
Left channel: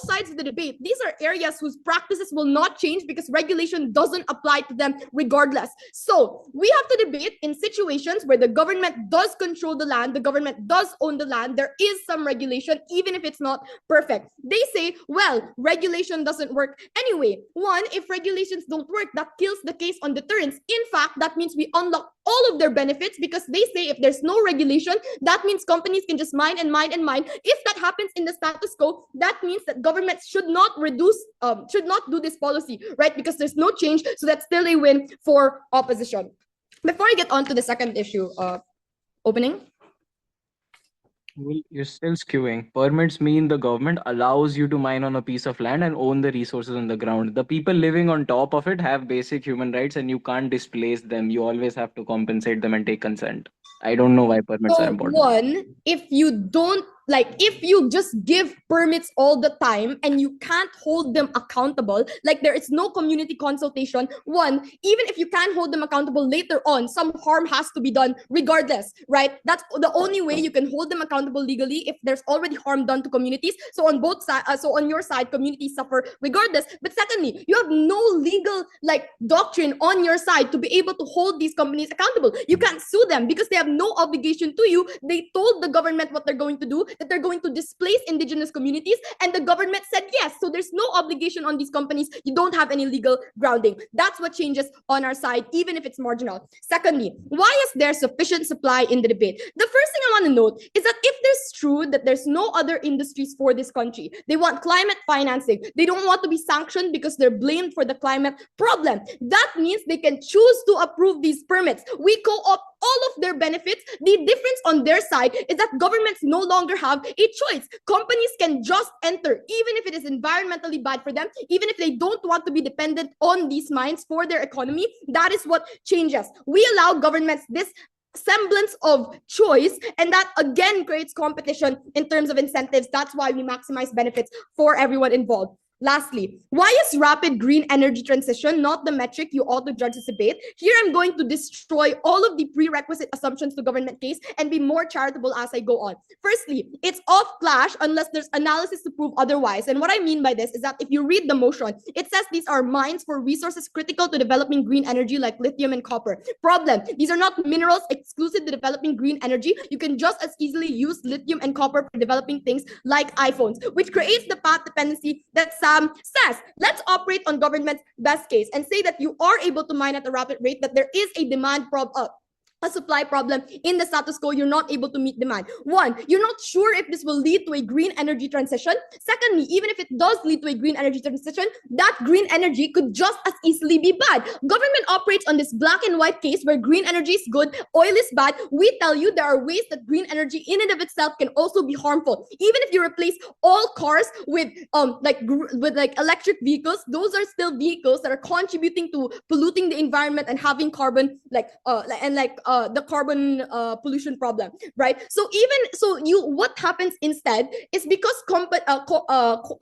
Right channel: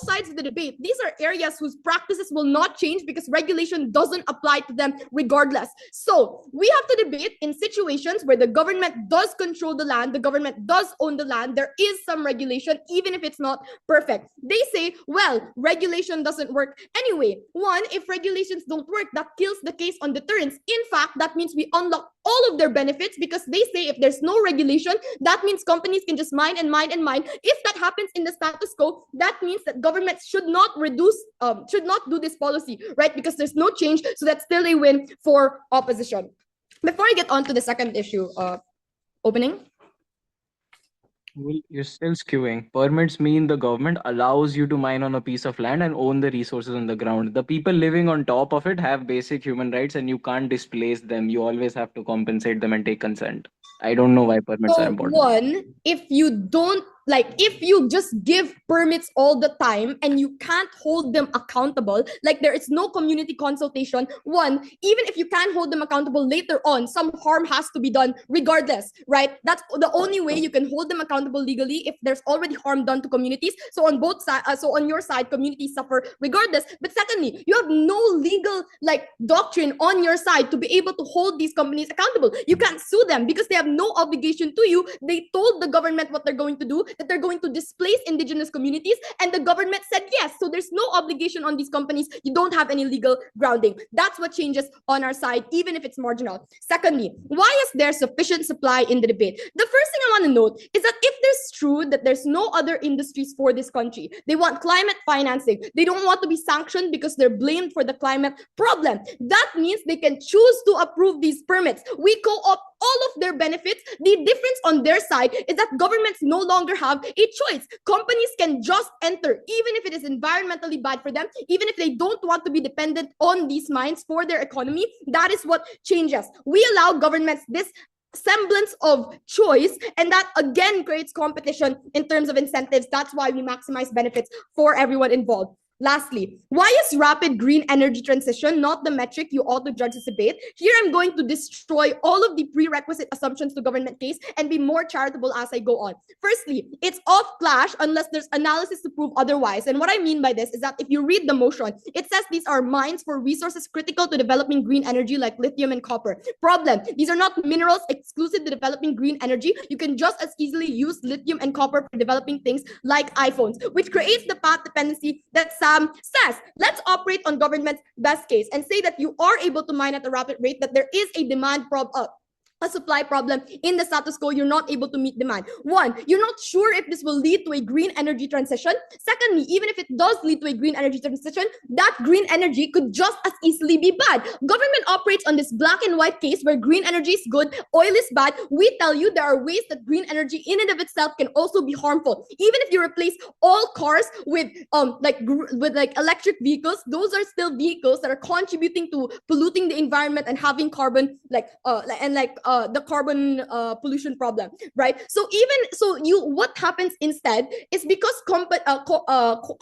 sides of the debate, these are areas whose practices will not change because regulation doesn't apply to them regardless. So we have to debate in situations where the government does control the land, the government does own the land, there is some regulation, even if it's not perfect. They say, well, regulation doesn't work anyway. One, if regulations don't work, that kills the case on deterrence. In fact, that means we unlock all of their benefits, because they say if there's no regulation, that means companies can just mine and mine and mine. If that happens in the status quo, that means that governments should not do this policy, right? Because there's no change, so that's still a win for opposition. Before I get on to the second issue, opening. Well, you're still skewing. Permits mean the government allows you to mine on a piece of land and own the resources on the ground. The people living on top of it have basic human rights, and you can't displace them. You always have to compensate them and take consent. I don't know why permits are important. One, if you don't, like, if you just give permits all the time and you can't hold them accountable, like there is no community consultation, one, even if you can't hold them accountable later on, some harm has to be done regardless, right? That's the only way you can hold them accountable legally, if there's already harm done to communities. So on both sides, so on your side, communities suffer regardless. But secondly, you have no legal doctrine on your side to be able to hold these companies accountable. You can't sue them because they have no obligation to you. They told the government what they're going to do, that they're going to displace indigenous communities, and the government said yes. So there's no obligation on these companies. You don't have any legal grounding. That's what changes on our side, even if it's marginal. Secondly, why is there sufficient supply in the debate? The first thing I want to note is that if it's true that there's no other industries for this country, they want climate financing, they don't want to be sanctioned because they're blamed for the climate problem, that means they can choose to approve these permits. We co-opt all of their benefits. The difference on their side is that governments no longer have a choice. Companies can just enter, even if it is environmentally bad for them, even if they don't want to be dependent on these mines for their economy. That is what changes. We allow governments this semblance of choice, and that again creates competition in terms of incentives. That's why we maximize benefits for everyone involved. Lastly, why is rapid green energy transition not the metric you ought to judge this debate? Here I'm going to destroy all of the prerequisite assumptions to government case and be more charitable as I go on. Firstly, it's off clash unless there's analysis to prove otherwise. And what I mean by this is that if you read the motion, it says these are mines for resources critical to developing green energy like lithium and copper. Problem, these are not minerals exclusive to developing green energy. You can just as easily use lithium and copper for developing things like iPhones, which creates the path dependency that says, let's operate on government's best case and say that you are able to mine at a rapid rate, that there is a a supply problem in the status quo. You're not able to meet demand. One, you're not sure if this will lead to a green energy transition. Secondly, even if it does lead to a green energy transition, that green energy could just as easily be bad. Government operates on this black and white case where green energy is good, oil is bad. We tell you there are ways that green energy in and of itself can also be harmful. Even if you replace all cars with electric vehicles, those are still vehicles that are contributing to polluting the environment and having carbon the carbon pollution problem, right? So what happens instead is because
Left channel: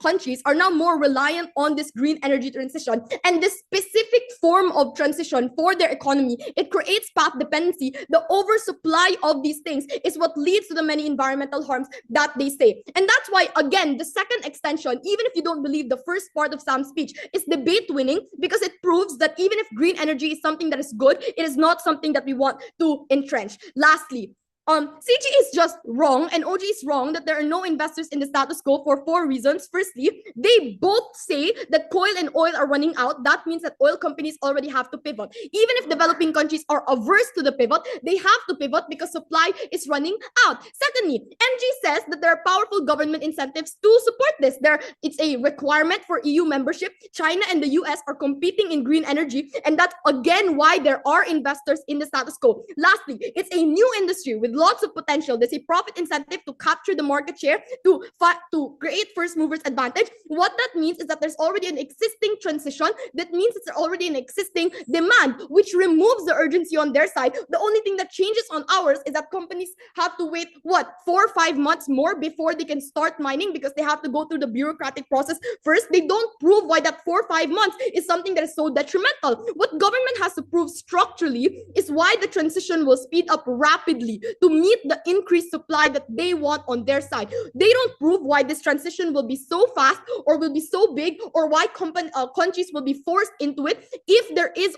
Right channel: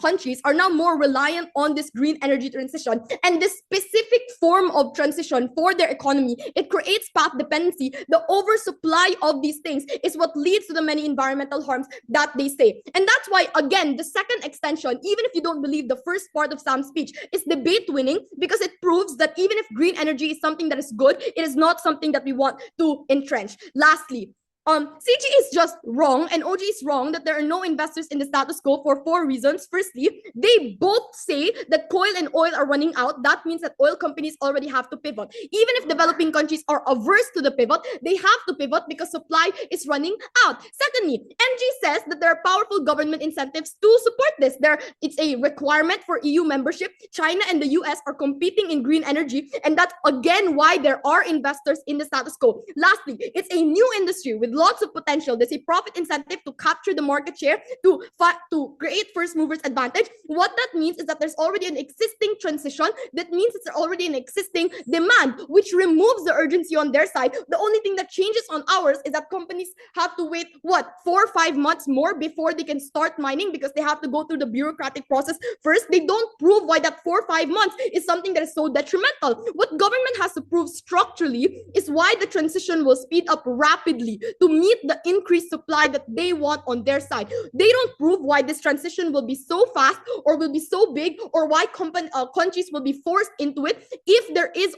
countries are now more reliant on this green energy transition and this specific form of transition for their economy, it creates path dependency. The oversupply of these things is what leads to the many environmental harms that they say. And that's why, again, the second extension, even if you don't believe the first part of Sam's speech, is debate winning, because it proves that even if green energy is something that is good, it is not something that we want to entrench. Lastly, CG is just wrong and OG is wrong that there are no investors in the status quo for 4 reasons. Firstly, they both say that coal and oil are running out. That means that oil companies already have to pivot. Even if developing countries are averse to the pivot, they have to pivot because supply is running out. Secondly, MG says that there are powerful government incentives to support this. It's a requirement for EU membership. China and the US are competing in green energy, and that's again why there are investors in the status quo. Lastly, it's a new industry with lots of potential. There's a profit incentive to capture the market share, to create first movers advantage. What that means is that there's already an existing transition. That means it's already an existing demand, which removes the urgency on their side. The only thing that changes on ours is that companies have to wait, 4 or 5 months more before they can start mining, because they have to go through the bureaucratic process first. They don't prove why that 4 or 5 months is something that is so detrimental. What government has to prove structurally is why the transition will speed up rapidly to meet the increased supply that they want on their side. They don't prove why this transition will be so fast or will be so big, or why countries will be forced into it if there is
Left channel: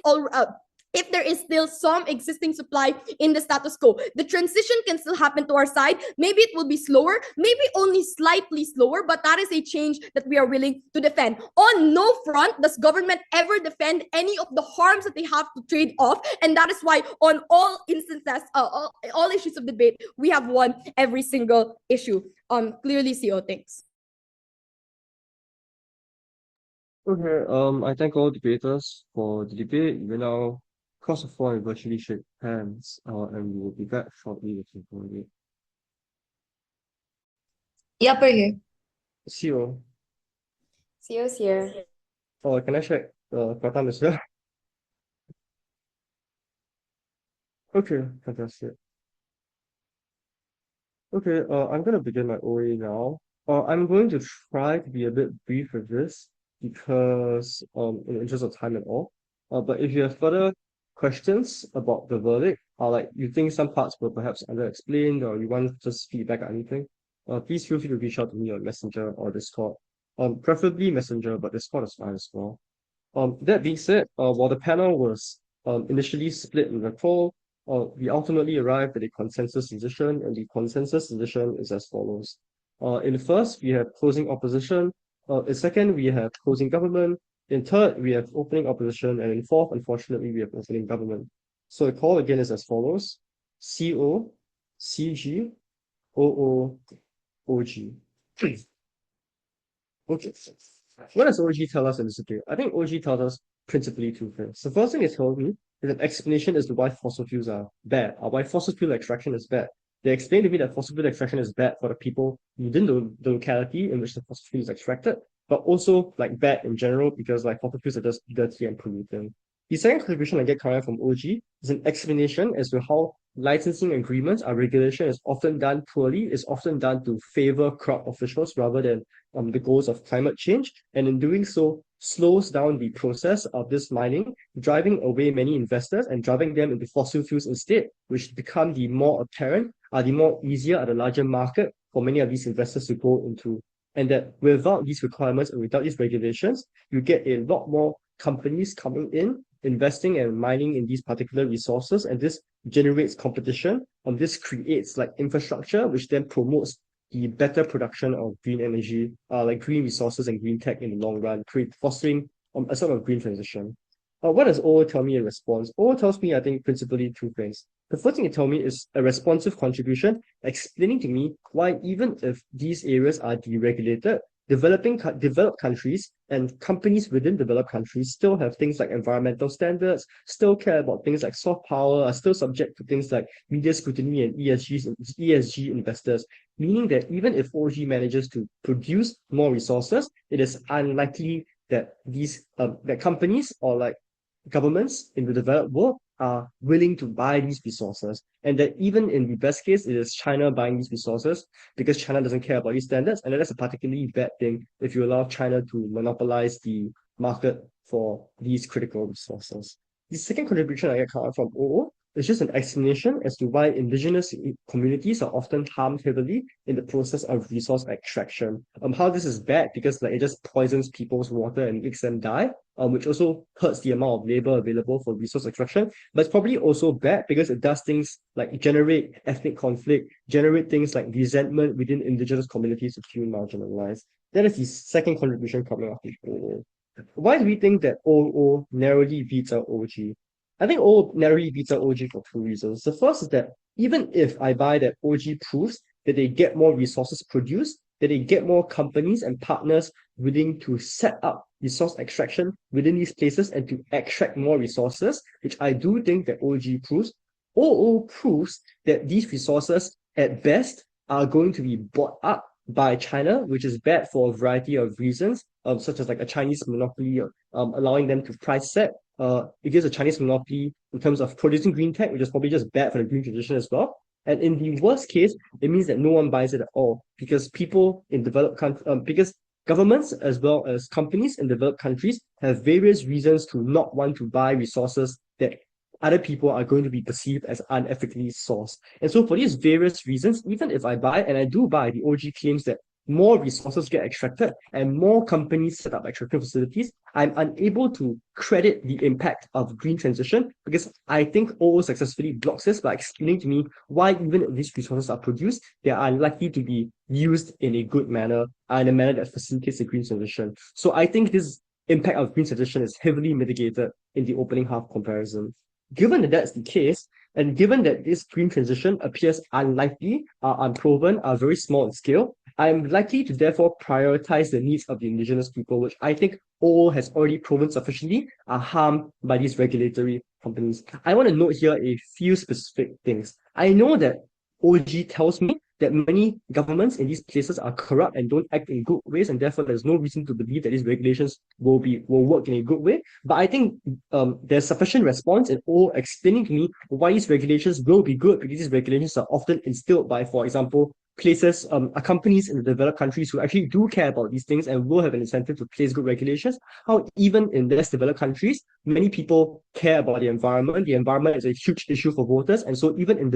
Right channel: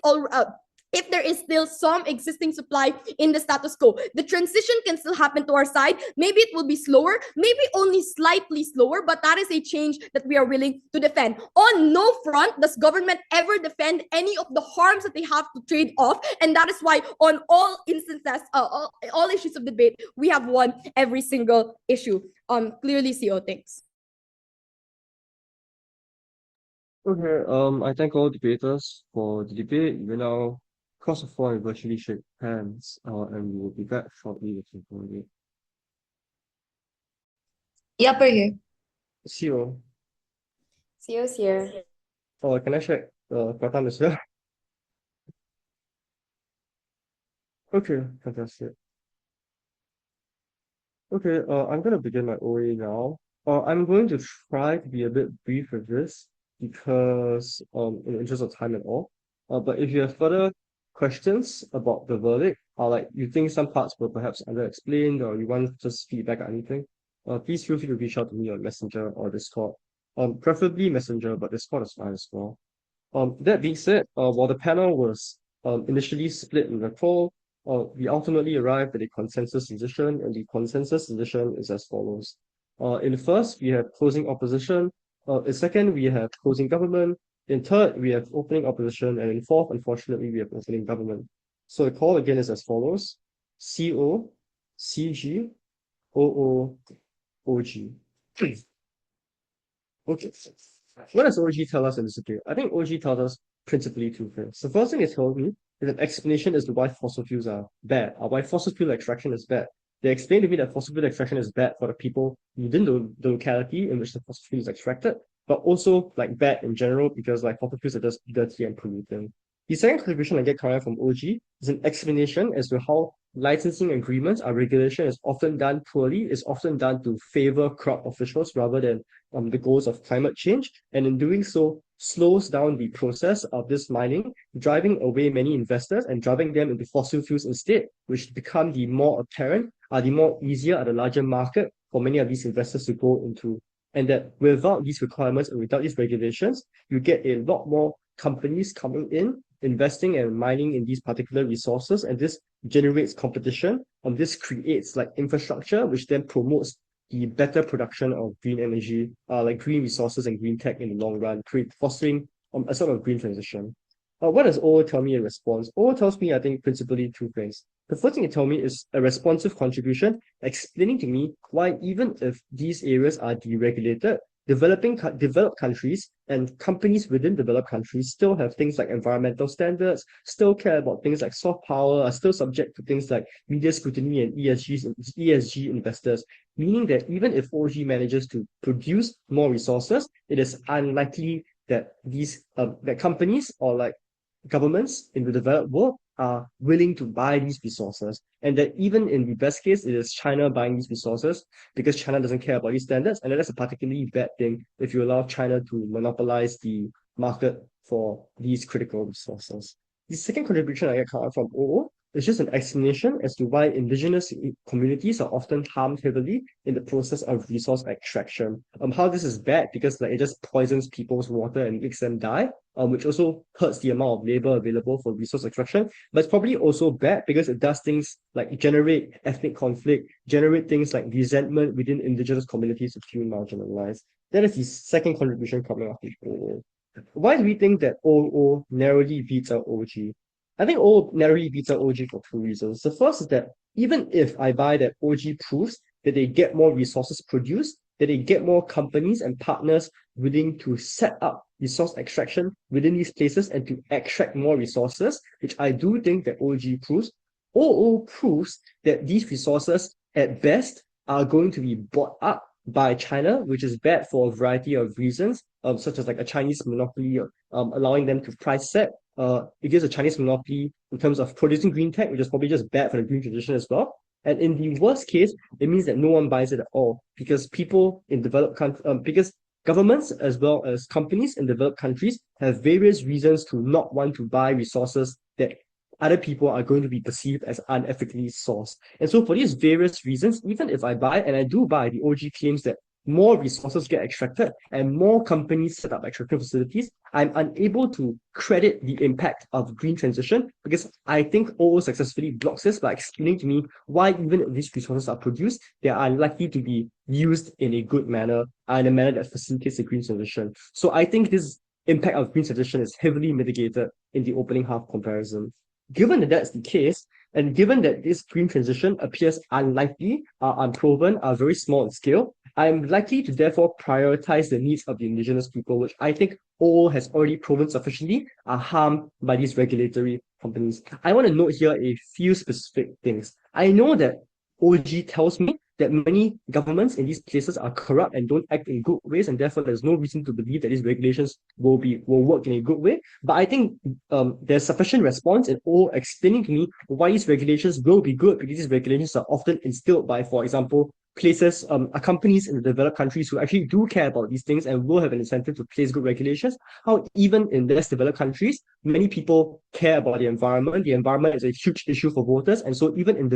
if there is still some existing supply in the status quo. The transition can still happen to our side. Maybe it will be slower, maybe only slightly slower, but that is a change that we are willing to defend. On no front does government ever defend any of the harms that they have to trade off, and that is why on all instances, all issues of debate, we have won every single issue. Clearly, CO, thanks. Okay, I thank all debaters for the debate. We now cross the floor and virtually shake hands, and we will be back shortly with the Q&A. Yep, we're here. CEO. CO's here. Oh, can I check Kuantan as well? Okay, fantastic. Okay, I'm going to begin my OA now. I'm going to try to be a bit brief with this because, in the interest of time and all. But if you have further questions about the verdict, or like you think some parts were perhaps under-explained, or you want just feedback or anything, please feel free to reach out to me on Messenger or Discord. Preferably Messenger, but Discord is fine as well. That being said, while the panel was initially split in the poll, we ultimately arrived at a consensus decision, and the consensus decision is as follows. In first, we have closing opposition. In second, we have closing government. In third, we have opening opposition. And in fourth, unfortunately, we have opening government. So the call again is as follows. CO, CG, OO, OG. Okay. What does OG tell us in this situation? I think OG tells us principally two things. The first thing it told me is an explanation as to why fossil fuels are bad, or why fossil fuel extraction is bad. They explained to me that fossil fuel extraction is bad for the people within the locality in which the fossil fuel is extracted, but also like bad in general because like fossil fuels are just dirty and polluting. The second contribution I get coming from OG is an explanation as to how licensing agreements or regulation is often done poorly, is often done to favor crop officials rather than the goals of climate change, and in doing so slows down the process of this mining, driving away many investors and driving them into fossil fuels instead, which become the more apparent, the more easier at a larger market for many of these investors to go into. And that without these requirements and without these regulations, you get a lot more companies coming in, investing and mining in these particular resources, and this generates competition, and this creates like infrastructure, which then promotes the better production of green energy, like green resources and green tech in the long run, fostering a sort of green transition. What does OO tell me in response? OO tells me, I think, principally two things. The first thing it told me is a responsive contribution, explaining to me why even if these areas are deregulated, developed countries and companies within developed countries still have things like environmental standards, still care about things like soft power, are still subject to things like media scrutiny and ESG investors, meaning that even if OG manages to produce more resources, it is unlikely that these that companies or like governments in the developed world are willing to buy these resources, and that even in the best case, it is China buying these resources because China doesn't care about these standards, and that's a particularly bad thing if you allow China to monopolize the market for these critical resources. The second contribution I get from OO is just an explanation as to why indigenous communities are often harmed heavily in the process of resource extraction. How this is bad because like it just poisons people's water and makes them die, which also hurts the amount of labor available for resource extraction. But it's probably also bad because it does things like generate ethnic conflict, generate things like resentment within indigenous communities that feel marginalized. That is the second contribution coming up. Why do we think that OO narrowly beats out OG? I think OO narrowly beats out OG for two reasons. The first is that even if I buy that OG proves that they get more resources produced, that they get more companies and partners willing to set up resource extraction within these places and to extract more resources, which I do think that OG proves, OO proves that these resources at best are going to be bought up by China, which is bad for a variety of reasons, such as like a Chinese monopoly, allowing them to price set, because a Chinese monopoly in terms of producing green tech, which is probably just bad for the green transition as well. And in the worst case, it means that no one buys it at all because people in developed countries, because governments as well as companies in developed countries have various reasons to not want to buy resources that other people are going to be perceived as unethically sourced. And so for these various reasons, even if I buy, and I do buy, the OG claims that more resources get extracted and more companies set up extraction facilities, I'm unable to credit the impact of green transition because I think OO successfully blocks this by explaining to me why even if these resources are produced, they are unlikely to be used in a good manner, in a manner that facilitates the green transition. So I think this impact of green transition is heavily mitigated in the opening half comparison. Given that that's the case, and given that this green transition appears unlikely, unproven, very small in scale, I'm likely to therefore prioritize the needs of the indigenous people, which I think OO has already proven sufficiently are harmed by these regulatory companies. I want to note here a few specific things. I know that OG tells me that many governments in these places are corrupt and don't act in good ways, and therefore there's no reason to believe that these regulations will work in a good way. But I think there's sufficient response in all explaining to me why these regulations will be good, because these regulations are often instilled by, for example, places, companies in the developed countries who actually do care about these things and will have an incentive to place good regulations. How even in less developed countries, many people care about the environment. The environment is a huge issue for voters, and so even in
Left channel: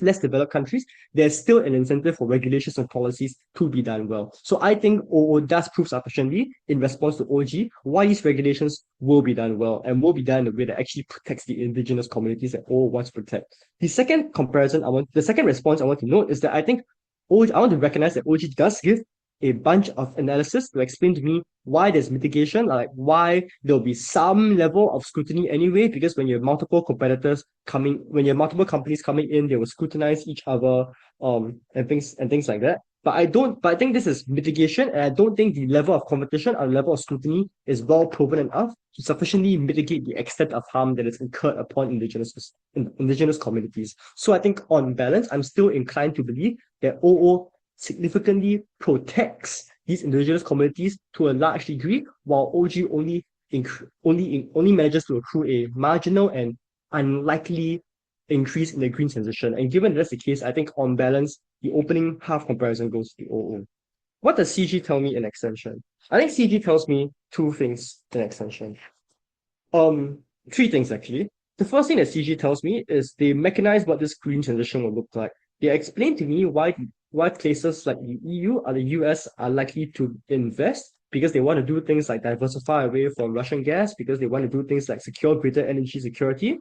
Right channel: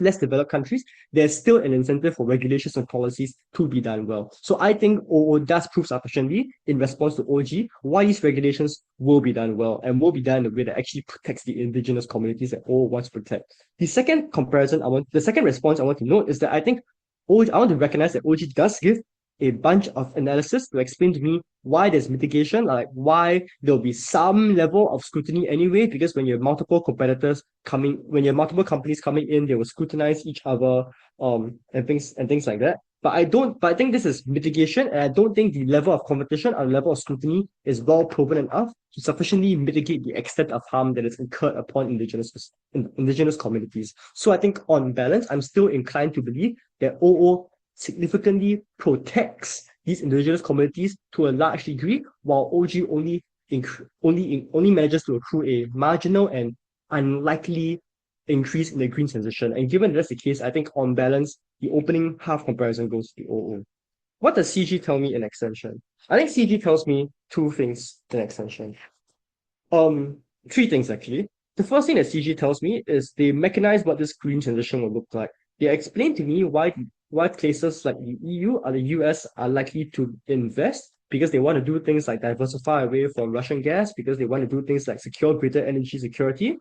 less developed countries, there's still an incentive for regulations and policies to be done well. So I think OO does prove sufficiently in response to OG why these regulations will be done well and will be done in a way that actually protects the indigenous communities that OO wants to protect. The second response I want to note is that I think I want to recognize that OG does give a bunch of analysis to explain to me why there's mitigation, like why there'll be some level of scrutiny anyway, because when you have multiple companies coming in, they will scrutinize each other, and things like that. But I think this is mitigation, and I don't think the level of competition or level of scrutiny is well proven enough to sufficiently mitigate the extent of harm that is incurred upon indigenous communities. So I think on balance, I'm still inclined to believe that OO significantly protects these indigenous communities to a large degree, while OG only manages to accrue a marginal and unlikely increase in the green transition. And given that's the case, I think on balance, the opening half comparison goes to OO. What does CG tell me in extension? I think CG tells me two things in extension. Three things actually. The first thing that CG tells me is they mechanize what this green transition will look like. They explain to me why places like the EU or the US are likely to invest, because they want to do things like diversify away from Russian gas, because they want to do things like secure greater energy security.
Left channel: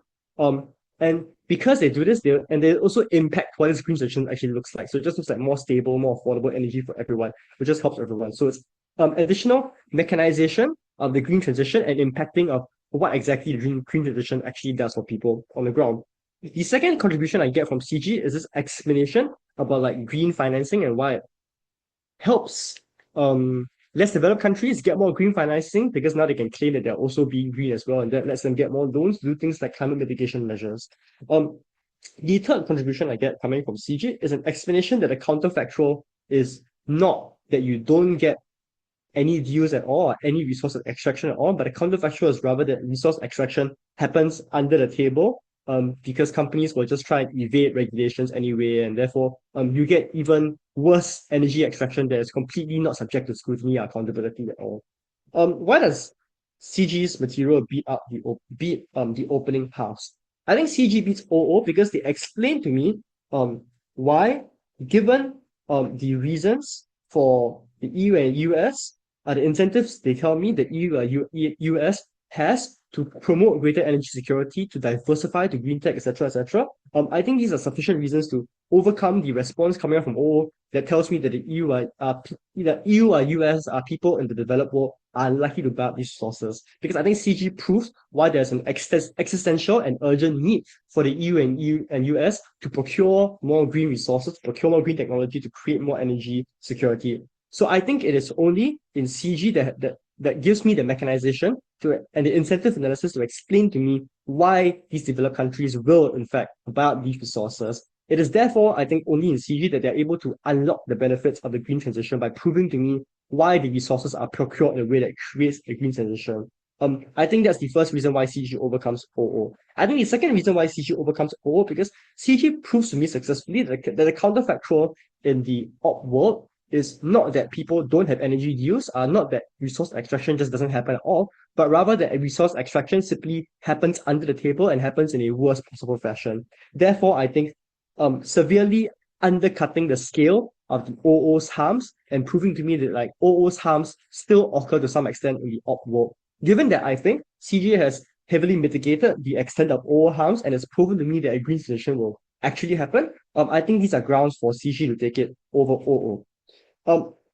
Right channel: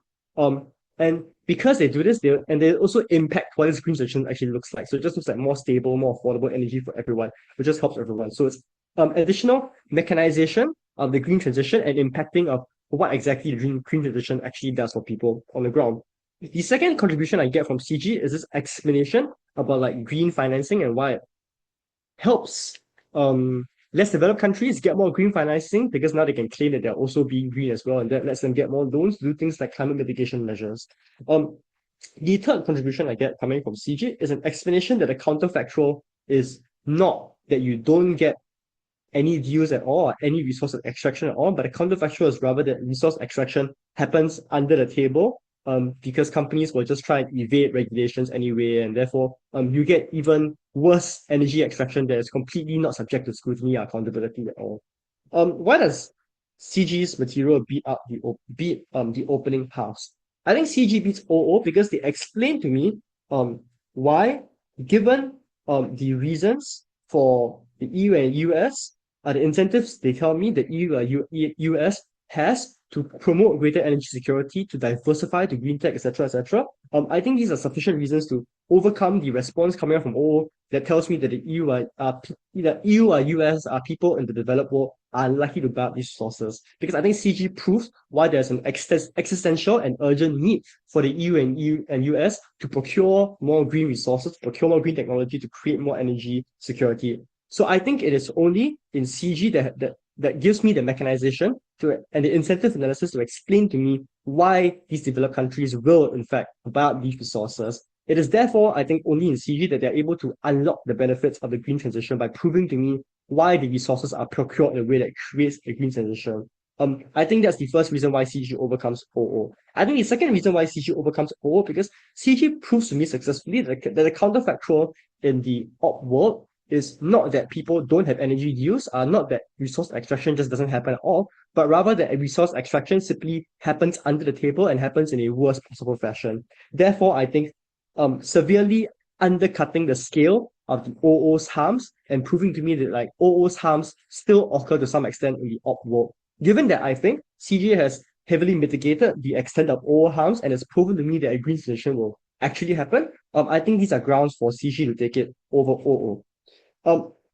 And because they do this, they also impact what this green transition actually looks like. So it just looks like more stable, more affordable energy for everyone, which just helps everyone. So it's additional mechanization of the green transition and impacting of what exactly the green transition actually does for people on the ground. The second contribution I get from CG is this explanation about like green financing and why it helps less developed countries get more green financing, because now they can claim that they're also being green as well, and that lets them get more loans to do things like climate mitigation measures. The third contribution I get coming from CG is an explanation that a counterfactual is not that you don't get any deals at all, or any resource extraction at all, but a counterfactual is rather that resource extraction happens under the table, because companies will just try and evade regulations anyway, and therefore you get even worse energy extraction that is completely not subject to scrutiny or accountability at all. Why does CG's material beat the opening halves? I think CG beats OO because they explain to me why, given the reasons for the EU and US, the incentives they tell me the EU US has to promote greater energy security, to diversify, to green tech, etc., etc. I think these are sufficient reasons to overcome the response coming out from OO that tells me that the EU or US people in the developed world are unlikely to buy up these sources. Because I think CG proves why there's an existential and urgent need for the EU and US to procure more green resources, procure more green technology to create more energy security. So I think it is only in CG that gives me the mechanization and the incentive analysis to explain to me why these developed countries will, in fact, buy up these resources. It is therefore, I think, only in CG that they're able to unlock the benefits of the green transition by proving to me why the resources are procured in a way that creates a green transition. I think that's the first reason why CG overcomes OO. I think the second reason why CG overcomes OO because CG proves to me successfully that the counterfactual in the op world is not that people don't have energy use, not that resource extraction just doesn't happen at all, but rather that a resource extraction simply happens under the table and happens in a worst possible fashion. Therefore, I think severely undercutting the scale of the OO's harms and proving to me that like OO's harms still occur to some extent in the op world. Given that I think CG has heavily mitigated the extent of OO harms and has proven to me that a green transition will actually happen, I think these are grounds for CG to take it over OO.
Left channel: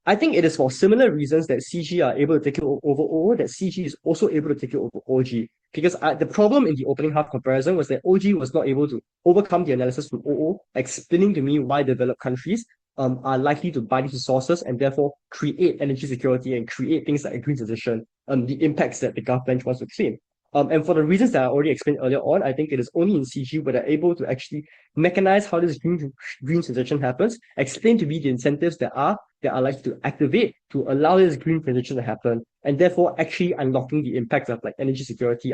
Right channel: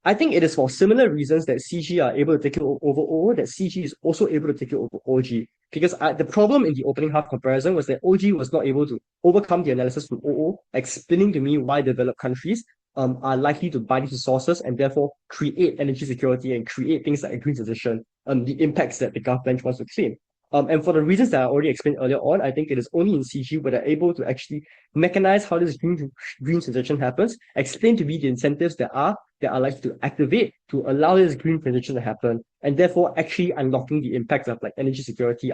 I think it is for similar reasons that CG are able to take it over OO that CG is also able to take it over OG. Because the problem in the opening half comparison was that OG was not able to overcome the analysis from OO, explaining to me why developed countries are likely to buy these resources and therefore create energy security and create things like a green transition, the impacts that the government wants to claim. And for the reasons that I already explained earlier on, I think it is only in CG where they're able to actually mechanize how this green transition happens, explain to me the incentives that are likely to activate to allow this green transition to happen, and therefore actually unlocking the impacts of like energy security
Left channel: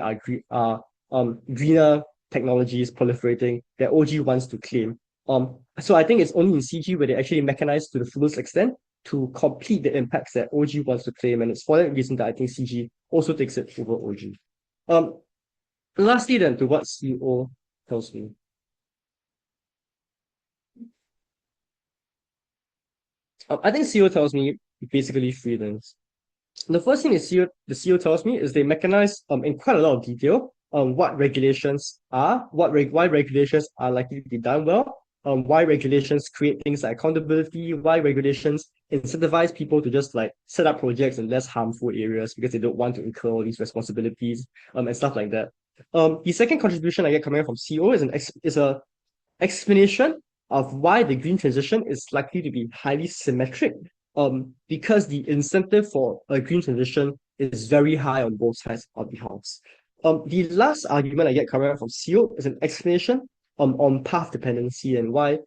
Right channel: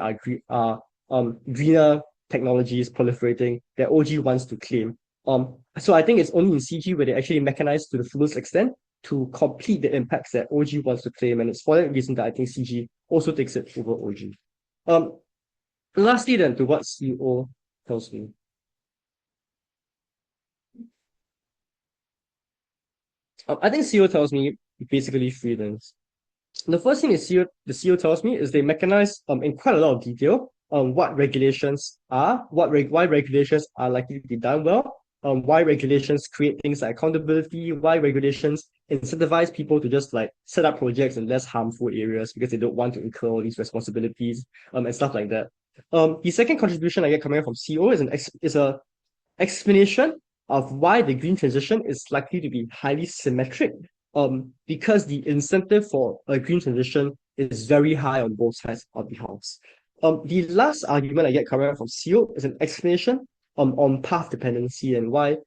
greener technologies proliferating that OG wants to claim. So I think it's only in CG where they actually mechanize to the fullest extent to complete the impacts that OG wants to claim, and it's for that reason that I think CG also takes it over OG. Lastly then, to what CO tells me. I think CO tells me basically three things. The first thing the CO tells me is they mechanize in quite a lot of detail what regulations are, why regulations are likely to be done well, why regulations create things like accountability, why regulations incentivize people to just like set up projects in less harmful areas because they don't want to incur all these responsibilities and stuff like that. The second contribution I get coming from CO is a explanation of why the green transition is likely to be highly symmetric, because the incentive for a green transition is very high on both sides of the house. The last argument I get coming from CO is an explanation on path dependency and why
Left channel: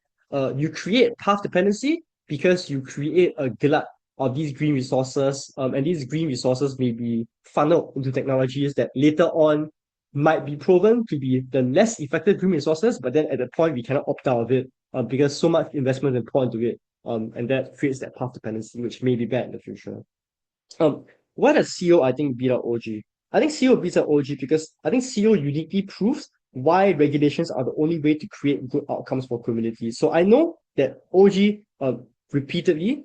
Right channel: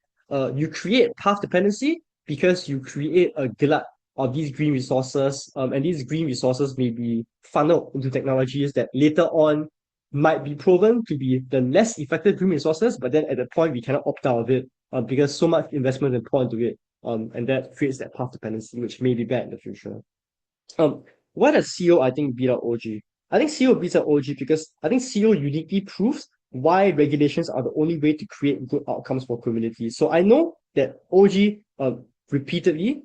you create path dependency because you create a glut of these green resources, and these green resources may be funneled into technologies that later on might be proven to be the less effective green resources, but then at the point we cannot opt out of it because so much investment is poured into it, and that creates that path dependency, which may be bad in the future. Why does CO I think beat out OG? I think CO beats out OG because I think CO uniquely proves why regulations are the only way to create good outcomes for communities. So I know that OG repeatedly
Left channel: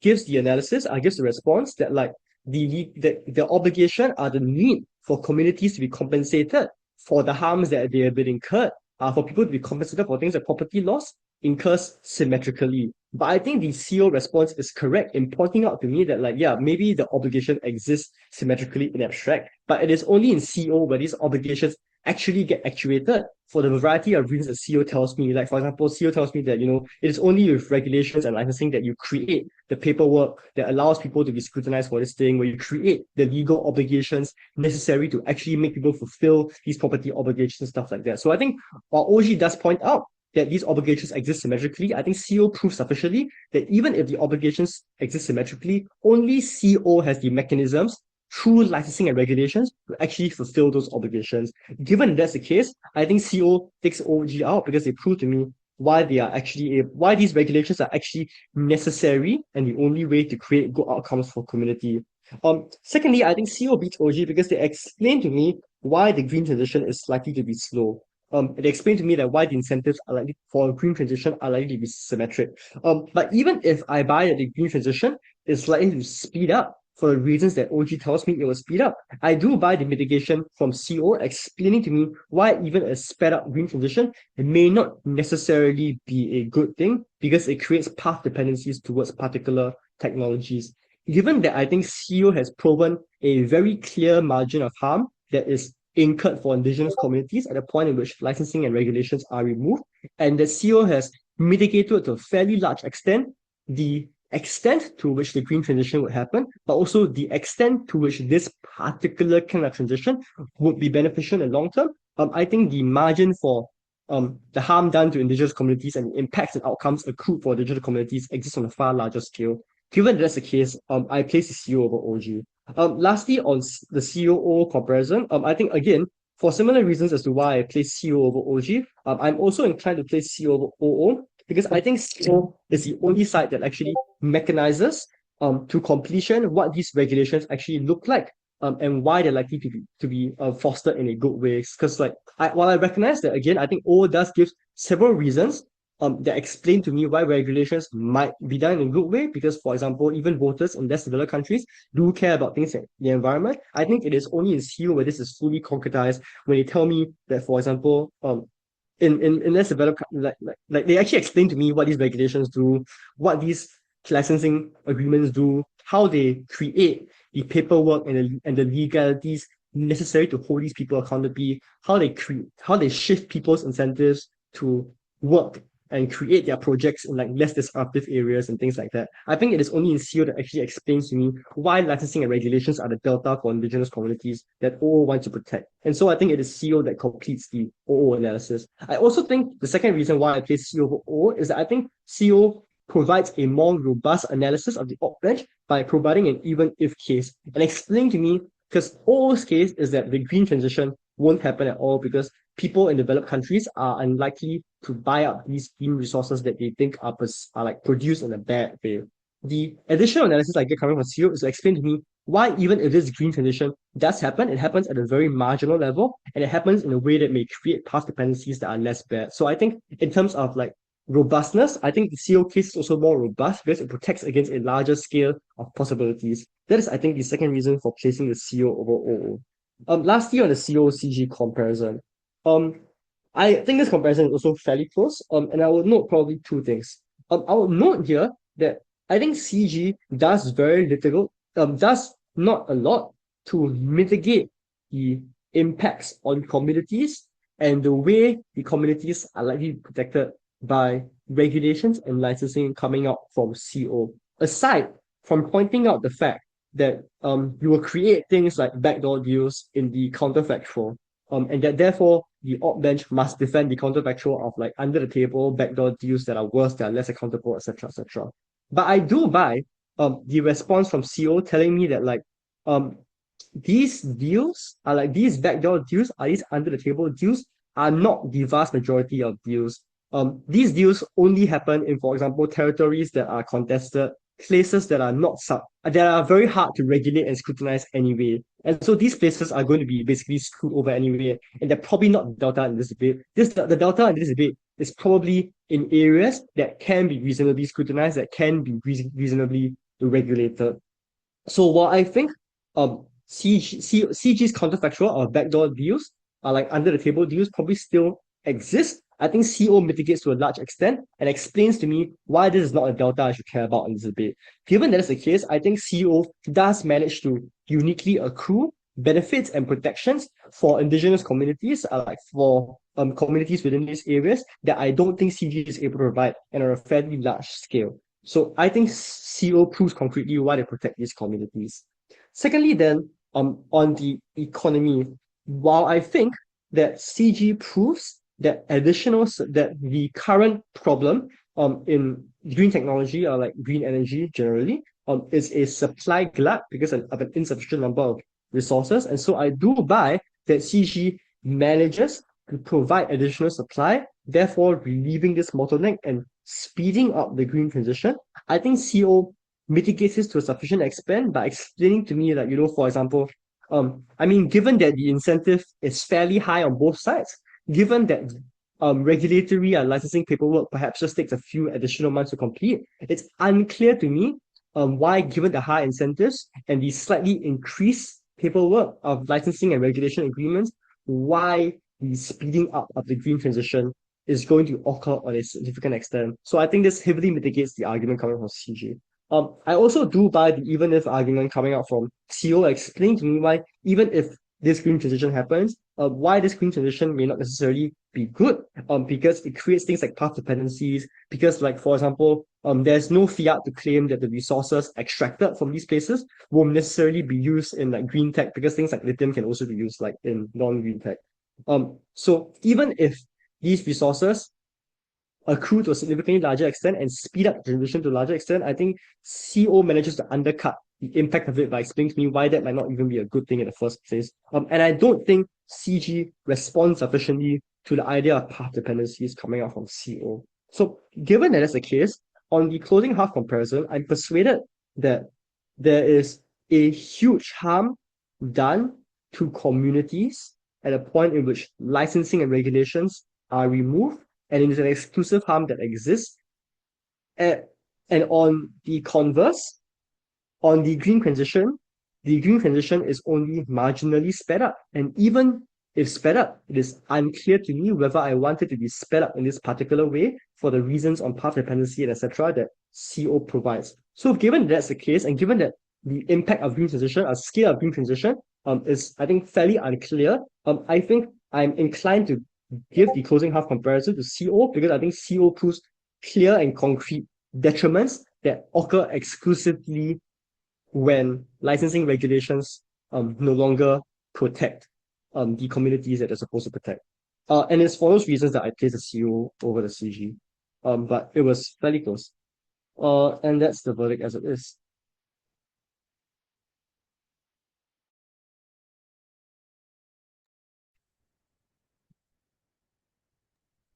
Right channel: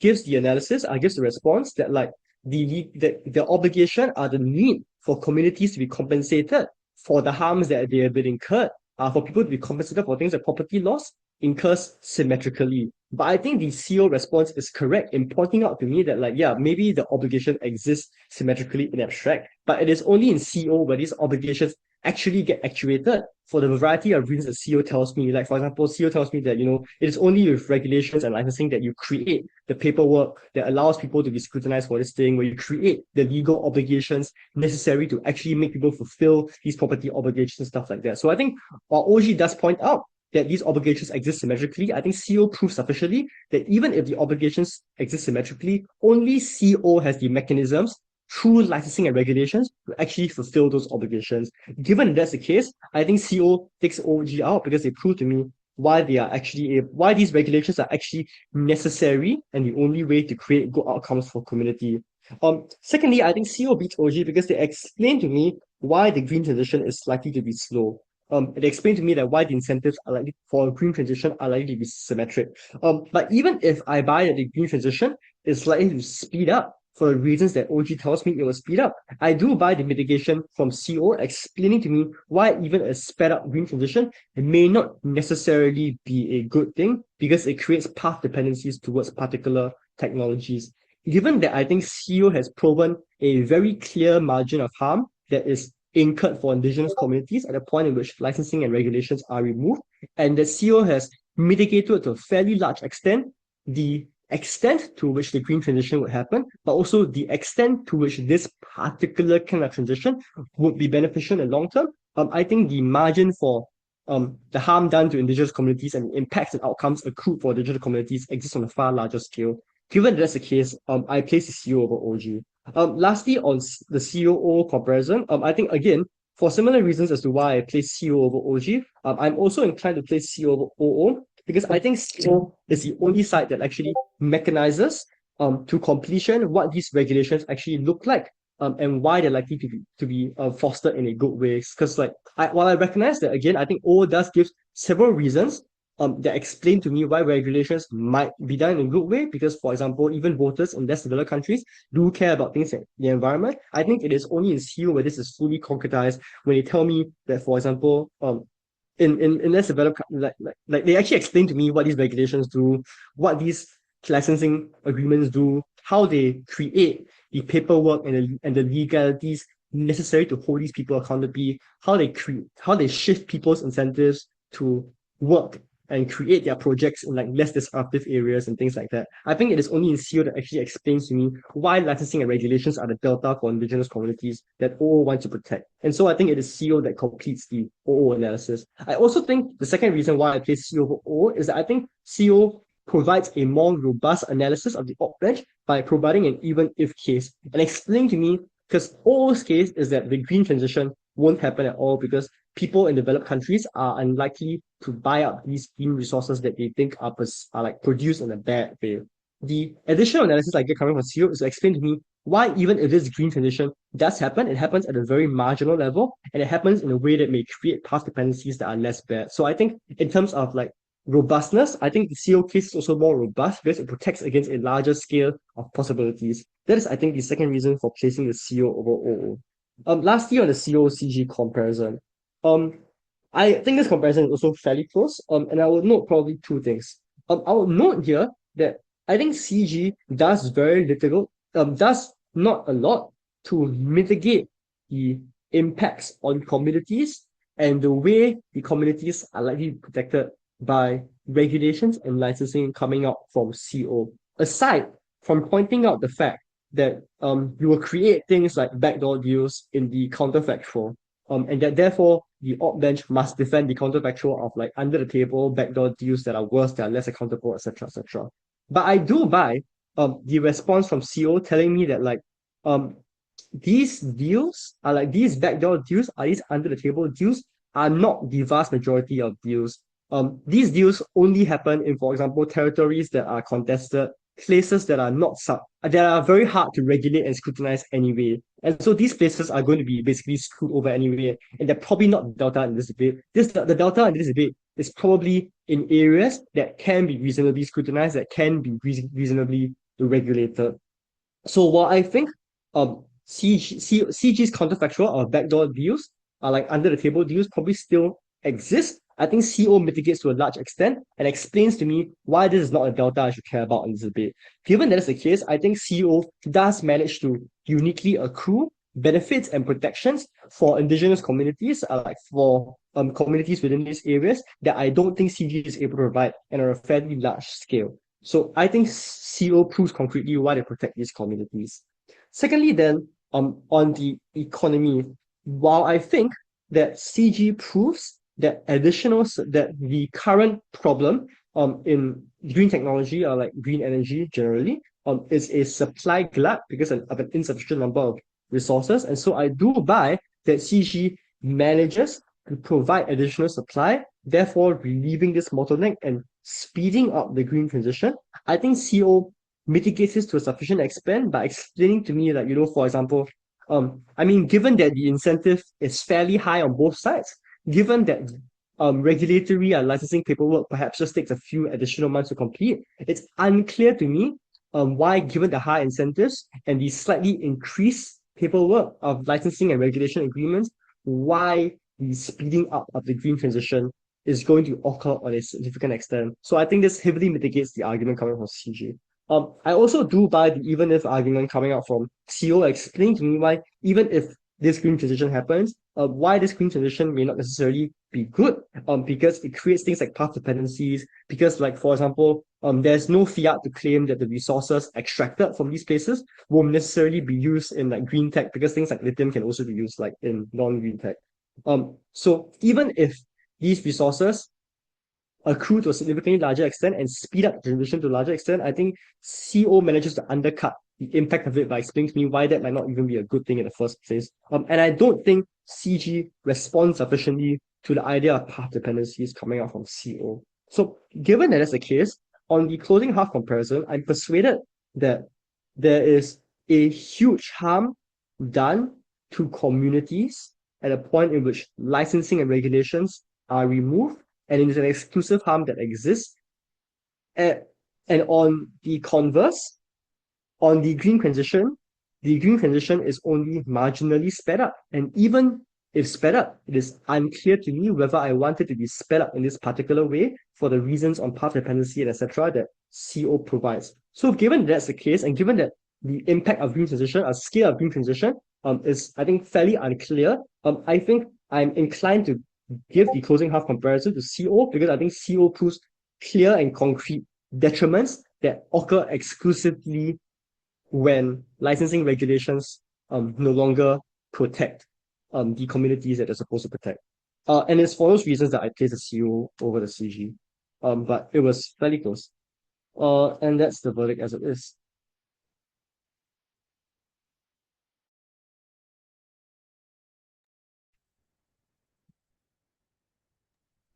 gives the analysis, gives the response that like the obligation or the need for communities to be compensated for the harms that they have been incurred, for people to be compensated for things like property loss, incurs symmetrically. But I think the CO response is correct in pointing out to me that like, yeah, maybe the obligation exists symmetrically in abstract, but it is only in CO where these obligations actually get actuated for the variety of reasons that CO tells me. Like, for example, CO tells me that, it is only with regulations and licensing that you create the paperwork that allows people to be scrutinized for this thing, where you create the legal obligations necessary to actually make people fulfill these property obligations, stuff like that. So I think while OG does point out that these obligations exist symmetrically, I think CO proves sufficiently that even if the obligations exist symmetrically, only CO has the mechanisms through licensing and regulations to actually fulfill those obligations. Given that's the case, I think CO takes OG out because they prove to me why these regulations are actually necessary and the only way to create good outcomes for community. Secondly, I think CO beats OG because they explain to me why the green transition is likely to be slow. They explain to me that why the incentives are likely for a green transition are likely to be symmetric. But even if I buy that the green transition is likely to speed up for the reasons that OG tells me it will speed up, I do buy the mitigation from CO explaining to me why even a sped up green transition may not necessarily be a good thing because it creates path dependencies towards particular technologies. Given that I think CO has proven a very clear margin of harm that is incurred for indigenous communities at a point in which licensing and regulations are removed, and that CO has mitigated to a fairly large extent the extent to which the green transition would happen, but also the extent to which this particular kind of transition would be beneficial in the long term. I think the margin for the harm done to indigenous communities and the impacts and outcomes accrued for indigenous communities exists on a far larger scale. Given that's the case, I place the CO over OG. Lastly, on the COO comparison, I think again, for similar reasons as to why I place CO over OG, I'm also inclined to place CO over OO because I think CO is the only side that actually mechanizes to completion what these regulations actually look like, and why they're likely to be fostered in a good way. Because while I recognize that again, I think O does give several reasons that explain to me why regulations might be done in a good way, because, for example, even voters in less developed countries do care about things like the environment. I think it is only in CEO where this is fully concretized, when they tell me that, for example, in less developed like they actually explain to me what these regulations do, what these licensing agreements do, how they create the paperwork and the legalities necessary to hold these people accountable, how they shift people's incentives to work and create their projects in like less disruptive areas and things like that. I think it is only in CEO that actually explains to me why licensing and regulations are the delta for indigenous communities that OO want to protect. And so I think it is CEO that completes the OO analysis. I also think the second reason why I place CEO over OO is that I think CEO provides a more robust analysis of the op bench by providing an even if case and explaining to me, because OO's case is that the green transition won't happen at all because people in developed countries are unlikely to buy up these green resources that they think are like produced in a bad way. The additional analysis I get coming from CEO is to explain to me why, even if this green transition does happen, it happens at a very marginal level and it happens in a way that may create path dependencies that are less bad. So I think in terms of like robustness, I think the CO case is also more robust because it protects against a larger scale of possibilities. That is, I think, the second reason for placing the CO over OO. Lastly, on the CO-CG comparison, I think this comparison is also fairly close. And I will note probably two things. I will note here that I think CG does very little, does not a lot to mitigate the impacts on communities and the way the communities are likely protected by regulations and licensing coming out from CO. Aside from pointing out the fact that you will create things like backdoor deals in the counterfactual, and that therefore the op bench must defend the counterfactual of like under the table backdoor deals that are worse, that are less accountable, etc., etc. But I do buy the response from CO telling me that like these deals are like these backdoor deals, are these under the table deals, are not the vast majority of deals. These deals only happen in, for example, territories that are contested, places that are not that are very hard to regulate and scrutinize anyway. And so these places are going to be basically screwed over anyway, and they're probably not the delta in this debate. The delta in this debate is probably in areas that can be reasonably scrutinized, that can be reasonably regulated. So while I think CG's counterfactual or backdoor deals are like under the table deals probably still exist, I think CO mitigates to a large extent and explains to me why this is not a delta I should care about in this debate. Given that's the case, I think CO does manage to uniquely accrue benefits and protections for indigenous communities, like for communities within these areas that I don't think CG is able to provide and on a fairly large scale. So I think CO proves concretely why they protect these communities. Secondly, then, on the economy, while I think that CG proves that the current problem in green technology or like green energy generally is a supply glut because of an insufficient number of resources. And so I do buy that CG manages to provide additional supply, therefore relieving this bottleneck and speeding up the green transition. I think CO mitigates this to a sufficient extent by explaining to me that, for example, I mean, given that the incentive is fairly high on both sides, given that regulatory and licensing paperwork perhaps just takes a few additional months to complete, it's unclear to me why, given the high incentives and the slightly increased paperwork of licensing and regulation agreements, why the speeding up of the green transition is going to occur on a significant extent. So I think this heavily mitigates the argument coming from CG. I also do buy the even if argument coming out from CO explaining to me why, even if this green transition happens, why this green transition may not necessarily be good, because it creates things like path dependencies, because like, for example, there's no fiat to claim that the resources extracted from these places won't necessarily be used in like green tech, because things like lithium can also be used like in non-green tech. So even if these resources accrue to a significantly larger extent and speed up the transition to a larger extent, I think CO manages to undercut the impact of it by explaining to me why that might not even be a good thing in the first place. And I don't think CG responds sufficiently to the idea of path dependencies coming out from CO. So given that is the case, on the closing half comparison, I'm persuaded that there is a huge harm done to communities at a point in which licensing and regulations are removed and it is an exclusive harm that exists. And on the converse, on the green transition is only marginally sped up. And even if sped up, it is unclear to me whether I want it to be sped up in this particular way for the reasons on path dependency and etc. that CO provides. So given that's the case, and given that the impact of green transition, a scale of green transition, is I think fairly unclear, I think I'm inclined to give the closing half comparison to CO because I think CO proves clear and concrete detriments that occur exclusively when licensing regulations no longer protect the communities that they're supposed to protect. And it's for those reasons that I place the CO over the CG. But it was fairly close. And that's the verdict as it is.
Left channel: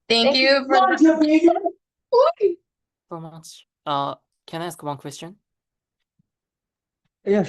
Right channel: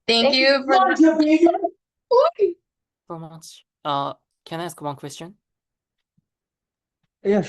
Thank you for So much. Can I ask one question? Yeah,